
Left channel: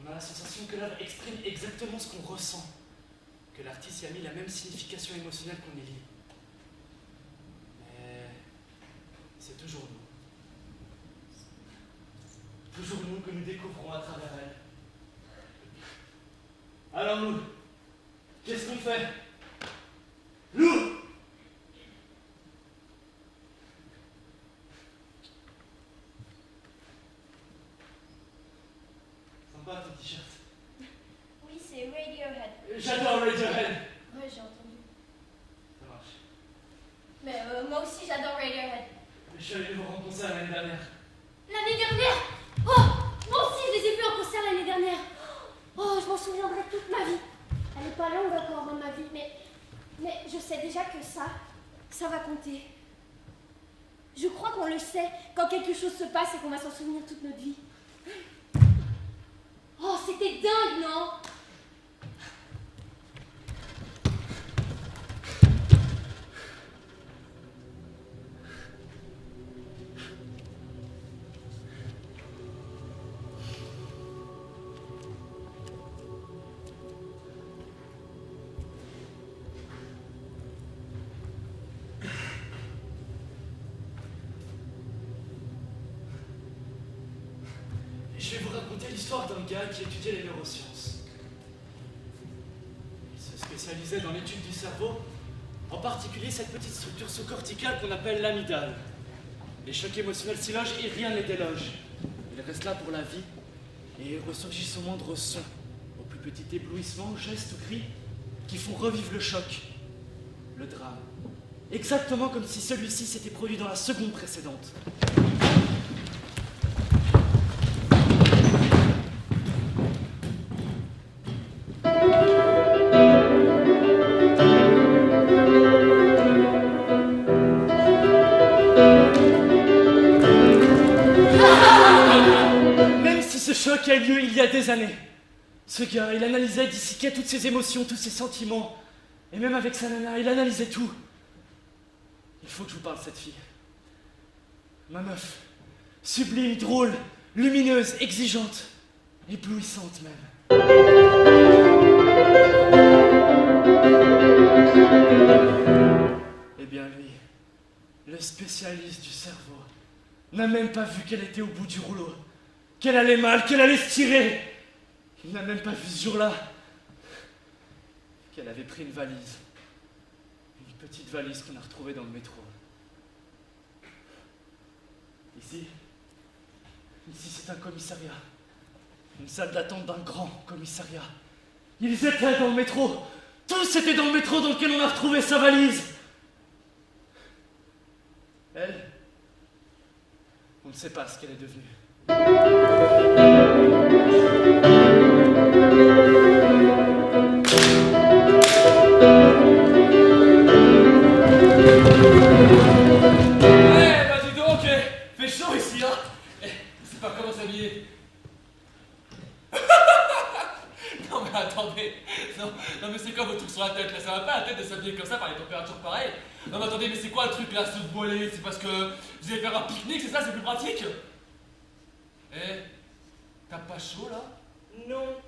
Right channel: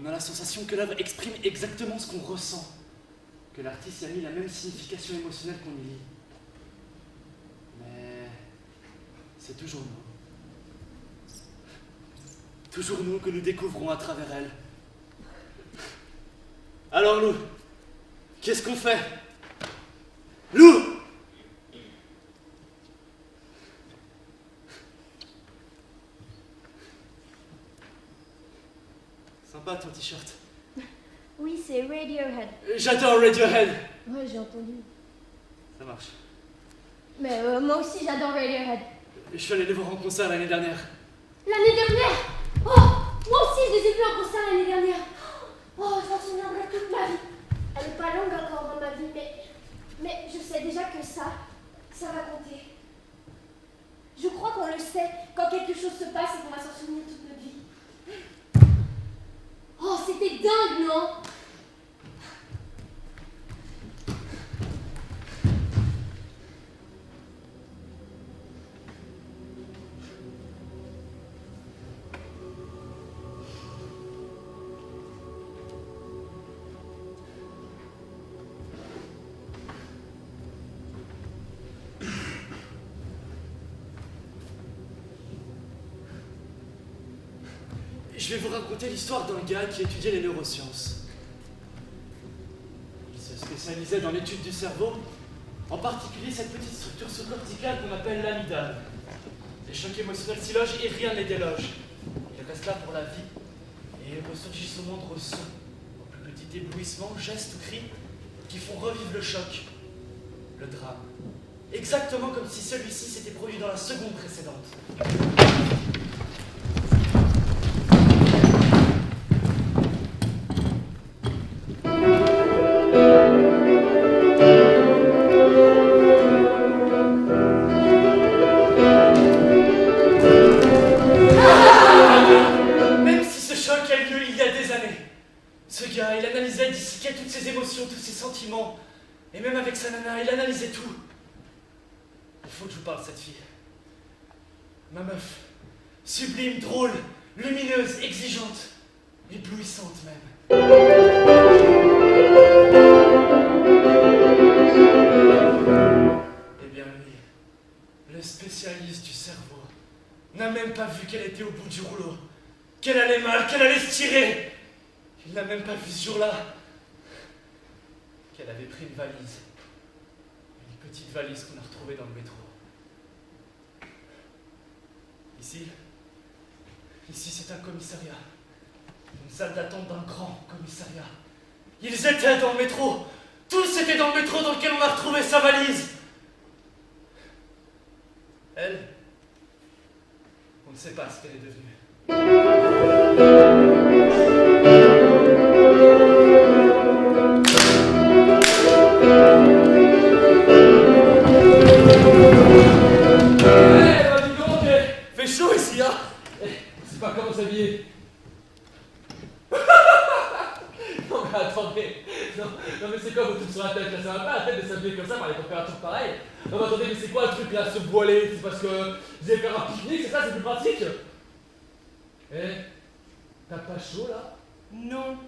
on a la sensation que l'œuvre exprime exactement ce qu'on ressent, que l'artiste y a mis la même signification émotionnelle qu'on y lit. Mais c'est toujours nous. Toujours nous que nous découvrons à travers elle. Alors Lou, qu'est-ce qu'on fait? Lou! Sympa ton t-shirt. Oui, c'est Radiohead. J'adore Radiohead. Ouais, j'ai entendu. Ça marche. Mais moi aussi, j'adore Radiohead. Je suis allé les voir en concert l'année dernière. L'année dernière? Oh, moi aussi, je les ai vus en concert l'année dernière. Oh, je m'en souviendrai toute ma vie. Elle est pas longue encore dans ma vie, mais je sais déjà que ça va compter. Je crois qu'on le sait quand quelque chose se passe et qu'on va s'en souvenir toute notre vie. Oh, c'était dingue, non? Je vais vous raconter l'histoire d'un gars qui étudiait les neurosciences. Il se spécialisait dans l'étude du cerveau, en particulier cette petite structure sous-corticale qu'on appelle l'amygdale. Les chocs émotionnels s'y logent et rien ne les déloge. Il reste là pour la vie, et il ressurgit son moindre son, au plus petit éblouissement, gestes ou cris, qui font revivre le choc, le drame. Exactement comme si celui-ci s'était produit dans la seconde précédente. eu lieu il y a des années. Ce gars, il analysait, disséquait toutes ses émotions, tous ses sentiments. Et même avec sa nana, il analysait tout. Il faut que je vous parle de cette fille. Ma meuf. Sublime, drôle, lumineuse, exigeante, éblouissante même. Eh bien lui, le spécialiste du cerveau, n'a même pas vu qu'elle était au bout du rouleau, qu'elle allait mal, qu'elle allait se tirer. Il n'a même pas vu ce jour-là qu'elle avait pris une valise. Une petite valise qu'on a retrouvée dans le métro. Ici c'est un commissariat. Une salle d'attente d'un grand commissariat. Ils étaient dans le métro. Tous étaient dans le métro dans lequel on a retrouvé sa valise. Elle, on ne sait pas ce qu'elle est devenue. Pas comment s'habiller. Non mais attendez, non mais c'est quoi vos trucs sur la tête là? Ça va pas la tête de s'habiller comme ça par les températures pareilles? Non mais attendez, mais c'est quoi le truc là, se voiler? C'est parce que vous allez faire un pique-nique, c'est ça? C'est plus pratique? Eh, t'as pas chaud là? Non,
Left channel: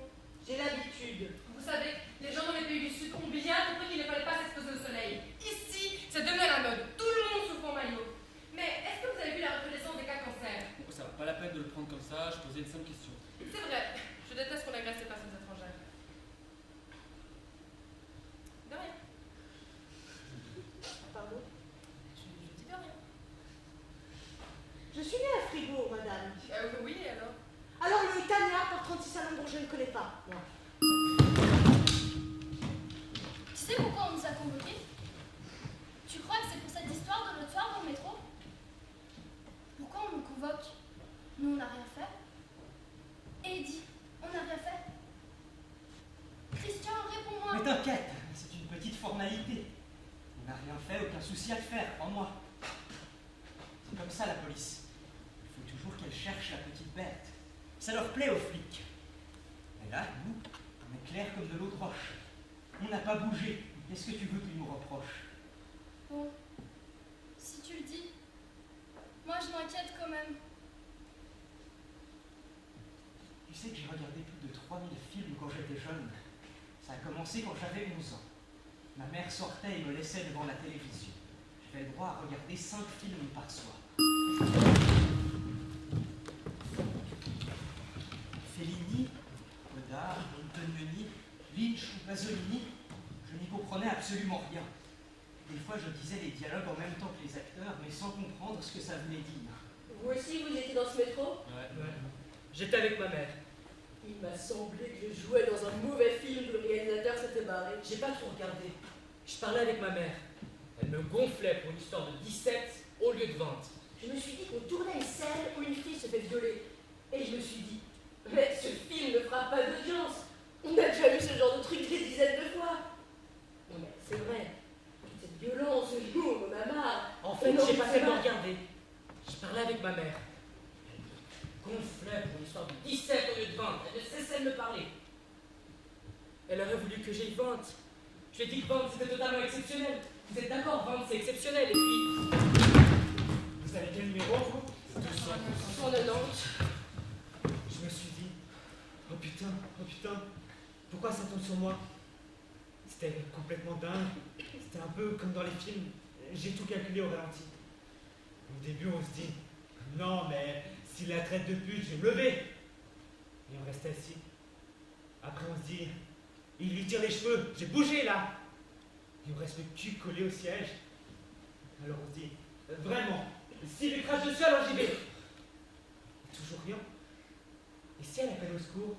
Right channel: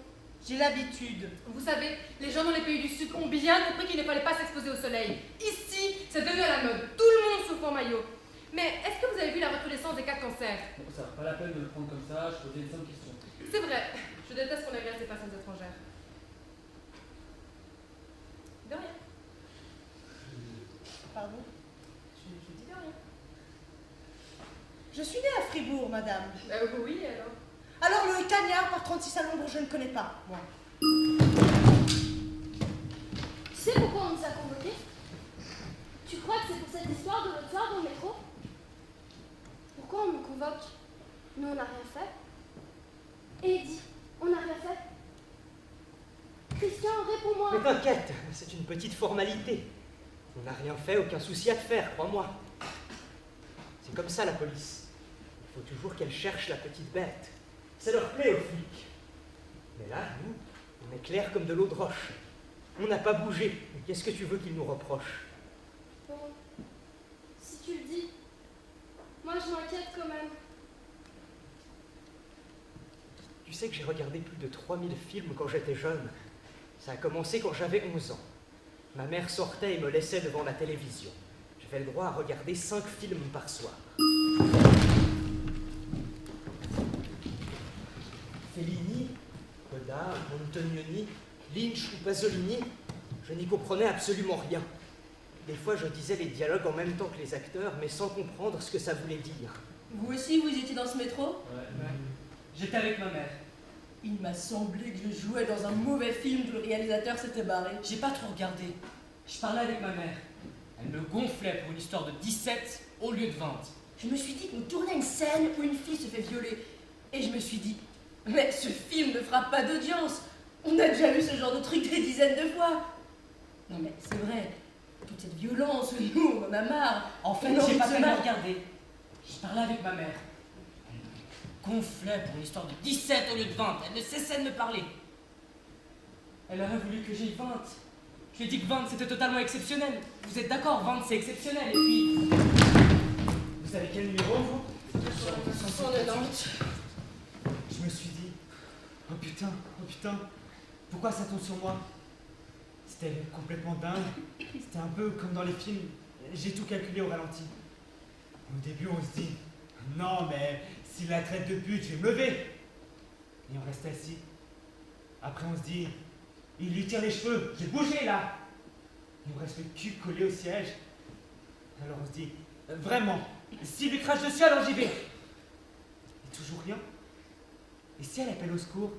j'ai l'habitude. Vous savez, les gens dans les pays du Sud ont bien compris qu'il ne fallait pas s'exposer au soleil. Ici, ça devient la mode. Tout le monde souffle en maillot. Mais est-ce que vous avez vu la recrudescence des cas de cancer? Bon, ça vaut pas la peine de le prendre comme ça, je posais une simple question. C'est vrai, je déteste qu'on agresse les personnes étrangères. De rien. Pardon? Je dis de rien. Je suis née à Fribourg, madame. Oui, alors? Alors le cagnard par 36 à Londres, je ne connais pas, moi. Tu sais pourquoi on nous a convoqués? Tu crois que c'est pour cette histoire de l'autre soir dans le métro? Pourquoi on nous convoque? Nous, on n'a rien fait. Eddie, on n'a rien fait. Christian, réponds-moi. Mais t'inquiète, c'est une petite formalité. On n'a rien fait, aucun souci à te faire, crois-moi. C'est comme ça la police. Il faut toujours qu'elle cherche la petite bête. Ça leur plaît aux flics. Mais là, nous, on est clair comme de l'eau de roche. On n'a pas bougé. Qu'est-ce que tu veux qu'ils nous reprochent? Bon, si tu le dis, moi je m'inquiète quand même. Tu sais que j'ai regardé plus de 3000 films quand j'étais jeune. Ça a commencé quand j'avais 11 ans. Ma mère sortait et me laissait devant la télévision. J'avais le droit à regarder 5 films par soir. Fellini, Godard, Antonioni, Lynch ou Pasolini, je n'y comprenais absolument rien. Des fois, je disais les dialogues en même temps que les acteurs, mais sans comprendre ce que ça voulait dire. Vous aussi, vous étiez dans ce métro? Ouais. J'étais avec ma mère. Il m'a semblé que je jouais dans un mauvais film que le réalisateur s'était barré. J'ai pas trop regardé. Je parlais avec ma mère. Elle me gonflait pour une histoire de 17 au lieu de 20. Je me suis dit qu'on tournait une scène où une fille se fait violer. Et je me suis dit, mais ce film ne fera pas d'audience. On a déjà vu ce genre de truc des dizaines de fois. Non mais c'est vrai, toute cette violence, nous, on en a marre. En fait, j'ai pas tellement regardé. Je parlais avec ma mère. Gonflait pour une histoire de 17 au lieu de 20. Elle ne cessait de me parler. Elle aurait voulu que j'aie 20. Je lui ai dit que 20 c'était totalement exceptionnel. Vous êtes d'accord, 20 c'est exceptionnel. Et puis. Vous savez quel numéro vous? 190. Je me suis dit, oh putain, pourquoi ça tombe sur moi? C'était complètement dingue. C'était un peu comme dans les films. J'ai tout calculé au ralenti. Au début, on se dit, non, mais s'il la traite de pute, je vais me lever. Et on reste assis. Après, on se dit, il lui tire les cheveux, j'ai bougé là. Et on reste le cul collé au siège. Alors on se dit, vraiment, s'il lui crache dessus, alors j'y vais. Et toujours rien. Et si elle appelle au secours?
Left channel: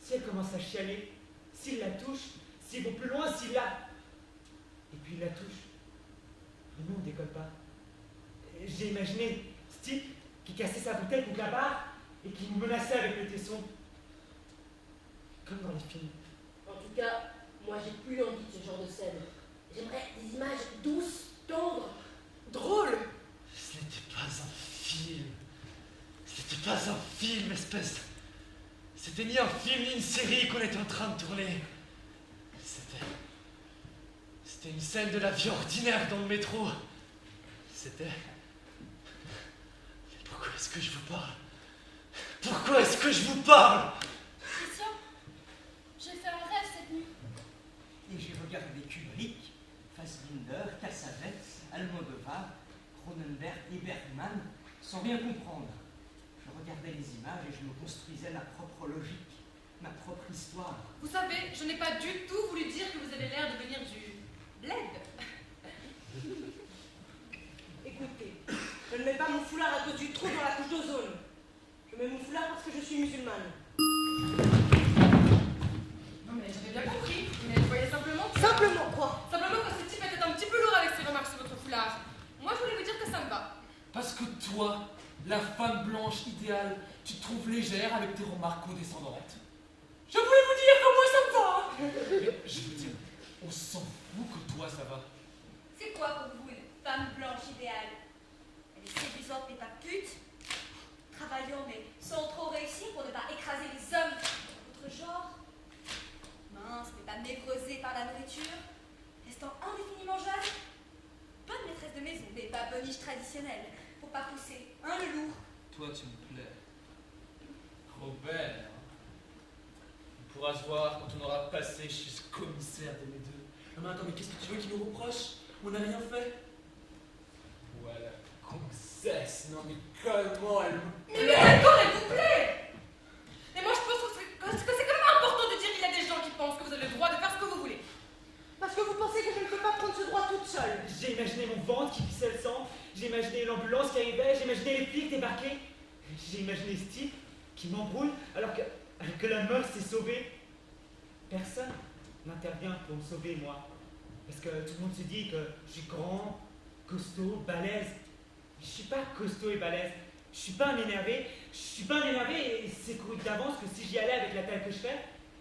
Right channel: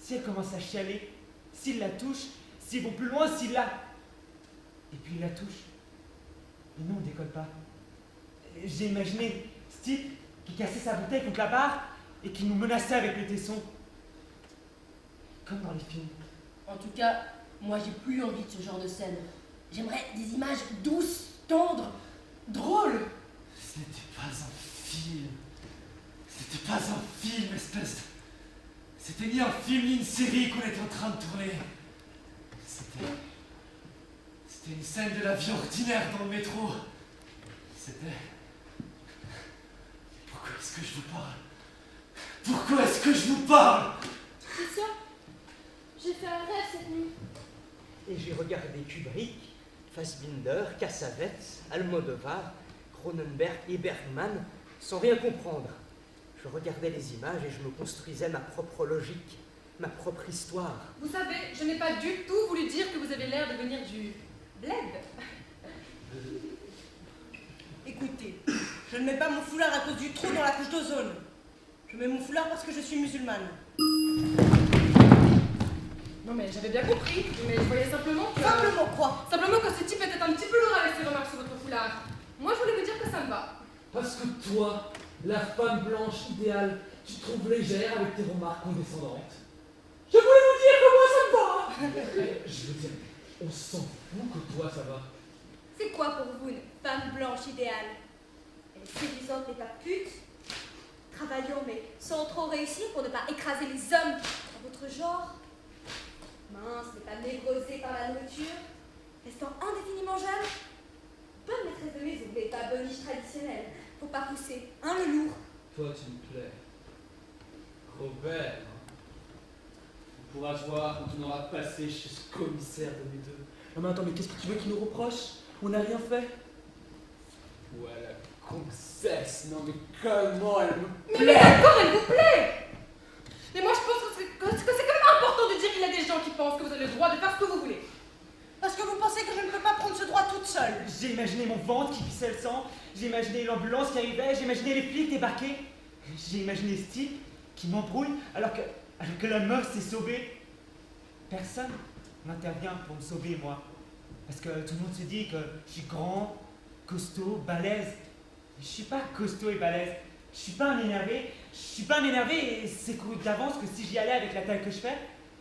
Si elle commence à chialer? S'il la touche? S'ils vont plus loin? S'il la... Et puis il la touche. Mais non, on décolle pas. J'ai imaginé ce type qui cassait sa bouteille contre la barre et qui nous menaçait avec le tesson. Comme dans les films. En tout cas, moi j'ai plus envie de ce genre de scène. J'aimerais des images douces, tendres, drôles. Ce n'était pas un film. Ce n'était pas un film, espèce film ni une série qu'on est en train de tourner. C'était une scène de la vie ordinaire dans le métro. C'était... Pourquoi est-ce que je vous parle? Pourquoi est-ce que je vous parle? Christian, j'ai fait un rêve cette nuit. Et j'ai regardé Kubrick, Fassbinder, Cassavetes, Almodovar, Cronenberg et Bergman sans rien comprendre. Je regardais les images et je me construisais ma propre logique, ma propre histoire. Vous savez, je n'ai pas du tout voulu dire que vous avez l'air de venir du bled. Écoutez, je ne mets pas mon foulard à cause du trou dans la couche d'ozone. Je mets mon foulard parce que je suis musulmane. Non mais j'avais bien compris, mais je voyais simplement que... Simplement quoi? Simplement que ce type était un petit peu lourd avec ses remarques sur votre foulard. Moi je voulais vous dire que ça me va. Parce que toi, la femme blanche idéale, tu te trouves légère avec tes remarques condescendantes. Je voulais vous dire que moi ça me va. Je veux dire, on s'en fout que toi ça va. C'est quoi pour vous une femme blanche idéale? Elle est séduisante mais pas pute. Travaillons mais sans trop réussir pour ne pas écraser les hommes dans votre genre. Mince mais pas névrosée par la nourriture. Restant indéfiniment jeune. Bonne maîtresse de maison mais pas boniche traditionnelle. Faut pas pousser, hein le lourd. Toi tu me plais. Robert. On pourra se voir quand on aura passé chez ce commissaire de mes deux. Non mais attends, mais qu'est-ce que tu veux qu'il nous reproche? On n'a rien fait. Ouais, la concesse, non mais comment elle me plaît. Mais d'accord, elle vous plaît. Mais moi je pense que c'est quand même important de dire qu'il y a des gens qui pensent que vous avez le droit de faire ce que vous voulez. Parce que vous pensez que je ne peux pas prendre ce droit toute seule. J'ai imaginé mon ventre qui pissait le sang, j'ai imaginé l'ambulance qui arrivait, j'ai imaginé les flics débarquer, j'ai imaginé ce type qui m'embrouille alors que la meuf s'est sauvée. Personne n'intervient pour me sauver, moi. Parce que tout le monde se dit que je suis grand, costaud, balèze. Je suis pas costaud et balèze. Je suis pas un énervé. Je suis pas un énervé et c'est couru d'avance que si j'y allais avec la taille que je fais,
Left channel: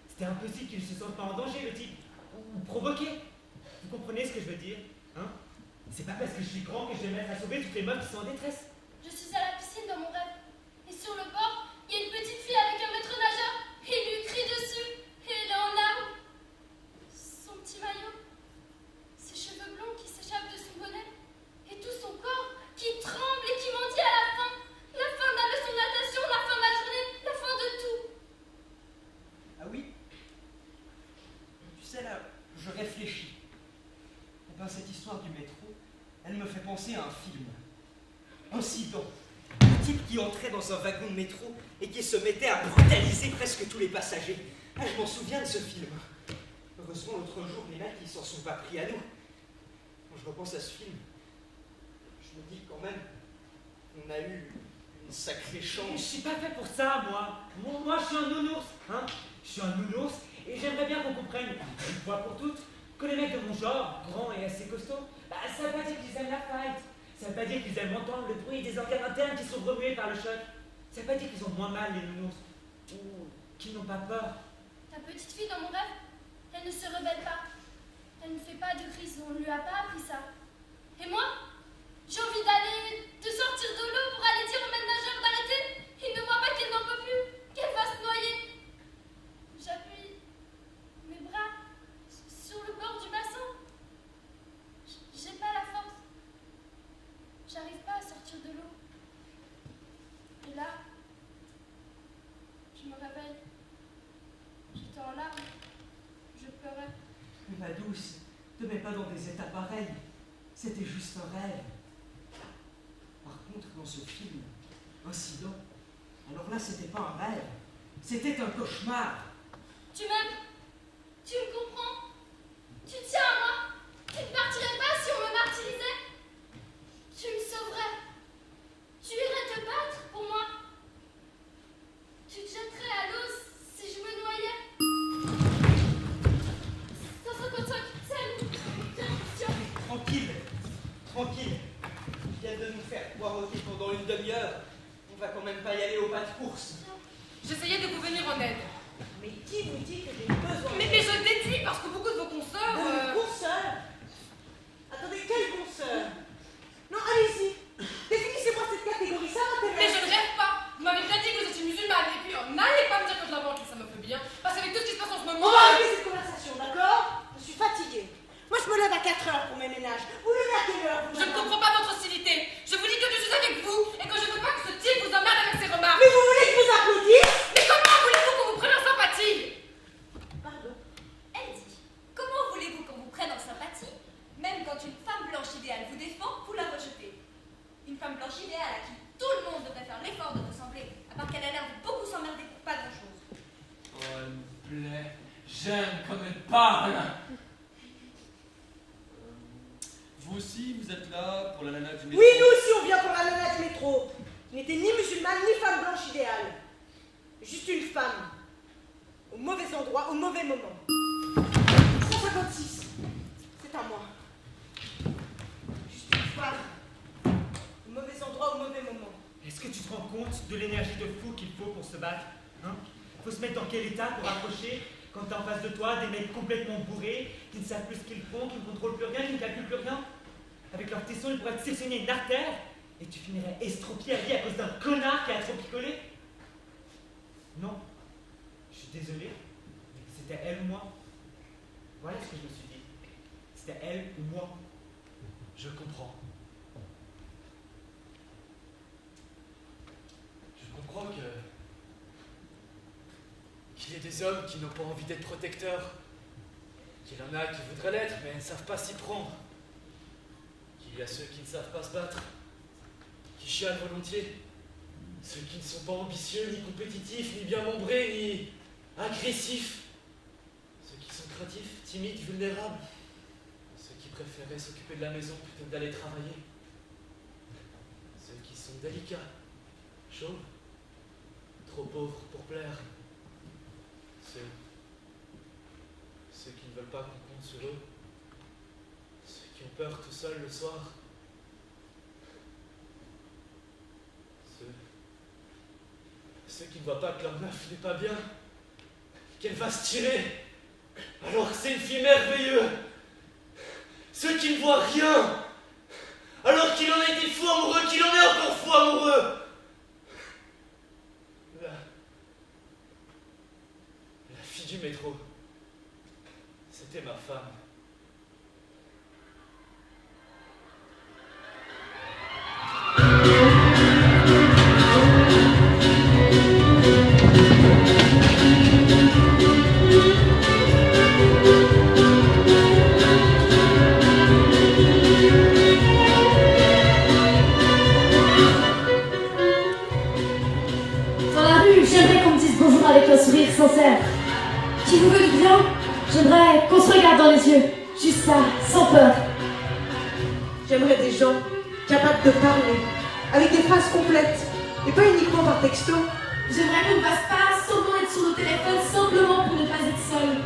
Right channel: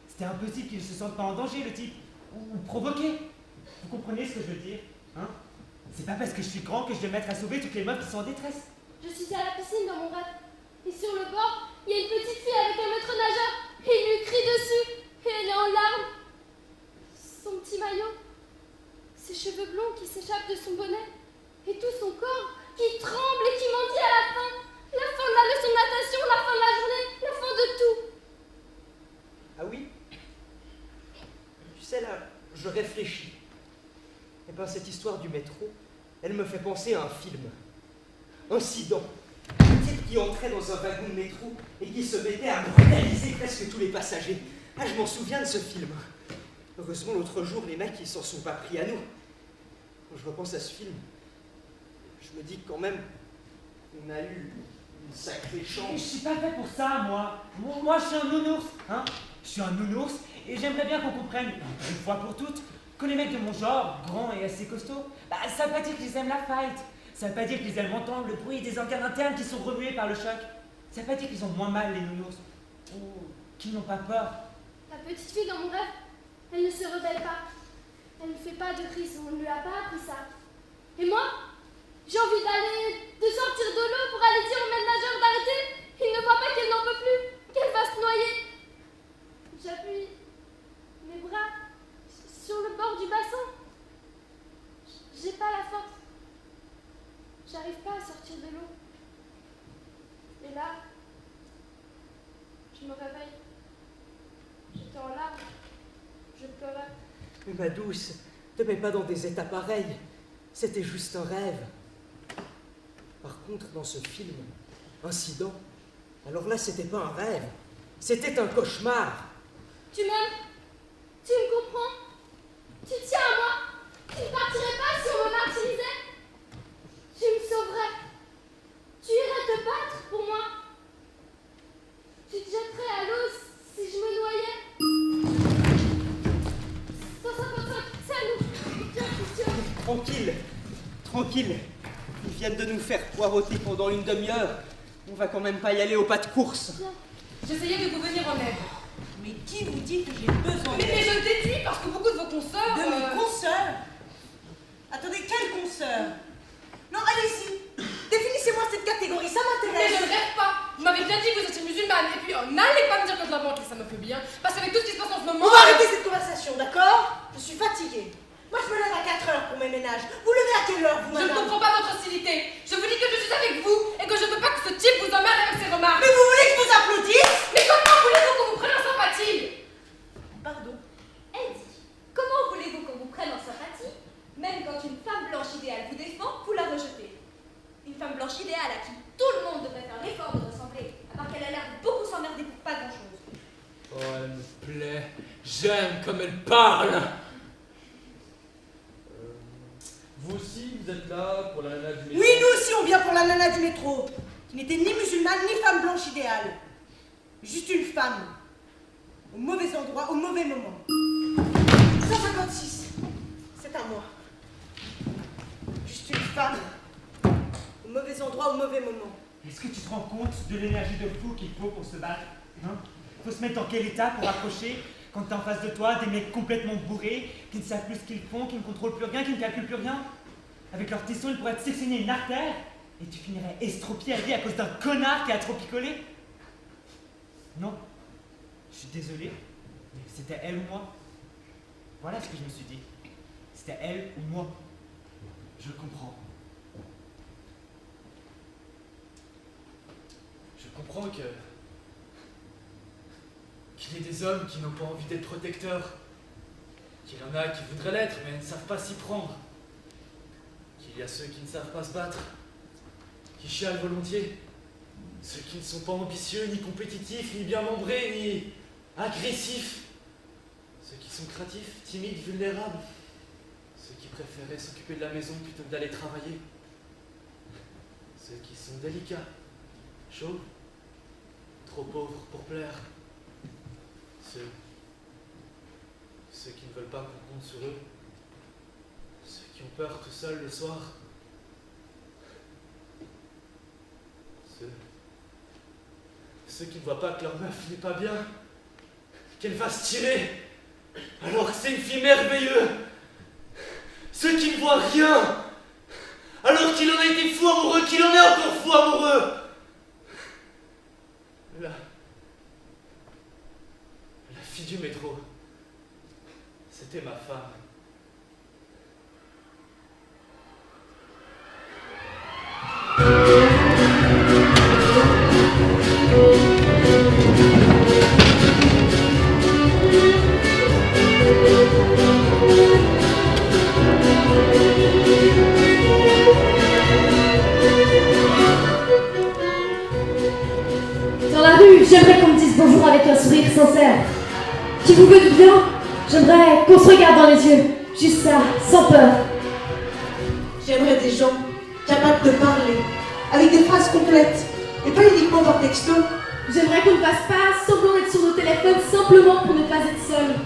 c'était impossible qu'il se sente pas en danger, le type. Ou provoqué. Vous comprenez ce que je veux dire, hein? C'est pas parce que je suis grand que je vais me mettre à sauver toutes les meufs qui sont en détresse. Je suis à la piscine dans mon rêve. Et sur le bord, il y a une petite fille avec un maître nageur. Et il lui crie dessus. Et elle est en larmes. Son petit maillot. Ses cheveux blonds qui s'échappent de son bonnet. Et tout son corps qui tremble et qui m'en dit à la fin. La fin de la leçon de natation, la fin de la journée, la fin de tout. Ah oui? Tu sais là, je réfléchis. Et ben cette histoire du métro, elle me fait penser à un film. Incident. Un type qui entrait dans un wagon de métro et qui se mettait à brutaliser presque tous les passagers. Ah, je m'en souviens de ce film. Heureusement, l'autre jour, les mecs, ils s'en sont pas pris à nous. Quand je repense à ce film, je me dis que quand même, on a eu une sacrée chance. Je suis pas fait pour ça, moi. Moi, je suis un nounours, hein. Je suis un nounours et j'aimerais bien qu'on comprenne, une fois pour toutes, que les mecs de mon genre, grands et assez costauds, bah, ça veut pas dire qu'ils aiment la fight. Ça veut pas dire qu'ils aiment entendre le bruit des organes internes qui sont remués par le choc. Ça veut pas dire qu'ils ont moins mal, les nounours. Ou qu'ils n'ont pas peur. La petite fille dans mon rêve, elle ne se rebelle pas. Elle ne fait pas de crise, on ne lui a pas appris ça. Et moi, j'ai envie de sortir de l'eau pour aller dire au maître nageur d'arrêter. Il ne voit pas qu'elle n'en peut plus, qu'elle va se noyer. J'appuie mes bras sur le bord du bassin. J'ai pas la force. J'arrive pas à sortir de l'eau. Et là, je me réveille. J'étais en larmes. Je pleurais. Mais ma douce, te mets pas dans des états pareils. C'était juste un rêve. Par contre, dans ce film, Incident, alors là, c'était pas un rêve. C'était un cauchemar. Tu m'aimes? Tu me comprends? Tu tiens à moi? Tu ne partirais pas si on me martyrisait? Tu me sauverais? Tu irais te battre pour moi? Tu te jetterais à l'eau si je me noyais? 155, c'est à nous. Viens, Christian. Tranquille, tranquille. Ils viennent de nous faire poireauter pendant une demi-heure. On va quand même pas y aller au pas de course. J'essayais de vous venir en aide. Mais qui vous dit que j'ai besoin Mais je t'ai dit parce que beaucoup de vos consoeurs... De mes consoeurs? Attendez, quelle consoeur? Non, allez-y. Définissez-moi cette catégorie, ça m'intéresse. Mais je ne rêve pas. Vous m'avez bien dit que vous étiez musulmane. Et puis, n'allez pas me dire que je la manque, ça me fait bien. vous, Je ne madame. comprends pas votre hostilité. Je vous dis que je suis avec vous et que je ne veux pas que ce type vous emmerde avec ses remarques. Mais vous voulez que je vous applaudisse? Mais comment voulez-vous qu'on vous prenne en sympathie? Pardon. Elle dit, comment voulez-vous qu'on vous prenne en sympathie? Même quand une femme blanche idéale vous défend, vous la rejetez. Une femme blanche idéale à qui tout le monde devrait faire l'effort de ressembler, à part qu'elle a l'air de beaucoup s'emmerder pour pas grand-chose. Oh, elle me plaît. J'aime comme elle parle. Vous aussi, vous êtes là pour la nana du métro? Oui, nous aussi, on vient pour la nana du métro, qui n'était ni musulmane ni femme blanche idéale. Juste une femme. Au mauvais endroit, au mauvais moment. 156. C'est à moi. Juste une femme. Au mauvais endroit, au mauvais moment. Est-ce que tu te rends compte de l'énergie de fou qu'il faut pour se battre, hein? Faut se mettre dans quel état pour accrocher quand t'es en face de toi des mecs complètement bourrés, qui ne savent plus ce qu'ils font, qui ne contrôlent plus rien, qui ne calculent plus rien? Avec leur tesson, ils pourraient te sectionner une artère et tu finirais estropié à vie à cause d'un connard qui a trop picolé? Non. Je suis désolé, mais c'était elle ou moi. Voilà ce que je me suis dit. C'était elle ou moi. Je comprends. Je comprends qu'il y ait des hommes qui n'ont pas envie d'être protecteurs, qu'il y en a qui voudraient l'être mais ne savent pas s'y prendre, qu'il y a ceux qui ne savent pas se battre, qui chialent volontiers, ceux qui ne sont pas ambitieux, ni compétitifs, ni bien membrés, ni agressifs, ceux qui sont craintifs, timides, vulnérables, ceux qui préféraient s'occuper de la maison plutôt que d'aller travailler, ceux qui sont délicats, chauds, trop pauvres pour plaire, ceux qui ne veulent pas qu'on compte sur eux, ceux qui ont peur tout seuls le soir, ceux qui ne voient pas que leur meuf n'est pas bien, qu'elle va se tirer, alors que c'est une fille merveilleuse, ceux qui ne voient rien, alors qu'il en a été fou amoureux, qu'il en est encore fou amoureux. La fille du métro, c'était ma femme. Dans la rue, j'aimerais qu'on me dise bonjour avec un sourire sincère. Qui vous veut du bien? J'aimerais qu'on se regarde dans les yeux, juste ça, sans peur. J'aimerais des gens capables de parler, avec des phrases complètes, et pas uniquement par texto. J'aimerais qu'on ne fasse pas semblant d'être sur nos téléphones simplement pour ne pas être seul.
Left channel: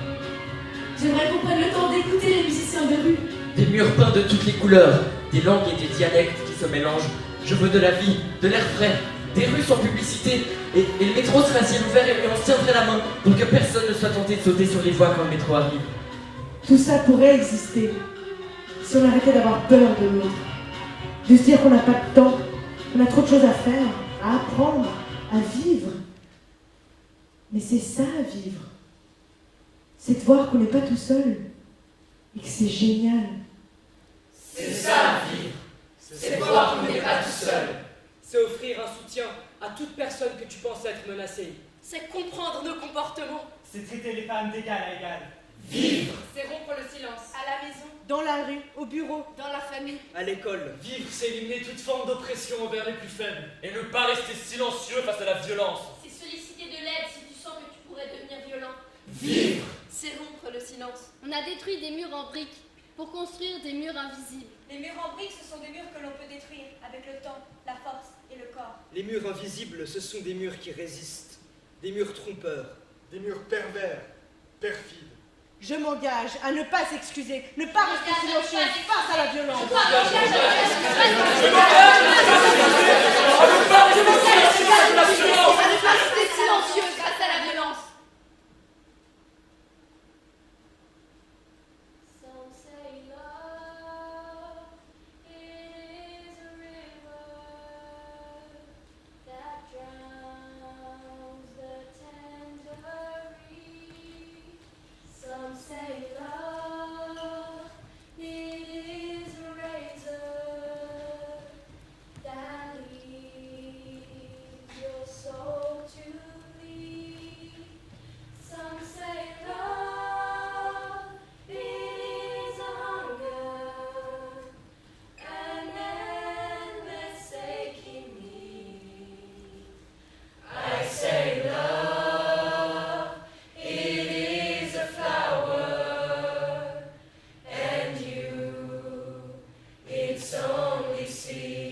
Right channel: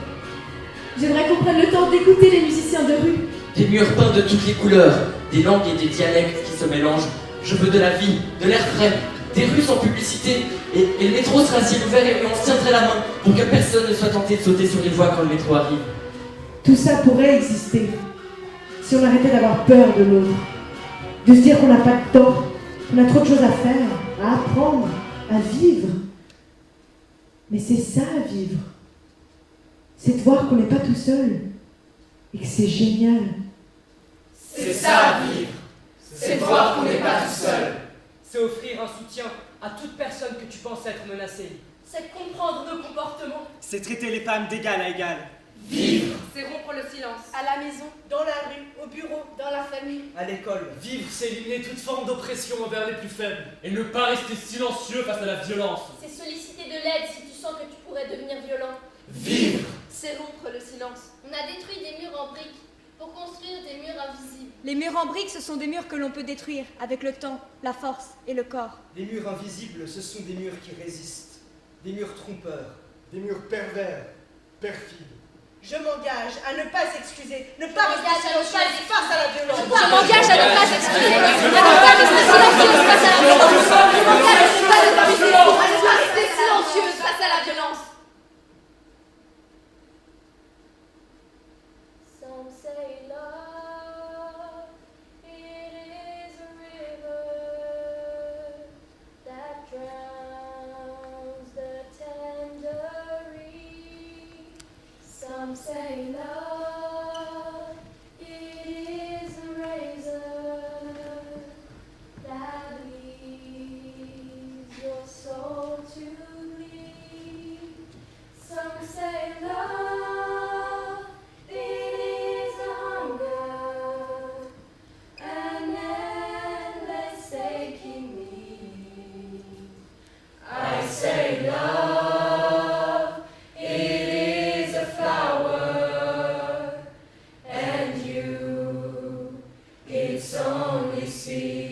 J'aimerais qu'on prenne le temps d'écouter les musiciens de rue. Des murs peints de toutes les couleurs, des langues et des dialectes qui se mélangent. Je veux de la vie, de l'air frais, des rues sans publicité, et le métro sera à ciel ouvert et on se tiendrait la main pour que personne ne soit tenté de sauter sur les voies quand le métro arrive. Tout ça pourrait exister si on arrêtait d'avoir peur de l'autre, de se dire qu'on n'a pas de temps, qu'on a trop de choses à faire, à apprendre, à vivre. Mais c'est ça, vivre. C'est de voir qu'on n'est pas tout seul et que c'est génial. C'est ça, vivre. C'est voir qu'on n'est pas tout seul. C'est offrir un soutien à toute personne que tu penses être menacée. C'est comprendre nos comportements. C'est traiter les femmes d'égal à égal. Vivre. C'est rompre le silence. À la maison, dans la rue, au bureau, dans la famille. À l'école, vivre, c'est éliminer toute forme d'oppression envers les plus faibles. Et ne pas rester silencieux face à la violence. C'est solliciter de l'aide si tu sens que tu pourrais devenir violent. Vivre. C'est rompre le silence. On a détruit des murs en briques pour construire des murs invisibles. Les murs en briques, ce sont des murs que l'on peut détruire avec le temps, la force et le corps. Les murs invisibles, ce sont des murs qui résistent. Des murs trompeurs. Des murs pervers, perfides. Je m'engage à ne pas s'excuser, ne pas rester silencieuse face à la violence. Je m'engage à ne pas s'excuser. Je m'engage à rester silencieuse face à la violence. Je m'engage à ne pas rester silencieuse face à la violence. Some say love, it is a river that drowns the tender reed. Some say love, it is a razor c'est